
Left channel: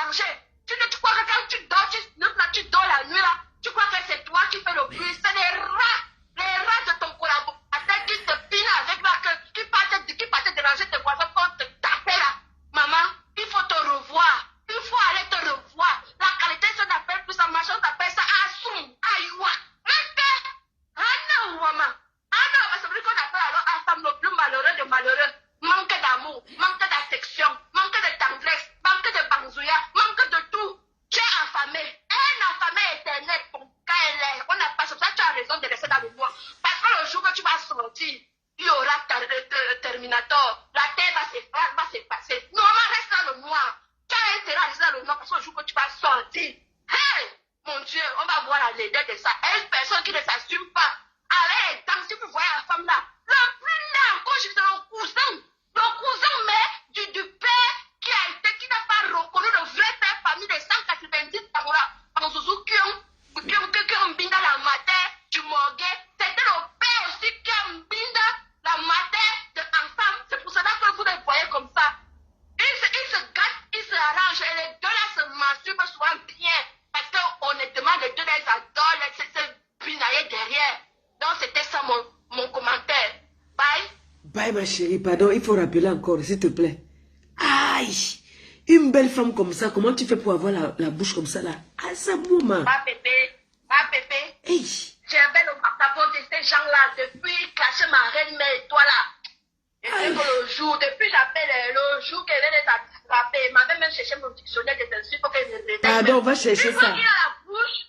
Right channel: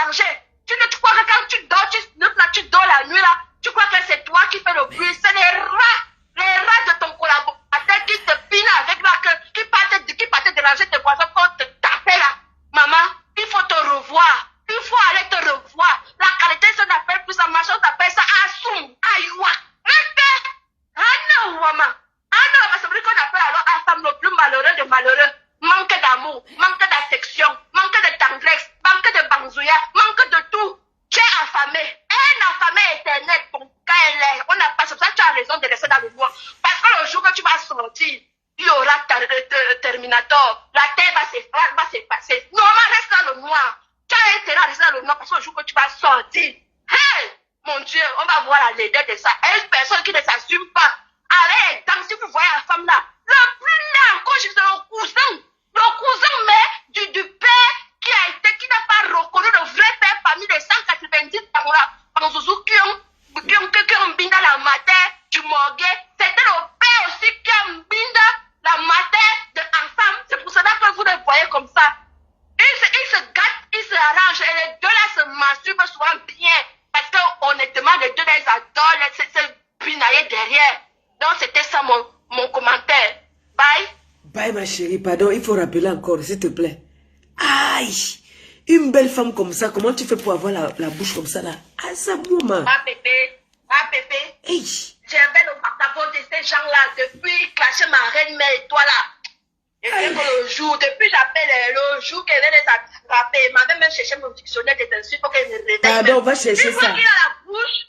déranger. Tu crois que quand tu dors, tu dors la nuit là, tu crois que c'est toi qui fais le bruit. C'est les rats de ton collaborateur qui te pinent avec là, qui partent déranger tes voisins pour te taper là. Maman, il faut te revoir. Il faut aller te revoir. La qualité, ça n'appelle plus ça, machin, on appelle ça assoum, aïwa. Ah non, maman. Ah non, c'est vrai qu'on appelle alors Assam le plus malheureux des malheureux. Manque d'amour, manque d'affection, manque de tendresse, manque de banzouya, manque de tout. Tu es affamé. Un affamé éternel, ton cas est l'air. On n'a pas ça, tu as raison de rester dans le noir. Parce que le jour que tu vas sortir, il y aura Terminator. La terre va s'effacer. Normalement, reste dans le noir. Tu as intérêt à rester dans le noir parce que le jour que tu vas sortir, hey, mon Dieu, on va voir la laideur de ça. Et une personne qui ne s'assume pas. Allez, tant si vous voyez la femme là, le plus là, quand je suis le cousin mais du père qui n'a pas reconnu le vrai père parmi les 190 par Zouzou qui ont binda la matin du morgue. C'était le père aussi qui a binda la matin de ensemble. C'est pour cela que vous le voyez comme ça. Ils se gâtent, ils se arrangent et les deux là se masturbent souvent bien. Parce que honnêtement, les deux là ils adorent se pinailler derrière. Donc c'était ça mon commentaire. Bye. Bye ma chérie, pardon, il faut rappeler encore, s'il te plaît. Aïe, une belle femme comme ça, comment tu fais pour avoir la bouche comme ça là? Ah ça boum. Ah bébé. Hey. J'avais le macabo de ces gens-là depuis clasher ma reine mère et toi là. Et le jour, depuis l'appel, le jour qu'elle les a attrapés, elle m'avait même cherché mon dictionnaire des insultes pour qu'elle me réveille. Pardon, on va chercher ça. Il a la bouche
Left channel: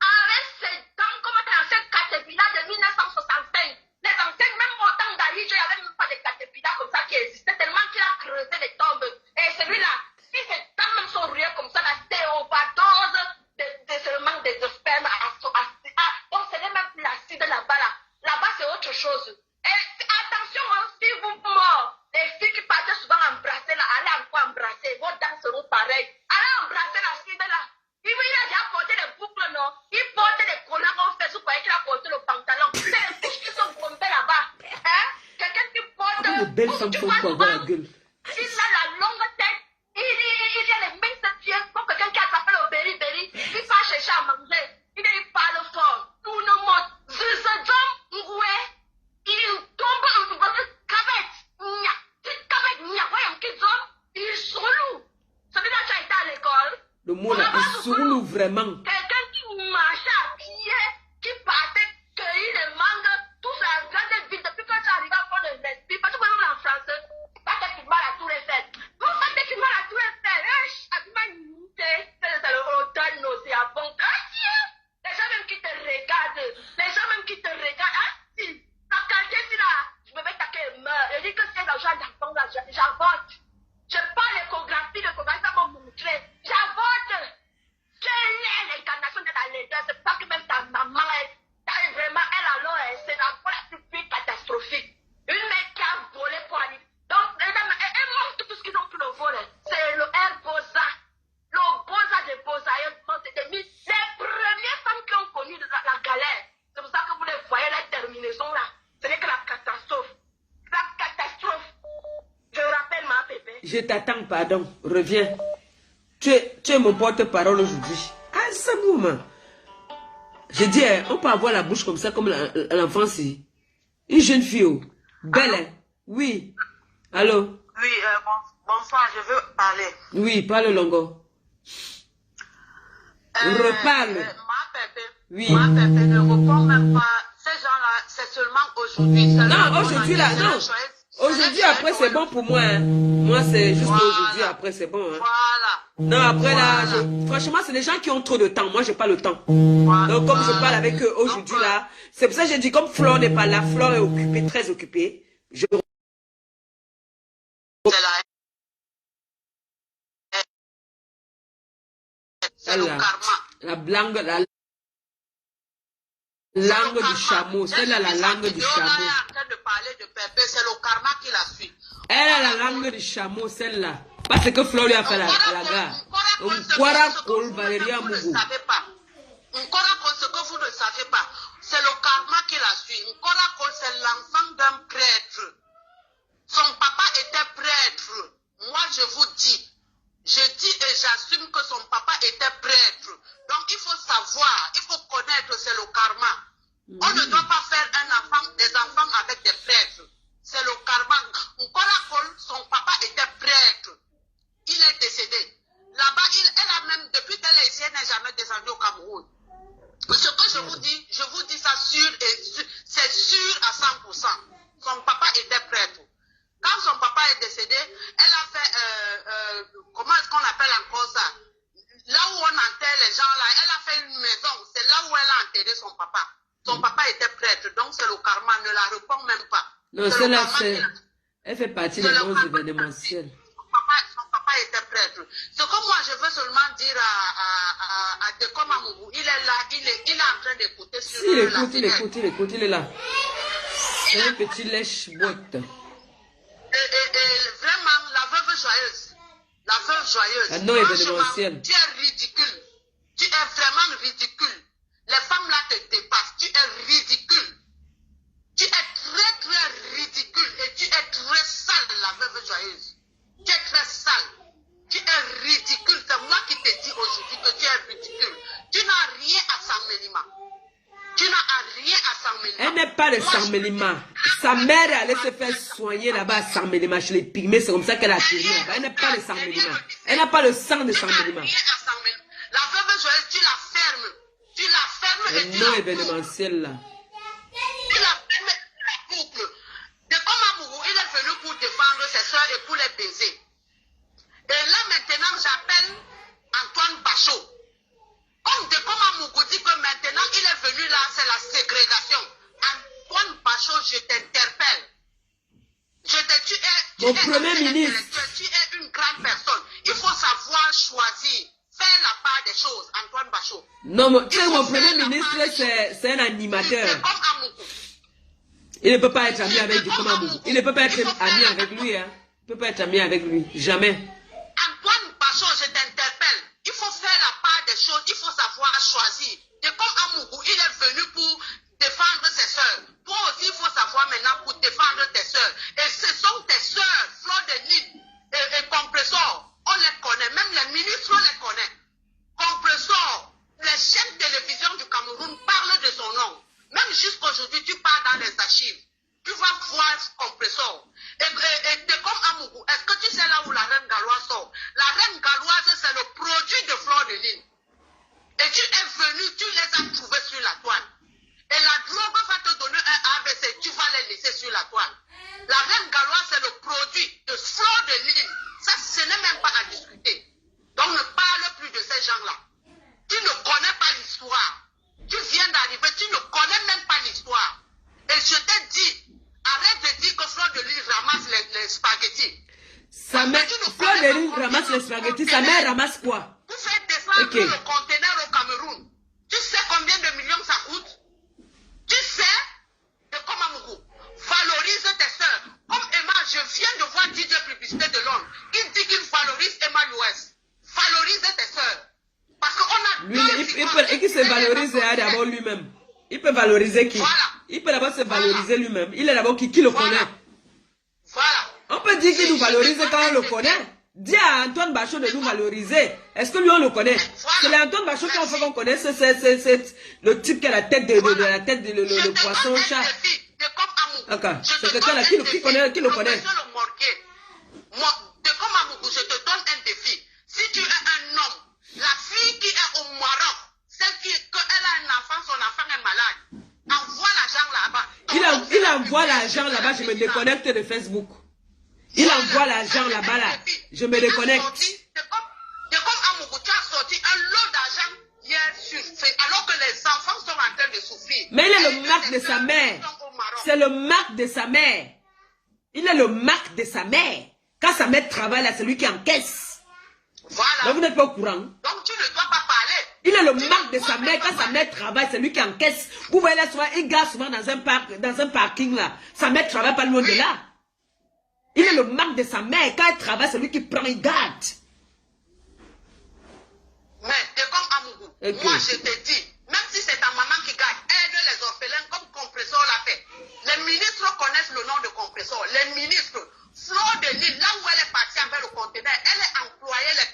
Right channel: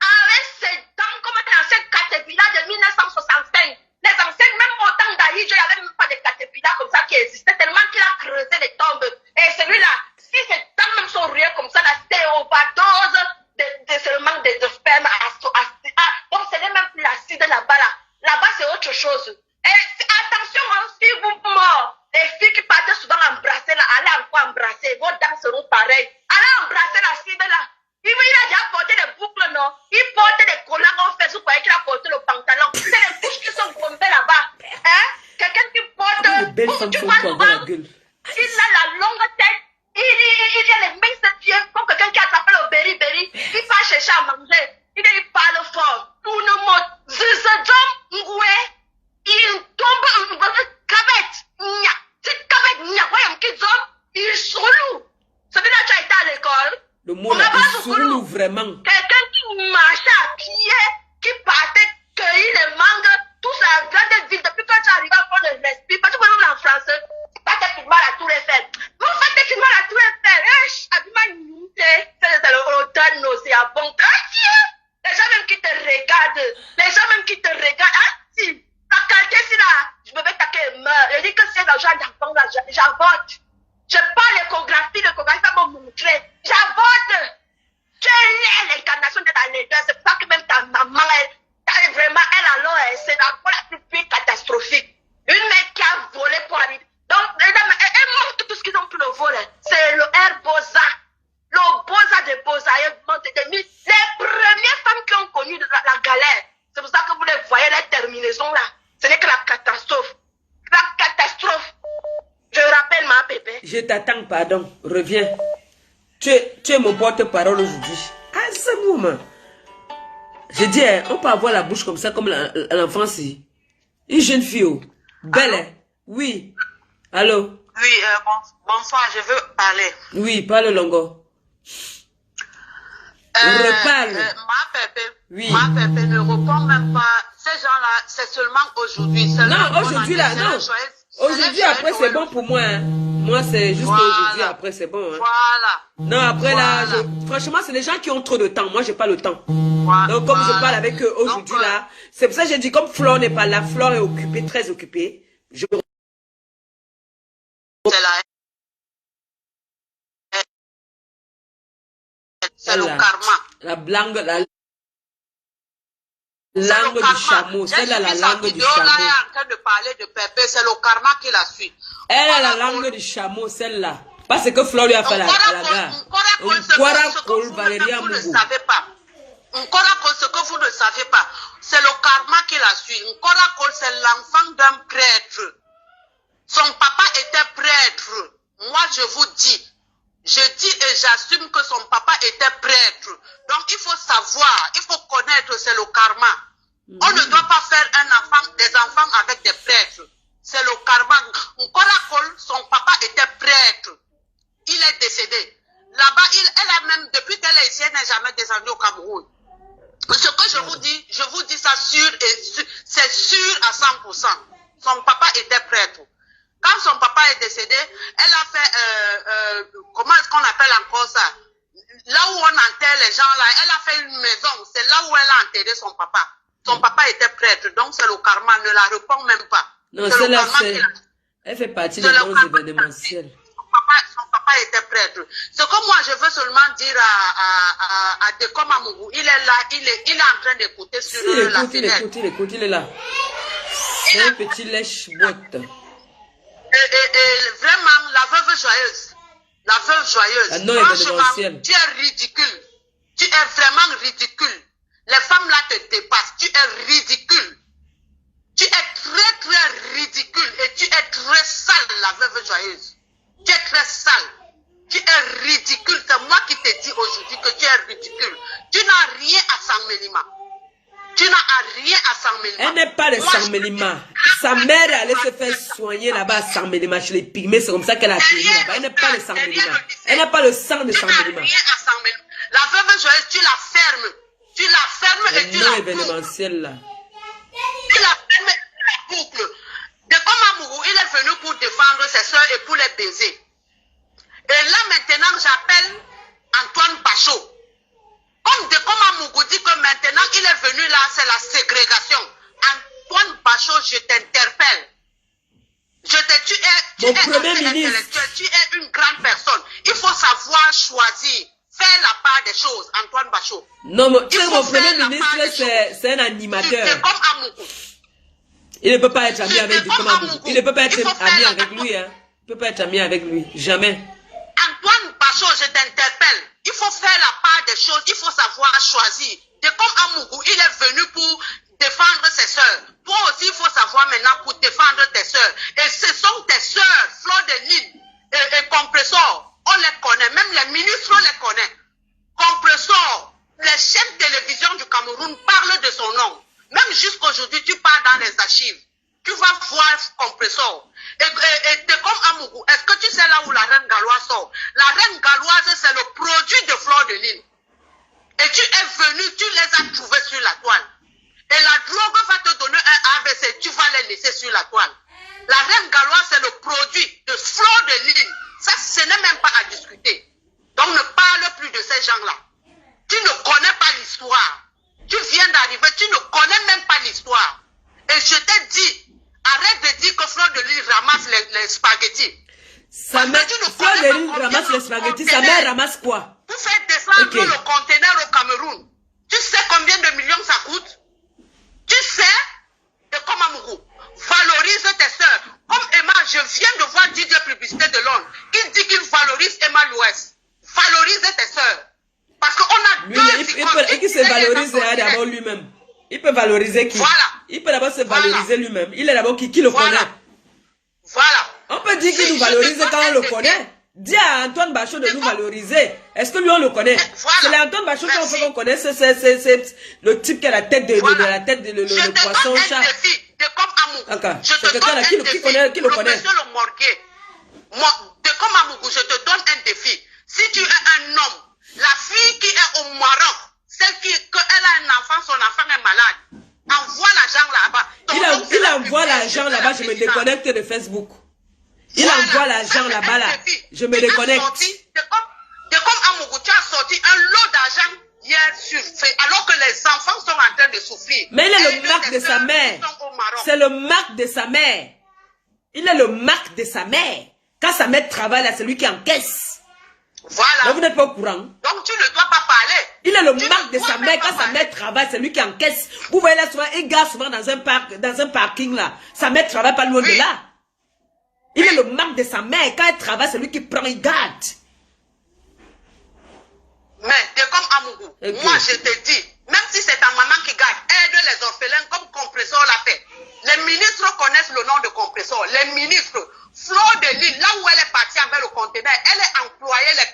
avec ses dents comme dans cette caterpillar de 1965. Les anciennes, même au temps d'Aïe, il n'y avait même pas de caterpillar comme ça qui existait, tellement qu'il a creusé les tombes. Et celui-là, si ses dents même sont ruées comme ça, c'est overdose seulement de sperme. Donc ce n'est même plus l'acide là-bas. Là-bas, c'est autre chose. Et attention, hein, si vous mort, les filles qui partent souvent embrasser là, allez encore embrasser, vos dents seront pareilles. Allez embrasser l'acide là. Il a déjà porté des boucles, non? Il porte des collants en fait, vous croyez qu'il a porté le pantalon. C'est les bouches qui sont tombées là-bas. Hein? Quelqu'un qui porte. Les belles femmes sont pour avoir la gueule. Il a la longue tête. Il a les minces pieds comme quelqu'un qui a attrapé le berry. Il va chercher à manger. Il parle fort. Tout le monde. Il tombe dans une cavette. Cette cavette, voyons qu'ils ont. Ils sont lourds. Celui-là, tu as été à l'école. Le mot là, il sourd vraiment. Quelqu'un qui marchait à pied, qui partait cueillir les mangues, tout ça vient de ville. Depuis quand tu arrives à faire le respire, parce que nous en français, pas tes films à la Tour Eiffel. Vous faites tes films à la Tour Eiffel. C'est l'auteur nauséabond. Les gens même qui te regardent. Ah, si, la qualité, si là, je me vais taquer et meurt. Je dis que c'est l'argent d'enfant là, j'avote. Je parle l'échographie va me montrer. J'avote. Tu es l'incarnation de la laideur. C'est pour ça que même ta maman, c'est la plus catastrophique. Une mère qui a volé pour arriver. Donc, elle montre tout ce qu'ils ont pu le voler. C'est le Herbosa. Le Bosa de Bosa. Les premières femmes qui ont connu la galère. C'est pour ça que vous les voyez, les terminaisons là. Ce n'est que la catastrophe. La catastrophe. Je rappelle ma bébé. Je t'attends, pardon. Reviens. Tu es mon porte-parole aujourd'hui. Ah, c'est moment. Je dis, on peut avoir la bouche comme ça, comme l'enfance. Une jeune fille, oh. Belle, hein? Oui. Allô? Oui, bonsoir, je veux parler. Oui, parle Longo. Reparle. Oui. Ma pépé ne répond même pas. Ces gens-là, c'est seulement aujourd'hui. Non, aujourd'hui là, non. Aujourd'hui, après, c'est bon pour moi. Hein. Moi, c'est juste aujourd'hui, après, c'est bon. Hein. Voilà. Non, après là, franchement, c'est les gens qui ont trop de temps. Moi, j'ai pas le temps. Voilà. Donc, comme je parle avec eux aujourd'hui là, c'est pour ça que j'ai dit, comme Flore n'est pas là, Flore est occupée, très occupée. C'est le karma. La langue du chameau. Celle-là, la langue du chameau. Elle est en train de parler de Pépé, c'est le karma qui la suit. Elle a la langue du chameau, celle-là. Parce que Flore lui a fait à la gare. Valéria Mougou. Ce que vous ne savez pas, c'est le karma qui la suit. C'est l'enfant d'un prêtre. Son papa était prêtre. Moi, je vous dis, Je dis et j'assume que son papa était prêtre. Donc il faut savoir, il faut connaître, c'est le karma. On ne doit pas faire des enfants avec des prêtres. C'est le karma. Son papa était prêtre. Il est décédé. Là-bas, elle a même, depuis qu'elle est ici, elle n'est jamais descendue au Cameroun. Ce que je vous dis ça sûr et c'est sûr à 100%. Son papa était prêtre. Quand son papa est décédé, elle a fait, comment est-ce qu'on appelle encore ça? Là où on enterre les gens, là, elle a fait une maison. C'est là où elle a enterré son papa. Son papa était prêtre, donc c'est le karma, ne la réponds même pas. Non, celle-là, elle fait partie des bons événementiels. Son papa était prêtre. Ce que moi, je veux seulement dire à Dekom Amougou, il est là, il est en train d'écouter sur la fenêtre. Il écoute, il est là. C'est un petit lèche-botte. Et vraiment, la veuve joyeuse. La veuve joyeuse. La non événementielle. Tu es ridicule. Tu es vraiment ridicule. Les femmes là te dépassent. Tu es ridicule. Tu es très très ridicule. Et tu es très sale, la veuve joyeuse. Tu es très sale. Tu es ridicule. C'est moi qui te dis aujourd'hui que tu es ridicule. Tu n'as rien à Saint-Mélima. Tu n'as rien à Saint-Mélima. Elle n'est pas de Saint-Mélima. Sa mère est allée se faire soigner là-bas à Saint-Mélima chez les pygmées. C'est comme ça qu'elle a atterri là-bas. Elle n'est pas de Saint-Mélima. Elle n'a pas le sang de Saint-Mélima. La veuve joyeuse, tu la fermes. Tu la fermes et tu la non événementiel là. Tu la fermes et tu la boucles. Dekom Amougou, il est venu pour défendre ses soeurs et pour les baiser. Et là maintenant, j'appelle Antoine Bachot. Comme Dekom Amougou dit que maintenant il est venu là, c'est la ségrégation. Antoine Bachot, je t'interpelle. Tu es premier ministre. Tu es une grande personne. Il faut savoir choisir. Faire la part des choses, Antoine Bachot. Non, mon premier ministre, c'est un animateur. Il ne peut pas être ami avec Dekom Amougou. Il ne peut pas être ami avec lui. Hein. Il ne peut pas être ami avec lui. Jamais. Antoine Bachot, je t'interpelle. Il faut faire la part des choses. Il faut savoir choisir. Dekom Amougou, il est venu pour défendre ses soeurs. Toi aussi, il faut savoir maintenant pour défendre tes soeurs. Et ce sont tes soeurs, Fleur de Lille et Compressor. On les connaît, même les ministres, on les connaît. Compressor, les chaînes de télévision du Cameroun parlent de son nom. Même jusqu'aujourd'hui, tu pars dans les archives. Tu vas voir Compressor. Et Dekom Amougou, est-ce que tu sais là où la reine galloise sort? La reine galloise, c'est le produit de Fleur de Lille. Et tu es venu, tu les as trouvés sur la toile. Et la drogue va te donner un AVC, tu vas les laisser sur la toile. La reine galloise, c'est le produit de Fleur de Lille. Ça, ce n'est même pas à discuter. Donc, ne parle plus de ces gens-là. Tu ne connais pas l'histoire. Tu viens d'arriver, tu ne connais même pas l'histoire. Et je t'ai dit, arrête de dire que Fleur de Lille ramasse les spaghettis. Sa mère, Fleur de Lille ramasse les spaghettis, sa mère ramasse quoi? Pour faire descendre le conteneur au Cameroun. Tu sais combien de millions ça coûte? Tu sais, Dekom Amougou, valorise tes soeurs. Comme Emma, je viens de voir Didier Publicité de Londres. Il dit qu'il valorise Emma Louest. Valorise tes soeurs. Parce qu'on a deux icônes. Il peut se valoriser d'abord lui-même. Il peut valoriser qui? Voilà. Il peut d'abord se valoriser lui-même. Il est d'abord qui le connaît. Voilà. On peut dire qu'il nous valorise quand on le connaît. Dis à Antoine Bachot de nous valoriser. Est-ce que lui on le connaît? C'est l'Antoine Bachot qu'on connaît. C'est le type qui a la tête de le poisson chat. C'est quelqu'un là qui le connaît. Monsieur le Morguet, Dekom Amougou, je te donne un défi. Si tu es un homme, la fille qui est au Maroc, celle qui a un enfant, son enfant est malade, envoie l'argent là-bas. Il envoie l'argent là-bas, je me déconnecte de Facebook. Il envoie l'argent là-bas là. Je me déconnecte. Dekom Amougou, tu as sorti un lot d'argent hier sur alors que les enfants sont en train de souffrir. Mais il est le marque de sa mère. C'est le marque de sa mère. Il est le marque de sa mère. Quand sa mère travaille là, c'est lui qui encaisse. Voilà. Donc vous n'êtes pas au courant. Donc tu ne dois pas parler. Il est le marque de sa mère. Quand sa mère travaille, c'est lui qui encaisse. Vous voyez là, souvent, il gare souvent dans un parking là. Sa mère travaille pas loin de là. Il est le marque de sa mère. Quand elle travaille, c'est lui qui prend, il garde. Mais Dekom Amougou, moi je te dis, même si c'est ta maman qui garde, aide les orphelins comme Compressor l'a fait. Les ministres connaissent le nom de Compressor. Les ministres, Fleur de Lille, là où elle est partie avec le conteneur, elle est employée les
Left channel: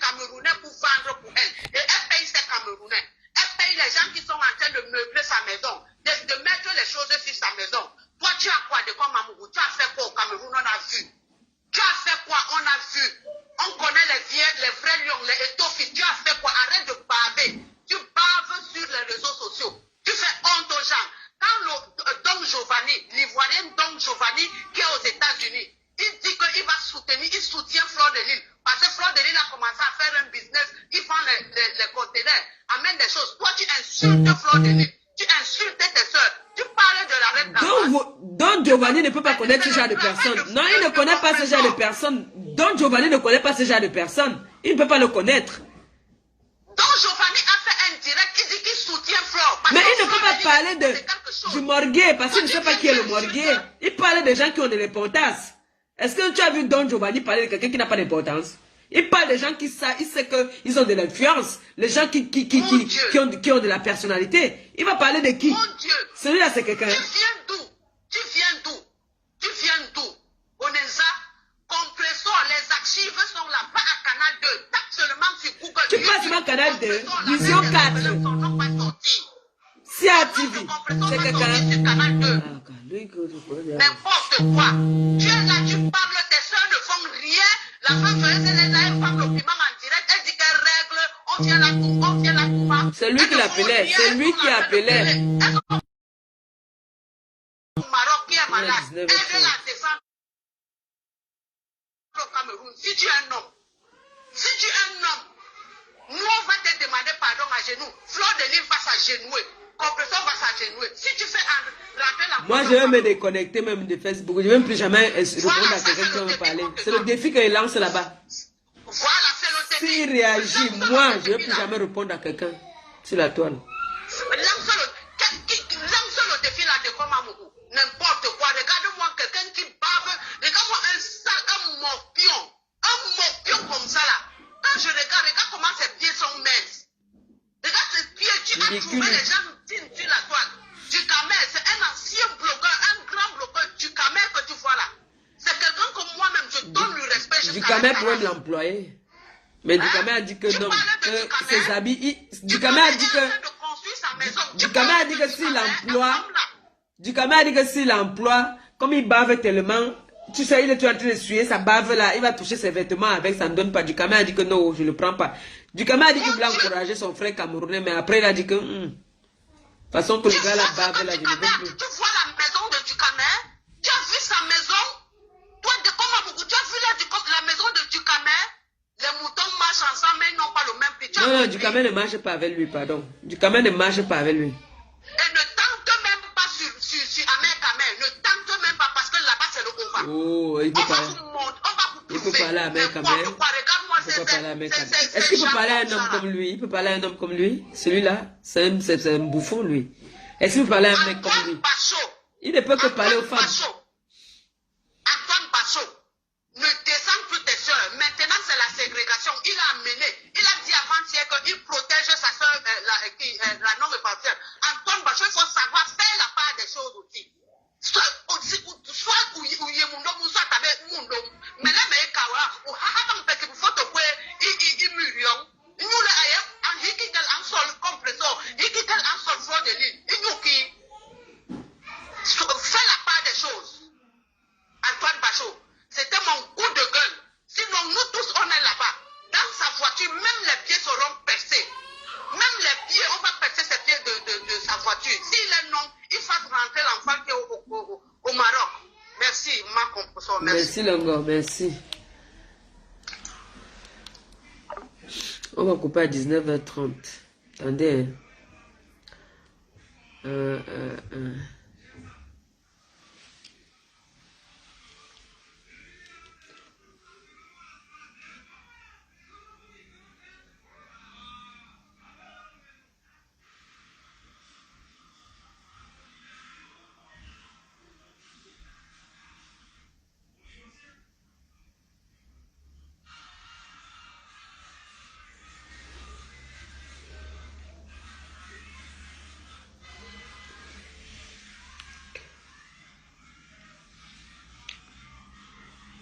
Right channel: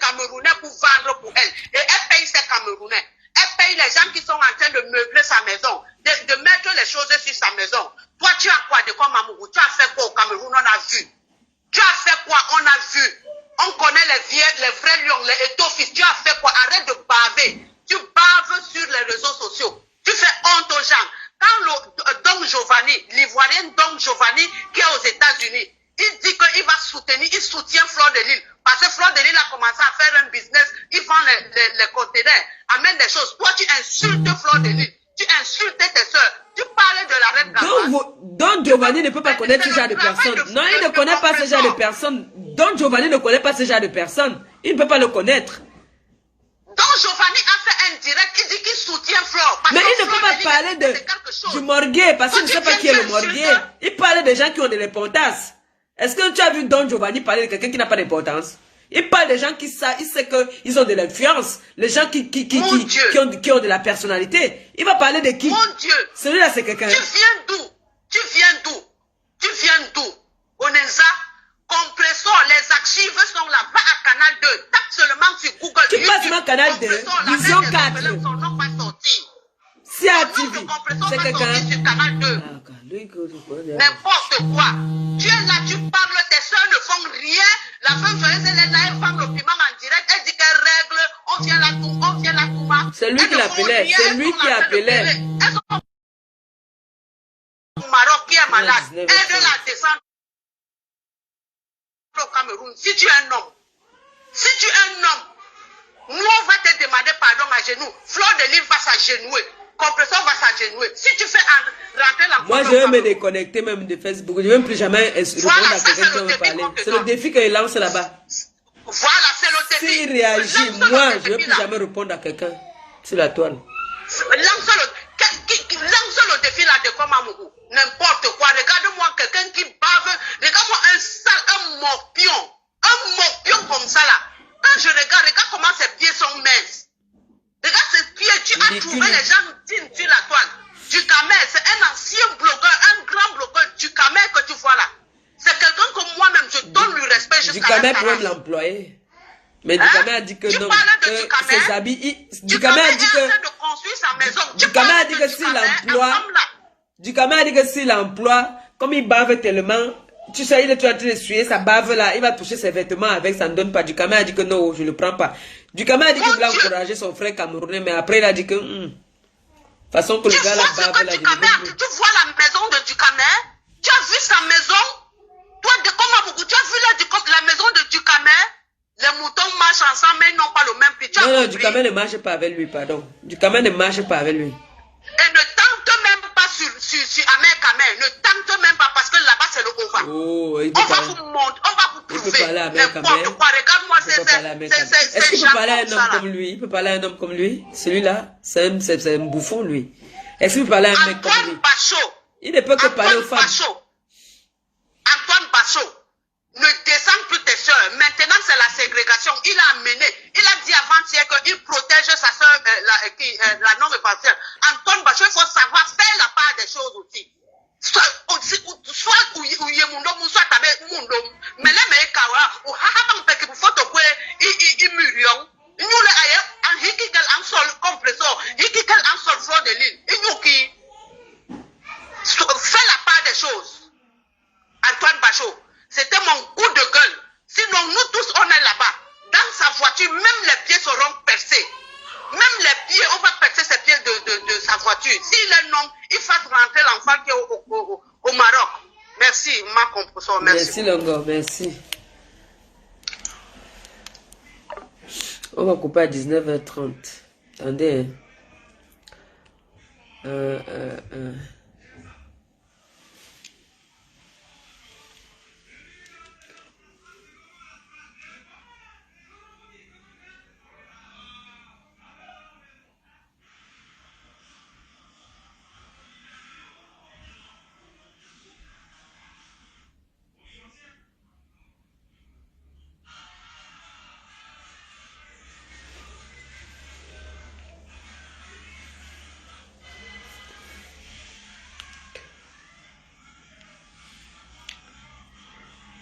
les vrais lions, les étoffis, tu as fait quoi? Arrête de baver. Tu baves sur les réseaux sociaux. Tu fais honte aux gens. Quand le Don Giovanni, l'Ivoirien Don Giovanni, qui est aux États-Unis, il dit qu'il va soutenir, il soutient Fleur de Lille. Parce que Fleur de Lille a commencé à faire un business, il vend les conteneurs, amène des choses. Toi, tu insultes Fleur de Lille. Tu insultes tes soeurs. Tu parlais de la reine Gabon. Don Giovanni ne peut pas connaître ce genre de personnes. Non, il ne connaît pas ce genre de personnes. Don Giovanni ne connaît pas ce genre de personnes. Il ne peut pas le connaître. Don Giovanni a fait un direct, il dit qu'il soutient Fleur. Mais il ne peut pas parler du morguet, parce qu'il ne sait pas qui est le morguet. Il parle des gens qui ont de l'importance. Est-ce que tu as vu Don Giovanni parler de quelqu'un qui n'a pas d'importance? Il parle des gens qui savent, il sait qu'ils ont de l'influence. Les gens qui ont de la personnalité. Il va parler de qui? Mon Dieu. Celui-là, c'est quelqu'un. Tu viens d'où? Tu viens d'où? Tu viens d'où? Onenza, compressor, les archives sont là. Va à Canal 2. Tape seulement sur Google. Tu passes sur Canal 2, Vision 4. CATV. C'est quelqu'un. N'importe quoi. Tu es là, tu parles, tes soeurs ne font rien. La femme joyeuse, elle est là, elle parle au piment en direct. Elle dit qu'elle règle. On vient là, on vient là. C'est lui qui l'appelait. C'est lui qui appelait. Au Maroc qui est malade. Elle veut la descendre au Cameroun. Si tu es un homme, nous on va te demander pardon à genoux. Fleur de Lille va s'agenouiller. Compresseur va s'agenouiller. Si tu fais rentrer la... Moi, je vais me déconnecter même de Facebook. Je ne vais plus jamais répondre à quelqu'un qui veut parler. C'est le défi qu'il lance là-bas. Voilà, c'est le défi. S'il réagit, moi, je ne vais plus jamais répondre à quelqu'un sur la toile. Lance le défi là de Komamougou. N'importe quoi. Regarde-moi quelqu'un qui bave. Regarde-moi un sale, un morpion comme ça là. Quand je regarde comment ses pieds sont minces. Regarde ses pieds, tu as trouvé les gens sur la toile. Ducamel, c'est un ancien blogueur, un grand blogueur. Ducamel que tu vois là. C'est quelqu'un que moi-même, je donne le respect jusqu'à Ducamel pourrait me l'employer. Mais Ducamel a dit que non, que ses habits... Ducamel a dit que... Ducamel a dit que s'il l'emploie... Ducamel a dit que s'il l'emploie, comme il bave tellement... Tu sais, il est en train de suer sa bave là, il va toucher ses vêtements avec, ça ne donne pas. Ducamel a dit que non, je ne le prends pas. Ducamel a dit qu'il voulait encourager son frère camerounais, mais après il a dit que... façon que le gars là bave là, je ne veux plus. Tu vois la maison de Ducamel? Tu as vu sa maison? Toi, de comment tu as vu la maison de Ducamel? Les moutons marchent ensemble, mais ils n'ont pas le même prix. Non, Ducamel ne marche pas avec lui, pardon. Ducamel ne marche pas avec lui. Et ne tente même pas sur Ahmed Kamel. Ne tente même pas parce que là-bas c'est le OVA. Oh, il peut parler. On va vous prouver. Il peut parler à Ahmed Kamel. Regarde-moi, est-ce qu'il peut parler à un homme comme lui? Il peut parler à un homme comme lui? Celui-là, c'est un bouffon, lui. Est-ce qu'il peut parler à un mec comme lui? Il ne peut que parler aux femmes. Antoine Bachot, ne descends plus tes soeurs. Maintenant, c'est la ségrégation. Il a amené. Il a dit avant-hier qu'il protège sa soeur, la non-répartielle. Antoine Bachot, il faut savoir faire la part des choses aussi. Soit Ouyemundo, soit Tabe Mundo. Mais là, mais Kawa, ou Hahaban Peki, pour photo, il murion. Il nous l'a ailleurs, en Hikikel en sol compressor, Hikikel en sol fleur de l'île. Il nous qui fait la part des choses. Antoine Bachot, c'était mon coup de gueule. Sinon, nous tous, on est là-bas. Dans sa voiture, même les pieds seront percés. Même les pieds, on va percer ses pieds de sa voiture. S'il est non, il fasse rentrer l'enfant qui est au Maroc. Merci, ma composition. Merci, Longo, merci. On va couper à 19h30. Attendez.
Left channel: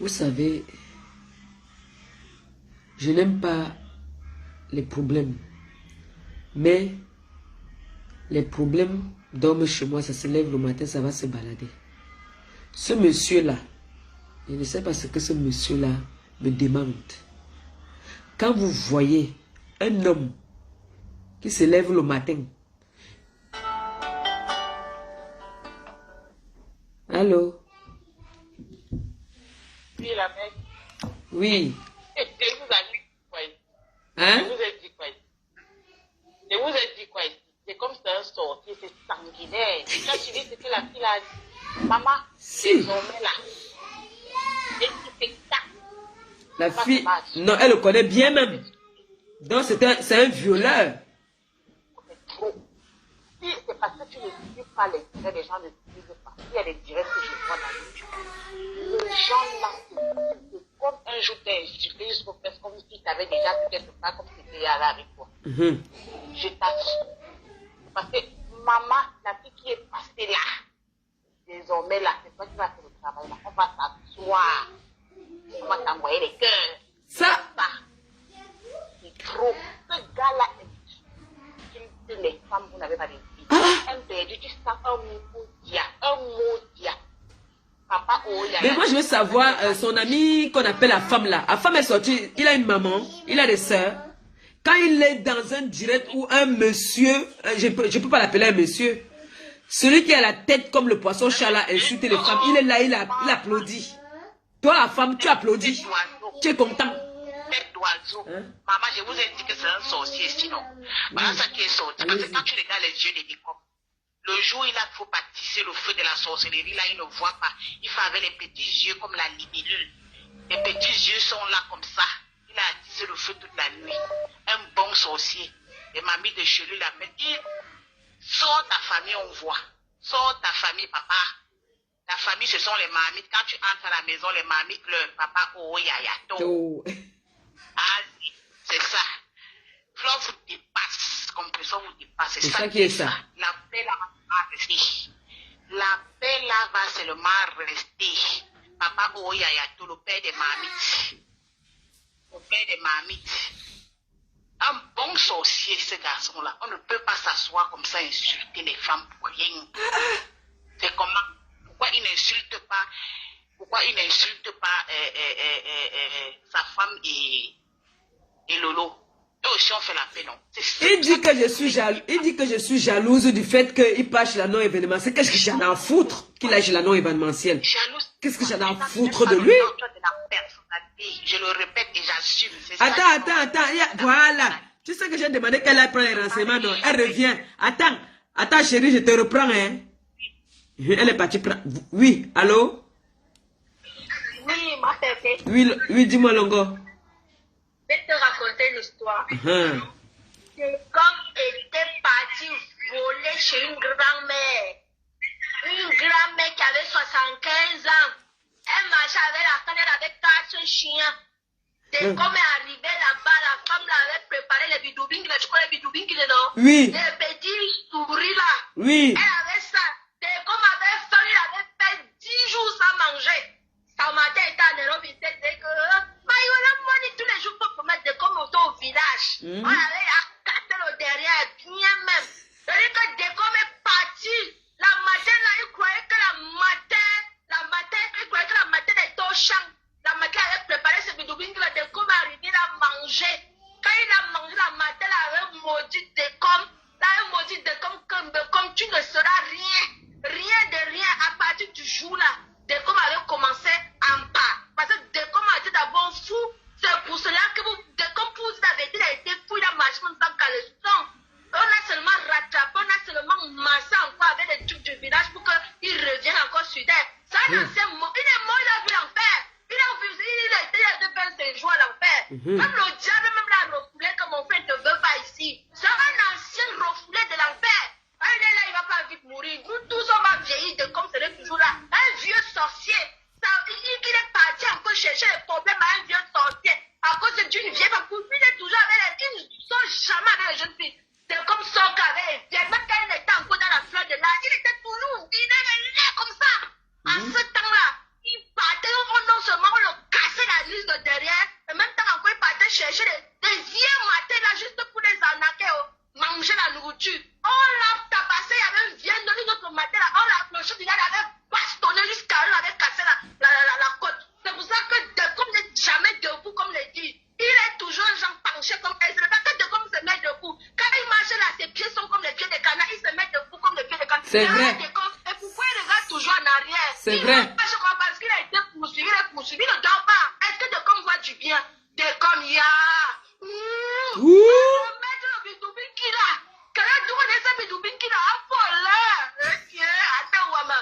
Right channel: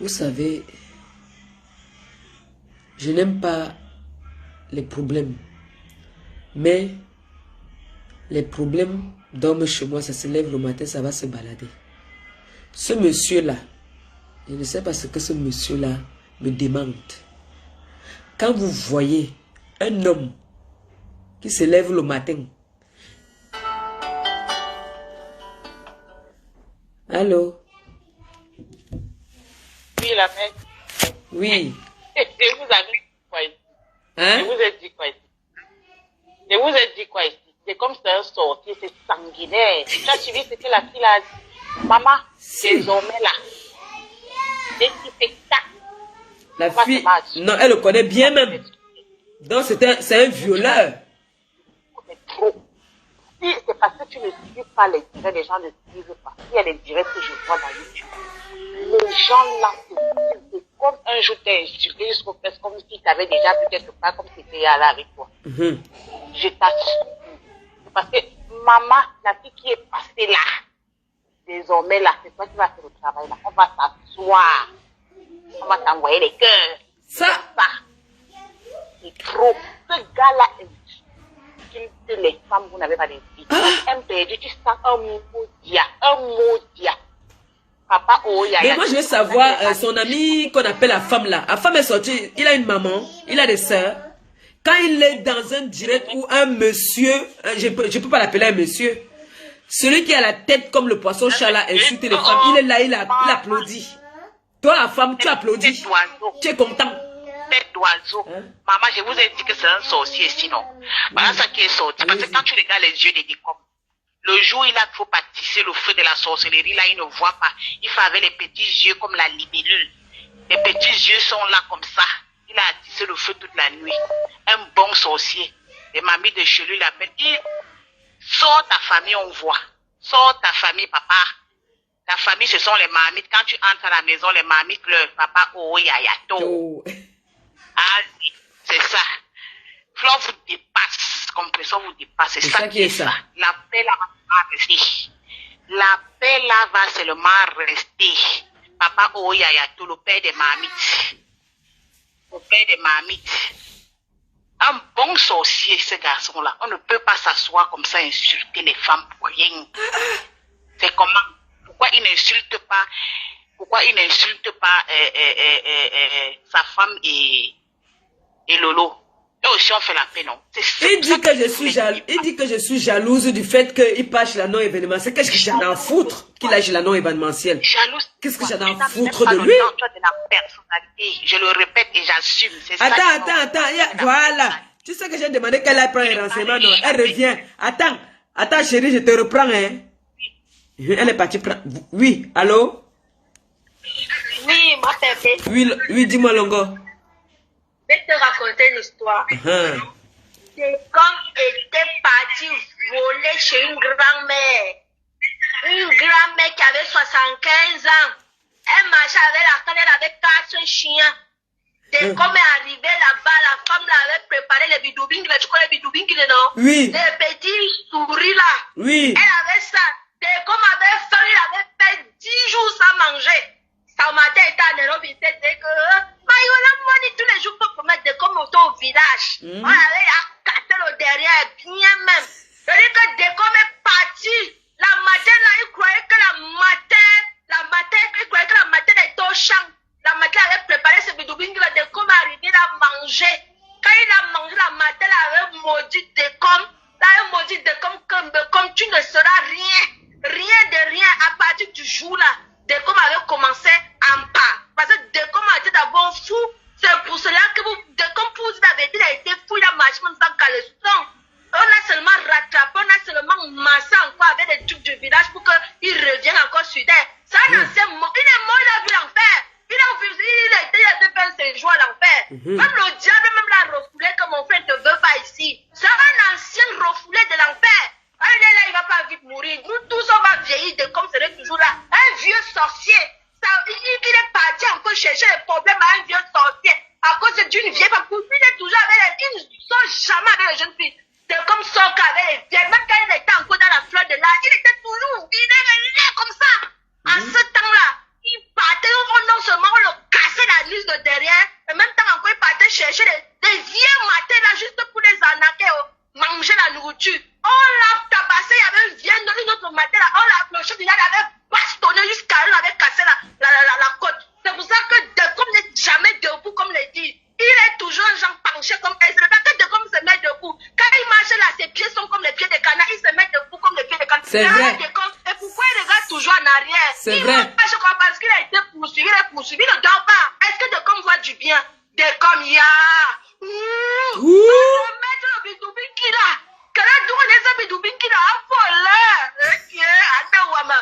Vous savez, je n'aime pas les problèmes, mais les problèmes dorment chez moi, ça se lève le matin, ça va se balader. Ce monsieur-là, je ne sais pas ce que ce monsieur-là me demande. quand vous voyez un homme qui se lève le matin. Allô? Oui, la mère. Oui. Je vous avais dit quoi ici? Hein? Je vous ai dit quoi ici? Je vous ai dit quoi ici? C'est comme c'est un sorcier, c'est sanguinaire. Tu as suivi ce que la fille a dit? Maman, désormais là. Et qui fait ça? La fille, non, elle le connaît bien même. Donc c'est un violeur. C'est trop. Si c'est parce que tu ne suis pas les directs, les gens ne suivent pas. Il y a les directs que je vois dans YouTube. Les gens là, c'est comme un jour t'es insulté jusqu'au fait, comme si tu avais déjà vu quelque part, comme si tu étais là avec toi. Je t'assure. Parce que maman, la fille qui est passée là, désormais là, c'est toi qui vas faire le travail là. On va s'asseoir. On va t'envoyer les cœurs. Ça. C'est trop. Ce gars-là insulte les femmes, vous n'avez pas de vie. Un perdu, tu sens un maudit. Papa, oh, mais moi je veux savoir, son ami qu'on appelle la femme là. La femme est sortie, il a une maman, il a des sœurs. Quand il est dans un direct où un monsieur, je peux pas l'appeler un monsieur, celui qui a la tête comme le poisson chat là insulte les femmes, il est là, il applaudit. Toi la femme, tu applaudis. Tu es content. Tête d'oiseau. Maman, je vous ai dit que c'est un sorcier sinon. Voilà ça qui est sorti. Parce que quand tu regardes les yeux des décombres, le jour il a faut pâtisser le feu de la sorcellerie, là il ne voit pas. Il fait avec les petits yeux comme la libellule. Les petits yeux sont là comme ça. Il a attissé le feu toute la nuit. Un bon sorcier. Les mamies de chez lui l'appellent. Il sort ta famille, on voit. Sors ta famille, papa. Ta famille, ce sont les mamies. Quand tu entres à la maison, les mamies pleurent. Papa, oh, yayato. Ah, c'est ça. Flore vous dépasse. Compression vous dépasse. C'est ça qui est ça. La paix là va rester. La paix là va seulement rester. Papa, oh, yayato, le père des mamites. Le père des mamites. Un bon sorcier, ce garçon-là. On ne peut pas s'asseoir comme ça, insulter les femmes pour rien. C'est comment? Pourquoi il n'insulte pas? Pourquoi il n'insulte pas sa femme et Lolo? Eux aussi on fait la paix, non? Il dit que je suis jalouse du fait qu'il passe la non-événementielle. Qu'est-ce que j'en ai à foutre qu'il lâche la non-événementielle? Qu'est-ce que j'en ai à foutre de lui? Je le répète et j'assume. Attends. Voilà. Tu sais que j'ai demandé qu'elle aille prendre les renseignements, non? Elle revient. Attends chérie, je te reprends, hein? Elle est partie prendre. Oui, allô? Oui, ma bébé. Oui, dis-moi, Longo. Je vais te raconter une histoire. C'est comme était parti voler chez une grand-mère. Une grand-mère qui avait 75 ans. Elle marchait avec la femme, elle avait 4 chiens. Dès qu'on est arrivé là-bas, la femme l'avait préparé les bidoubings. Tu connais les bidoubings, non? Oui. Les petits souris là. Oui. Elle avait ça. Dès qu'on avait faim, il avait fait 10 jours sans manger. Sa matin était à Nairobi, il s'est dit que Maïola, moi, tous les jours pour mettre des comme au village. On avait cassé le derrière, bien même. C'est-à-dire que dès qu'on est parti, la matin là, il croyait que il croyait que la matin était au champ. La matin avait préparé ce bidoubing là, dès qu'on est arrivé, il a mangé. Quand il a mangé la matin, il avait maudit des comme. Là, il a maudit des comme tu ne seras rien. Rien de rien à partir du jour là. Dès qu'on avait commencé en pas. Parce que dès qu'on a été d'abord fou, c'est pour cela que dès qu'on vous avait dit, il a été fou, il a marché sans caleçon. On a seulement rattrapé, on a seulement massé encore avec les trucs du village pour qu'il revienne encore sur terre. C'est un ancien mort. Il est mort, il a vu l'enfer. Il a été 25 jours à l'enfer. Même le diable, même l'a refoulé que mon frère ne veut pas ici. C'est un ancien refoulé de l'enfer. Il est là, il ne va pas vite mourir. Nous tous, on va vieillir de comme c'est toujours là. Un vieux sorcier. Il est parti encore chercher les problèmes à un vieux sorcier. À cause d'une vieille femme. Il est toujours avec les... Il ne sort jamais avec les jeunes filles. C'est comme ça qu'avec les vieilles. Même quand il était encore dans la fleur de l'âge, il était toujours... Il est comme ça. En ce temps-là, il partait. Non seulement on le cassait la liste de derrière. En même temps encore, il partait chercher des vieux matins là juste pour les arnaquer. Manger la nourriture. On l'a tabassé, il y avait une autre matin là, on l'a approché, il avait bastonné jusqu'à elle, avait cassé la côte. C'est pour ça que comme il n'est jamais debout, comme le dit, il est toujours un genre C'est vrai. Et pourquoi il regarde toujours en arrière? C'est vrai. Parce qu'il a été poursuivi, il est poursuivi, il ne dort pas. Est-ce que Decom voit du bien? Decom, ya. Mettre le bidoubi là. Quel est le bidoubi qui l'a affolé? Attends, Wama.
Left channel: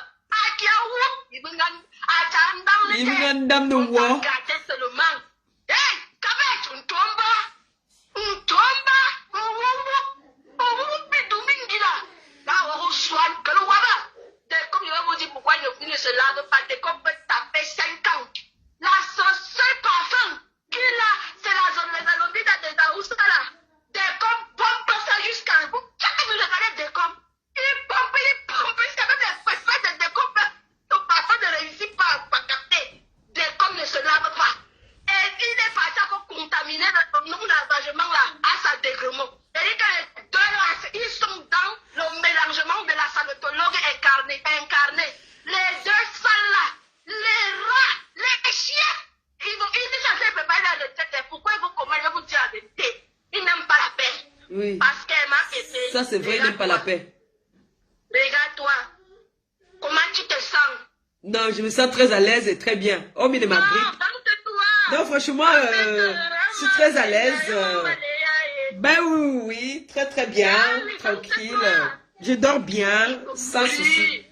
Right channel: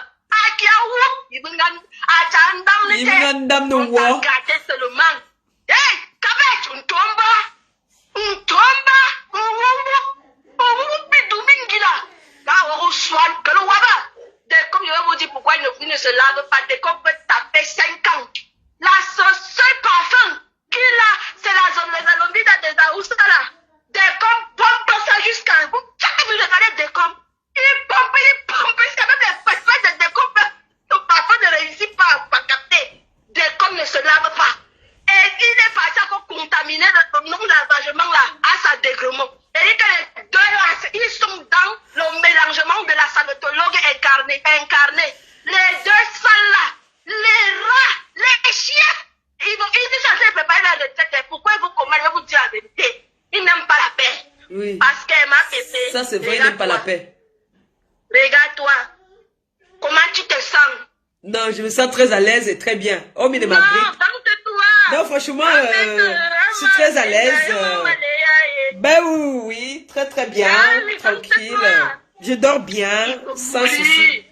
Il y a un dame de war. Hey, Kabet, on tombe. Comme je vais vous dire pourquoi il ne se lave pas, dès qu'on peut taper 5 ans. La seule parfum qu'il a, c'est la zombie des Aoussa là. Dès qu'on pompe ça jusqu'à bout. Chaque minute, regardez Decom. Il pompe, jusqu'à même les pêches de Decom. Ton parfum ne réussit pas à capter. Decom ne se lave pas. Et il est parti encore contaminer le nom d'engagement là, à sa dégrément. Et dit que les deux là, ils sont dans le mélangement de la sanitologue incarnée. Les deux salles là, les rats, les chiens, ils sont censés préparer la recette. Pourquoi vous commandez, je vais vous dire la vérité. Ils n'aiment pas la paix. Oui. Parce qu'elle m'a pété. Ça, c'est vrai, ils n'aiment pas la paix. Regarde-toi. Comment tu te sens? Non, je me sens très à l'aise et très bien. Oh, mais de ma grippe. Non, non, franchement, je suis très à l'aise. Ben oui, très très bien, tranquille. Je dors bien, sans souci.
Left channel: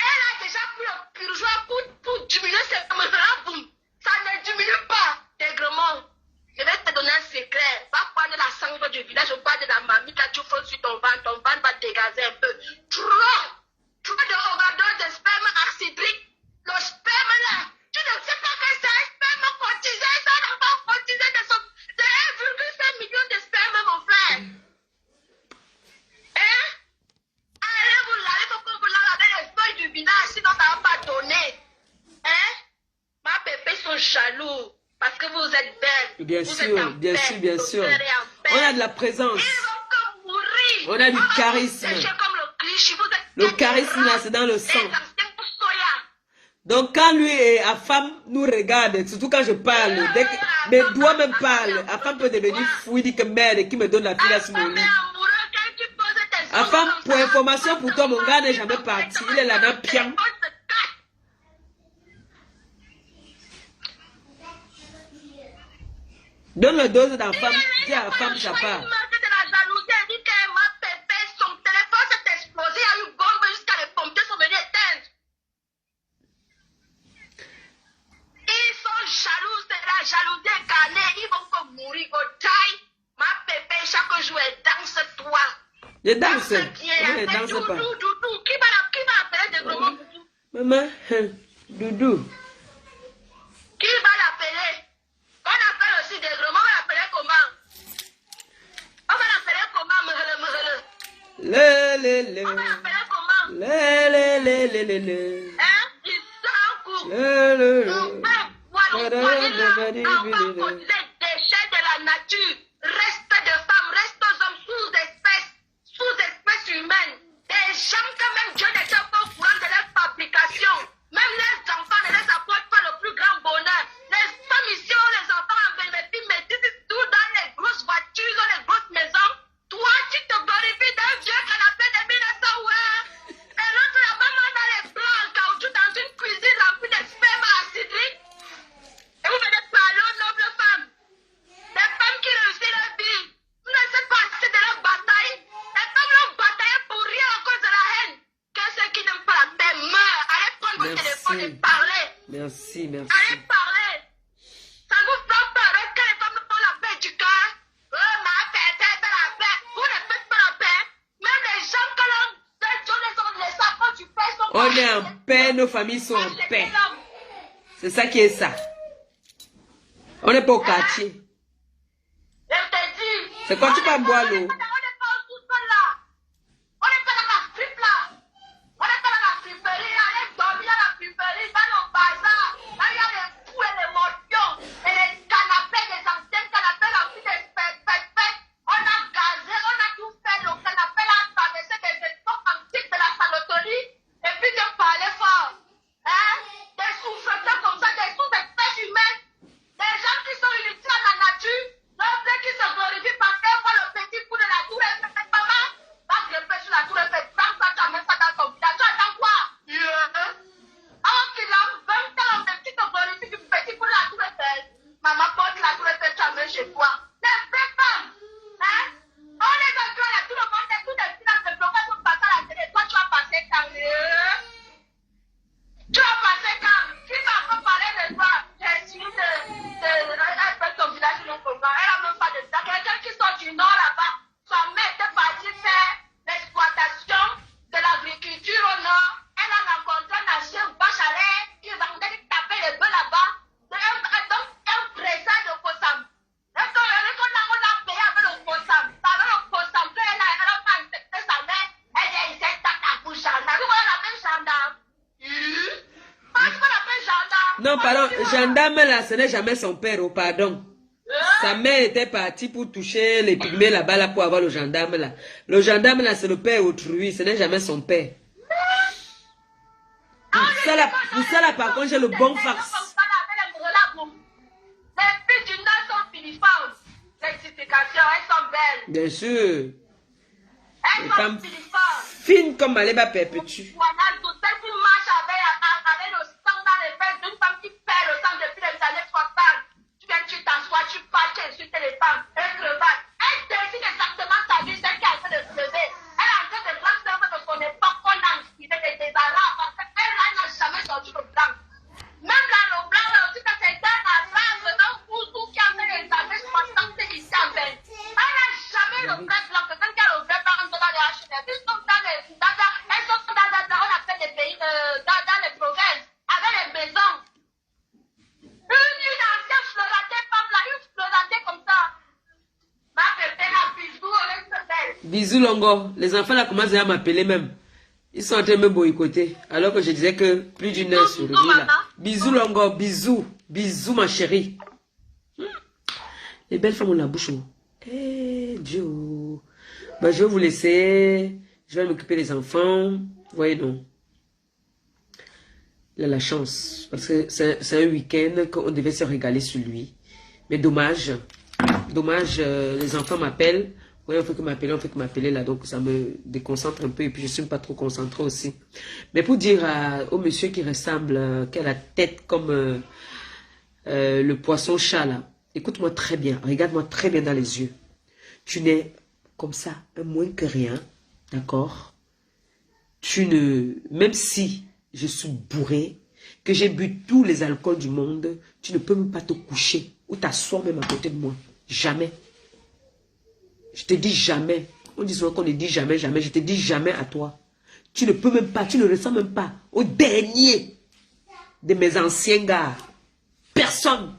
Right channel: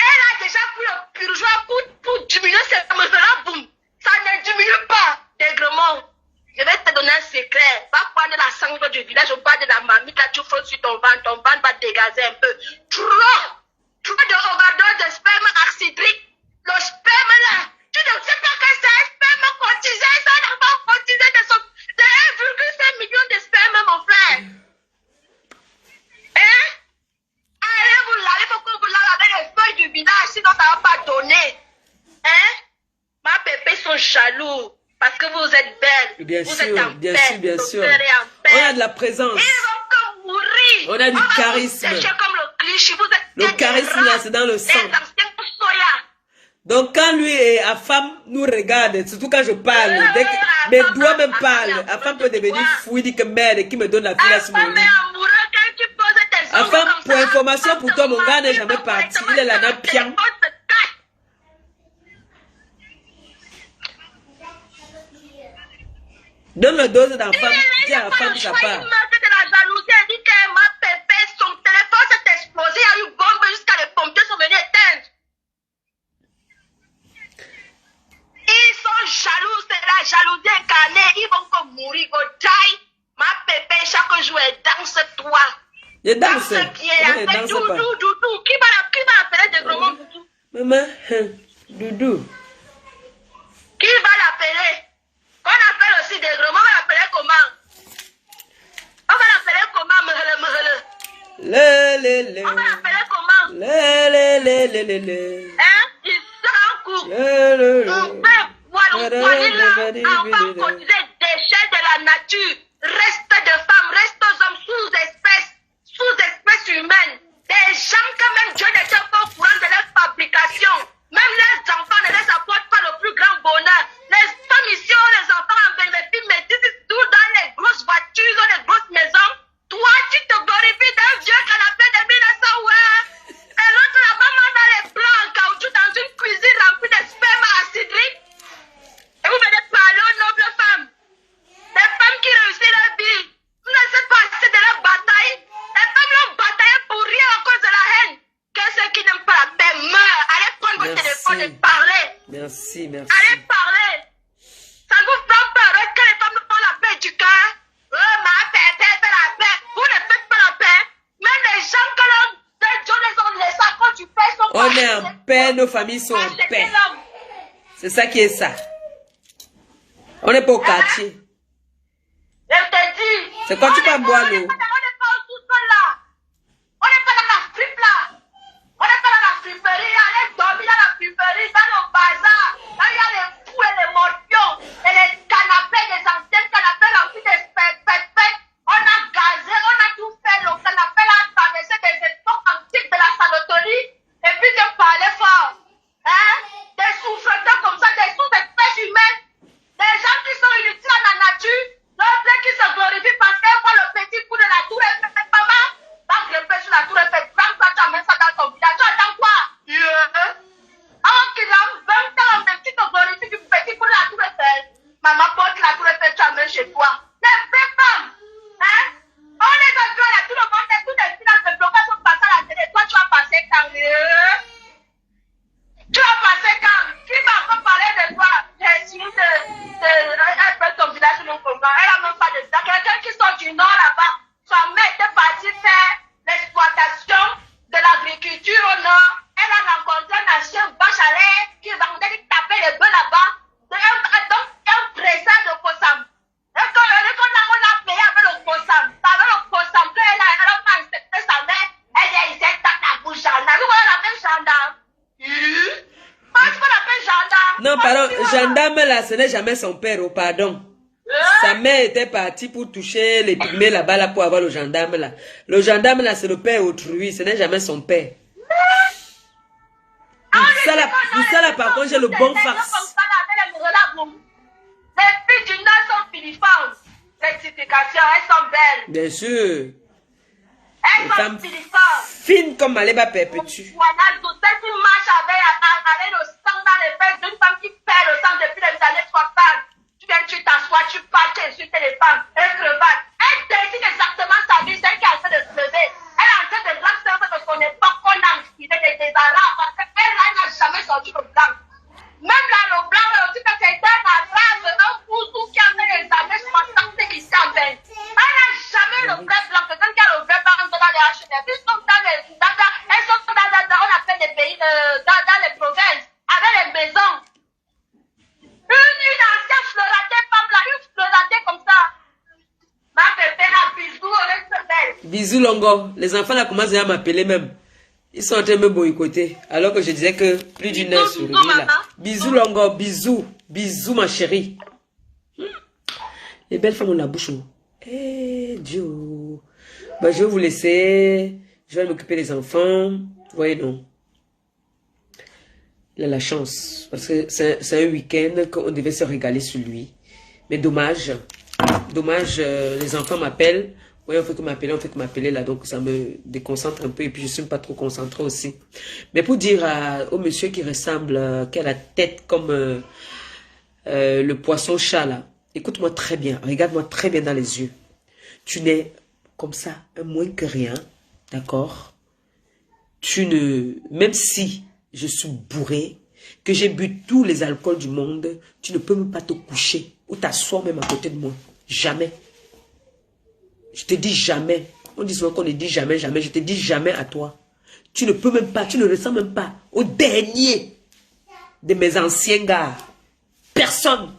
Elle a déjà pris le purgeoir pour diminuer ses meules-là, boum. Ça ne diminue pas, dègrement. Je vais te donner un secret. Va prendre la sangle du village, on parle de la mamie, là tu frottes sur ton ventre va dégazer un peu. Trop de overdose de sperme acidrique. Le sperme là, tu ne sais pas que c'est un sperme cotisé, ça n'a pas cotisé de 1,5 million de sperme, mon frère. Hein? Allez vous laver, il faut que vous lavez avec les feuilles du village, sinon ça ne va pas donner. Hein? Ma pépé sont jaloux. Parce que vous êtes belle. Bien vous sûr, êtes bien sûr, bien sûr. On On a de la présence. Ils vont que mourir. On a du charisme. Comme le cliché, vous êtes le charisme là, c'est dans le sang. Les anciens soya. Donc quand lui et Afam nous regardent, surtout quand je parle, dès que mes doigts me parlent, Afam peut devenir fou, il dit que merde, qui me donne la fille à ce moment-là. Afam, pour information pour toi, mon gars n'est jamais parti. Il est là dans pian. Donne le dose d'enfant, dis à la femme ça part. Ils sont jaloux, c'est la jalousie incarnée. Ils vont comme mourir au taille. Ma pépé, chaque jour, elle danse toi. Je danse. Comment elle danse pas? Doudou. Qui va l'appeler de gros Doudou? Maman, Doudou. Qui va l'appeler? On appelle aussi des gros. On va l'appeler comment? On va l'appeler comment? Le. On va l'appeler comment? Le. Hein? Il s'en court. Le. On peut voir le poignet là. On va cotiser déchets de la nature. Reste de femmes, reste aux hommes sous-espèces humaines. Des gens que même Dieu n'était pas au courant de leur fabrication. Même les enfants ne les apportent pas le plus grand bonheur. Les femmes ici ont les enfants en bénéfice, mais tout dans les grosses voitures, dans les grosses maisons. Toi, tu te glorifies d'un vieux canapé de 1900, ouais. Et l'autre là-bas, dans les plats en caoutchouc dans une cuisine remplie de sperme acidrique. Et vous venez parler aux nobles femmes. Les femmes qui réussissent leur vie. Vous ne savez pas assez de leur bataille. Les femmes ont bataillé pour rien à cause de la haine. Que ceux qui n'aiment pas la paix meurent. Allez prendre votre téléphone et parler. Merci. Allez parler. Ça vous fait peur que les femmes font la paix du cœur. Ma paix fait la paix. Vous ne faites pas la paix. Même les gens que les enfants du père sont On est en paix, nos familles sont en paix. C'est ça qui est ça. On n'est pas au quartier. Je te dis. C'est quand tu peux boire l'eau. On n'est pas au sous-sol là. On n'est pas dans la fripe là. On n'est pas dans la friperie. Allez dormir dans la friperie, dans le bazar. Là, il y a les fous et les morpions. Et les canapés, les anciens canapés remplis de pépés. On a gazé, on a tout fait. Le canapé là a traversé des époques antiques Non, pardon, gendarme là, ce n'est jamais son père, oh pardon. Sa mère était partie pour toucher les pygmées là-bas là, pour avoir le gendarme là. Le gendarme là, c'est le père autrui, ce n'est jamais son père. Pour ça là, par contre, j'ai le bon farce. Les filles du Nord sont filiformes. Certification, elles sont belles. Bien sûr. Elles sont filiformes. Fines comme Maléba Perpétue. Voilà, tout ça qui marche avec le sang dans les fesses d'une femme qui perd le sang depuis les années 60. Tu viens, tu t'assois, tu parles, tu insultes les femmes. Elle crevate. Elle décide exactement sa vie, celle qui est en train de se lever. Elle est en train de lancer de son époque qu'on a inspiré des arabes parce qu'elle n'a jamais sorti le blanc. Même là, le blanc, aussi, que c'est un arabe, un bouzou qui a fait les années 60 qui s'en vient. Elle n'a jamais le vrai blanc. Quelqu'un qui a le vrai blanc dans les HDF. Elles sont dans on appelle les pays, dans les provinces, avec les maisons. Une ancienne fleuratée femme là, une fleuratée comme ça. Ma pépère à bisous, elle est belle. Bisous Longo. Les enfants là commencent à m'appeler même. Ils sont en train de me boycotter. Alors que je disais que plus d'une heure sur lui là. Bisous Longo, bisous. Bisous ma chérie. Les belles femmes ont la bouche. Eh Dieu. Bah, je vais vous laisser. Je vais m'occuper des enfants. Vous voyez non. Il a la chance. Parce que c'est un week-end qu'on devait se régaler sur lui. Mais dommage. Dommage, les enfants m'appellent. Oui, on fait que m'appeler là, donc ça me déconcentre un peu et puis je ne suis pas trop concentré aussi. Mais pour dire au monsieur qui ressemble, qui a la tête comme le poisson-chat là, écoute-moi très bien, regarde-moi très bien dans les yeux. Tu n'es comme ça, un moins que rien, d'accord? Tu ne, même si je suis bourré, que j'ai bu tous les alcools du monde, tu ne peux même pas te coucher ou t'asseoir même à côté de moi. Jamais. Je te dis jamais. On dit souvent qu'on ne dit jamais, jamais. Je te dis jamais à toi. Tu ne peux même pas, tu ne ressens même pas au dernier de mes anciens gars. Personne.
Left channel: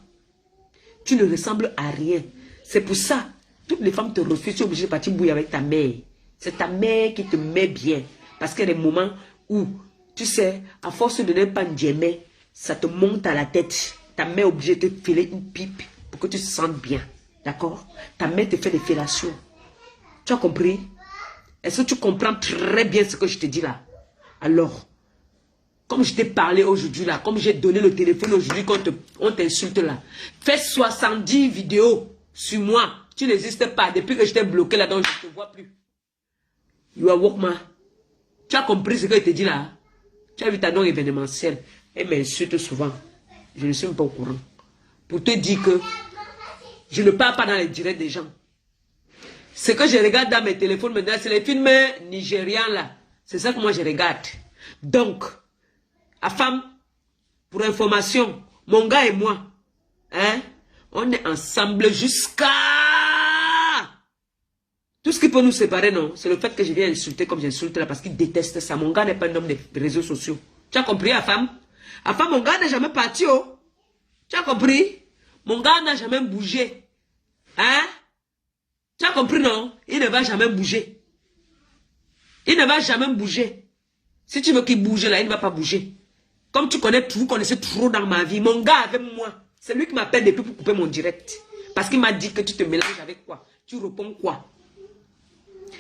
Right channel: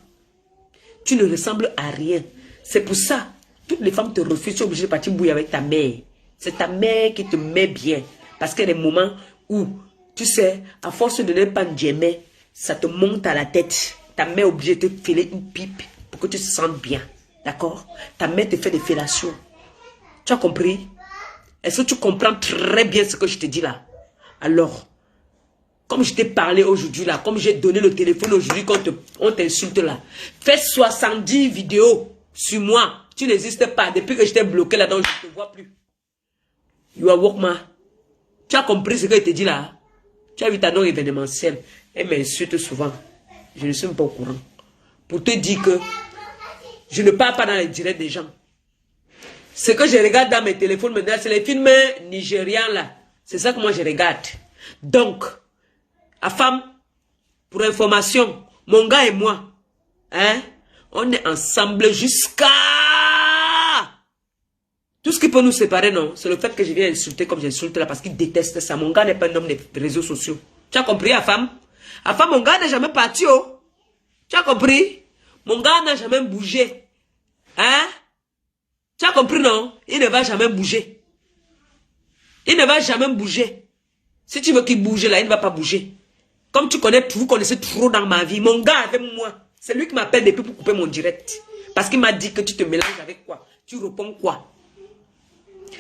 Tu ne ressembles à rien. C'est pour ça, toutes les femmes te refusent. Tu es obligé de partir bouillir avec ta mère. C'est ta mère qui te met bien. Parce qu'il y a des moments où, tu sais, à force de ne pas aimer, ça te monte à la tête. Ta mère est obligée de te filer une pipe pour que tu te sentes bien. D'accord? Ta mère te fait des fellations. Tu as compris? Est-ce que tu comprends très bien ce que je te dis là? Alors, comme je t'ai parlé aujourd'hui là, comme j'ai donné le téléphone aujourd'hui quand on t'insulte là, fais 70 vidéos sur moi. Tu n'existes pas. Depuis que je t'ai bloqué là, donc je ne te vois plus. You are Walkman. Tu as compris ce que je te dis là? Tu as vu ta non événementielle. Elle m'insulte souvent. Je ne suis même pas au courant. Pour te dire que je ne parle pas dans les directs des gens. Ce que je regarde dans mes téléphones maintenant, c'est les films nigérians là. C'est ça que moi je regarde. Donc, à femme, pour information, mon gars et moi, hein, on est ensemble jusqu'à... Tout ce qui peut nous séparer, non, c'est le fait que je viens insulter comme j'insulte là, parce qu'il déteste ça. Mon gars n'est pas un homme des réseaux sociaux. Tu as compris, à femme? À femme, mon gars n'est jamais parti, oh. Tu as compris? Mon gars n'a jamais bougé. Hein? Tu as compris, non? Il ne va jamais bouger. Il ne va jamais bouger. Si tu veux qu'il bouge là, il ne va pas bouger. Comme tu connais, vous connaissez trop dans ma vie. Mon gars avec moi, c'est lui qui m'appelle depuis pour couper mon direct. Parce qu'il m'a dit que tu te mélanges avec quoi? Tu réponds quoi?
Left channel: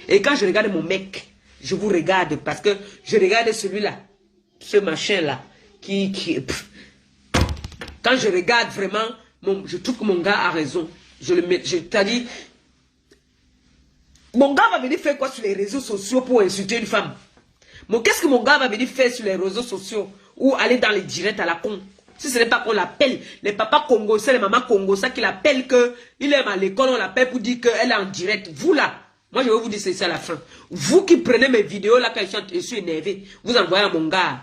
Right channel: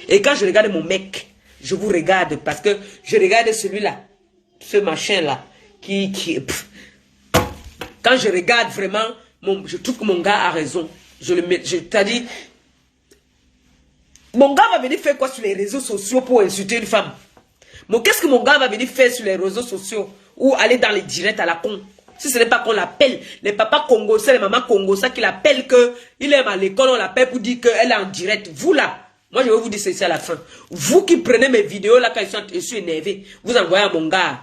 Et quand je regarde mon mec, je vous regarde parce que je regarde celui-là, ce machin-là, quand je regarde vraiment, je trouve que mon gars a raison. C'est-à-dire, mon gars va venir faire quoi sur les réseaux sociaux pour insulter une femme? Qu'est-ce que mon gars va venir faire sur les réseaux sociaux ou aller dans les directs à la con? Si ce n'est pas qu'on l'appelle, les papas congolais, les mamans congolais qui l'appellent qu'il est à l'école, on l'appelle pour dire qu'elle est en direct. Vous là, moi je vais vous dire ceci à la fin. Vous qui prenez mes vidéos là quand je suis énervé, vous envoyez à mon gars.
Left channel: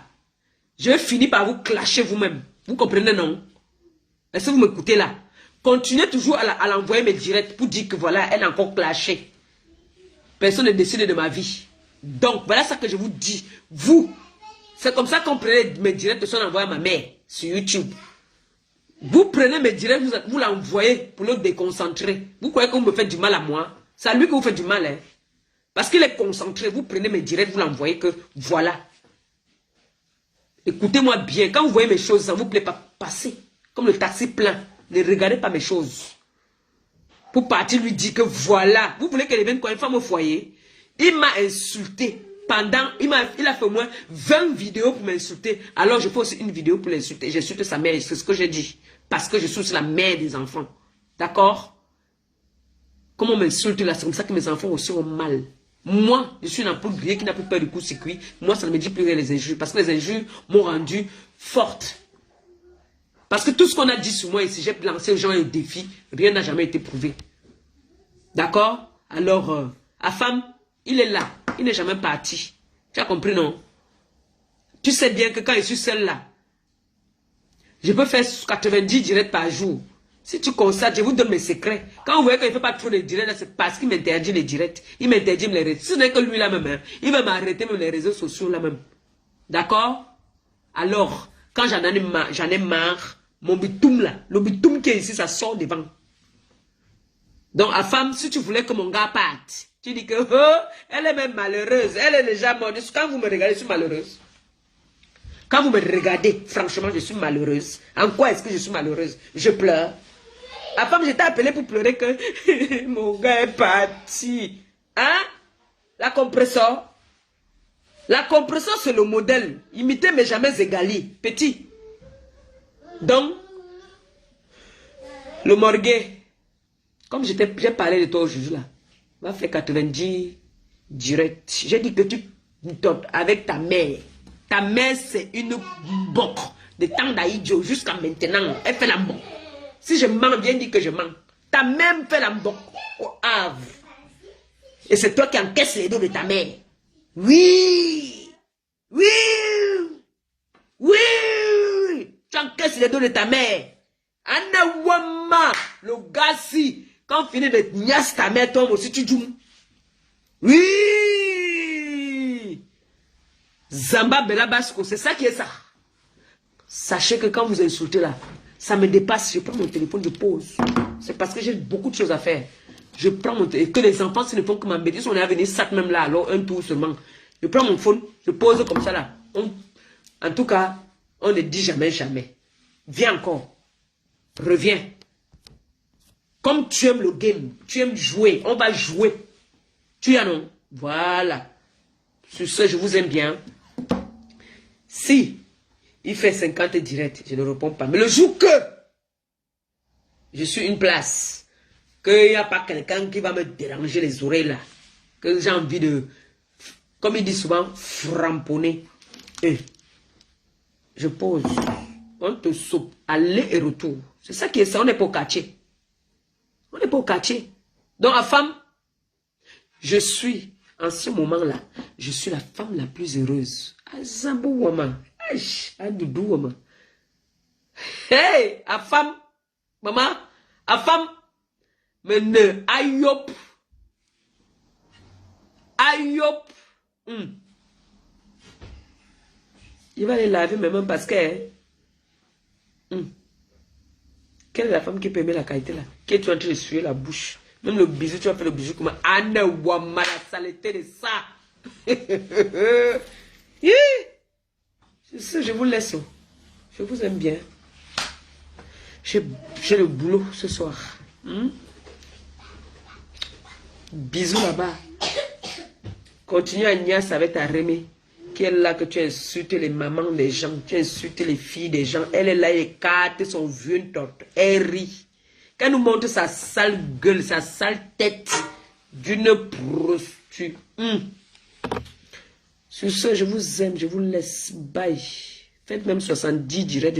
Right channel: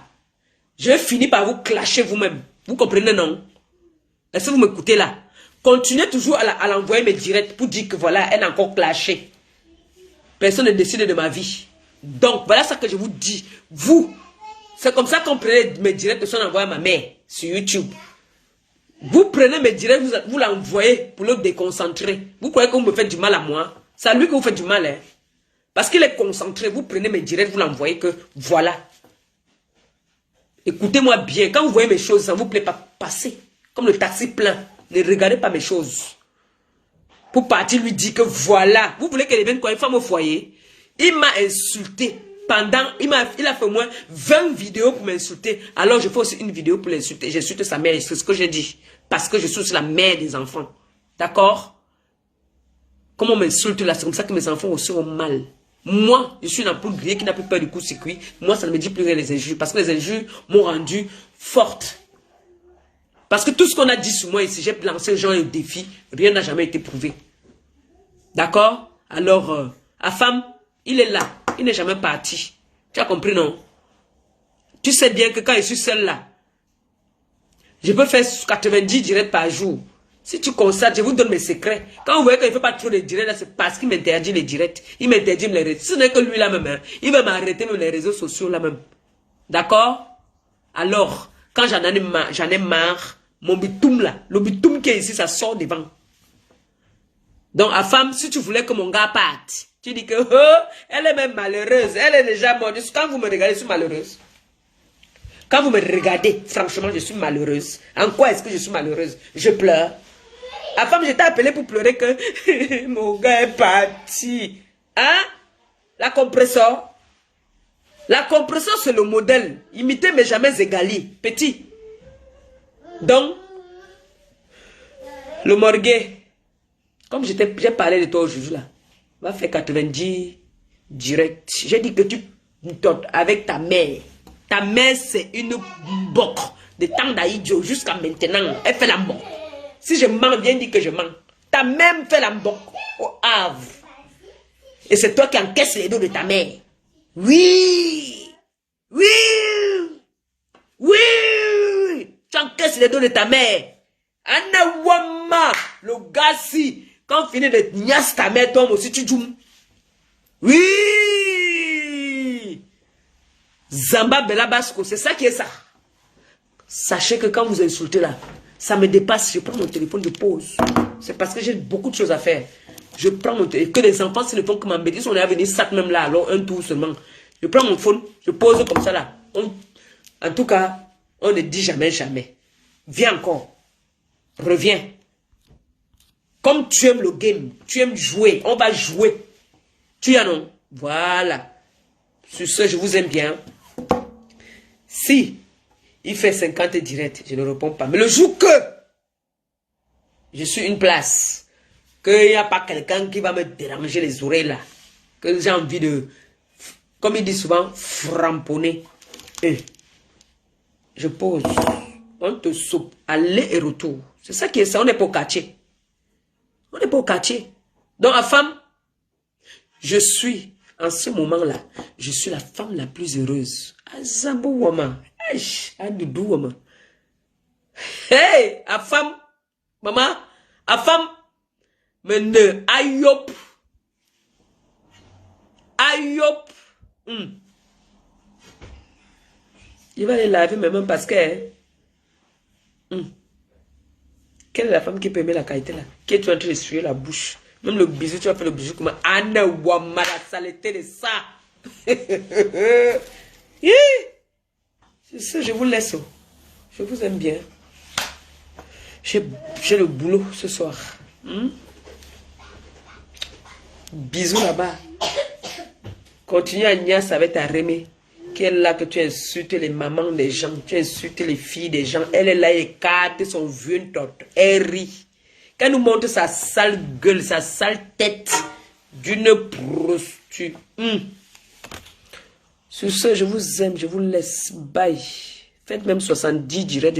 Je vais finir par vous clasher vous-même. Vous comprenez, non? Est-ce que vous m'écoutez là? Continuez toujours à l'envoyer mes directs pour dire que voilà, elle a encore clashé. Personne ne décide de ma vie. Donc, voilà ce que je vous dis. Vous, c'est comme ça qu'on prenait mes directs de son envoyé à ma mère sur YouTube. Vous prenez mes directs, vous l'envoyez pour le déconcentrer. Vous croyez que vous me faites du mal à moi? C'est à lui que vous faites du mal, hein? Parce qu'il est concentré. Vous prenez mes directs, vous l'envoyez que voilà. Écoutez-moi bien. Quand vous voyez mes choses, ça ne vous plaît pas, passez. Comme le taxi plein. Ne regardez pas mes choses. Pour partir lui dire que voilà. Vous voulez qu'elle vienne quoi, une femme au foyer? Il m'a insulté. Pendant, il a fait au moins 20 vidéos pour m'insulter. Alors je fais aussi une vidéo pour l'insulter. J'insulte sa mère, c'est ce que j'ai dit. Parce que je suis la mère des enfants. D'accord? Comme on m'insulte là, c'est comme ça que mes enfants aussi ont mal. Moi, je suis une ampoule grillée qui n'a plus peur du coup-circuit. Moi, ça ne me dit plus rien les injures. Parce que les injures m'ont rendu forte. Parce que tout ce qu'on a dit sur moi ici, j'ai lancé aux gens un défi. Rien n'a jamais été prouvé. D'accord? Alors, la femme, il est là. Il n'est jamais parti. Tu as compris, non? Tu sais bien que quand je suis seule là, je peux faire 90 directs par jour. Si tu constates, je vous donne mes secrets. Quand vous voyez qu'il ne fait pas trop de directs, c'est parce qu'il m'interdit les directs. Il m'interdit les réseaux. Ce n'est que lui là-même. Hein. Il va m'arrêter même les réseaux sociaux là-même. D'accord? Alors, quand j'en ai marre, mon bitoum là, le bitoum qui est ici, ça sort devant. Donc, à femme, si tu voulais que mon gars parte, tu dis que, oh, elle est même malheureuse. Elle est déjà morte. Quand vous me regardez, je suis malheureuse. Quand vous me regardez, franchement, je suis malheureuse. En quoi est-ce que je suis malheureuse? Je pleure. La femme, je t'ai appelé pour pleurer que mon gars est parti. Hein? La compresseur. La compresseur, c'est le modèle. Imiter, mais jamais égaler. Petit. Donc, le morguet. Comme j'ai parlé de toi aujourd'hui là. Va faire 90 direct. J'ai dit que tu avec ta mère. Ta mère, c'est une boque. De temps d'Aïdjo jusqu'à maintenant. Elle fait la boque. Si je mens, viens dire que je mens. Ta mère fait la boque au Havre. Et c'est toi qui encaisses les dos de ta mère. Oui. Oui. Oui. Tu encaisses les dos de ta mère. Anna Wama. Le gars si. Quand on finit de niasse ta mère, toi aussi tu joues. Oui. Zamba Belabasco, c'est ça qui est ça. Sachez que quand vous insultez là, ça me dépasse. Je prends mon téléphone, je pose. C'est parce que j'ai beaucoup de choses à faire. Je prends mon téléphone. Que les enfants, s'ils ne font que m'embêter, si on est à venir sac même là, alors un tour seulement. Je prends mon phone, je pose comme ça là. En tout cas, on ne dit jamais, jamais. Viens encore. Reviens. Comme tu aimes le game, tu aimes jouer, on va jouer. Tu y en as. Voilà. Sur ce, je vous aime bien. Si il fait 50 directs, je ne réponds pas. Mais le jour que je suis une place, qu'il n'y a pas quelqu'un qui va me déranger les oreilles là, que j'ai envie de, comme il dit souvent, framponner. Je pose. On te soupe. Aller et retour. C'est ça qui est ça. On n'est pas au quartier. On n'est pas au quartier. Donc, la femme, je suis, en ce moment-là, je suis la femme la plus heureuse. Azambo woman. À Doudou woman. Hey, la femme, maman, la femme, mais ne, ayop. Ayop. Il va les laver même parce que... Quelle est la femme qui peut aimer la qualité là? Qui est en train de suer la bouche? Même le bisou, tu vas faire le bisou comme Anna Wama, la saleté de ça. Je vous laisse. Je vous aime bien. J'ai le boulot ce soir. Bisous là-bas. Continue à niasse avec ta Rémi. Qui est là que tu insultes les mamans des gens, tu insultes les filles des gens. Elle est là, elle écarte son vieux torte. Elle rit. Quand elle nous montre sa sale gueule, sa sale tête d'une prostituée. Sur ce, je vous aime, je vous laisse. Bye. Faites même 70 directs.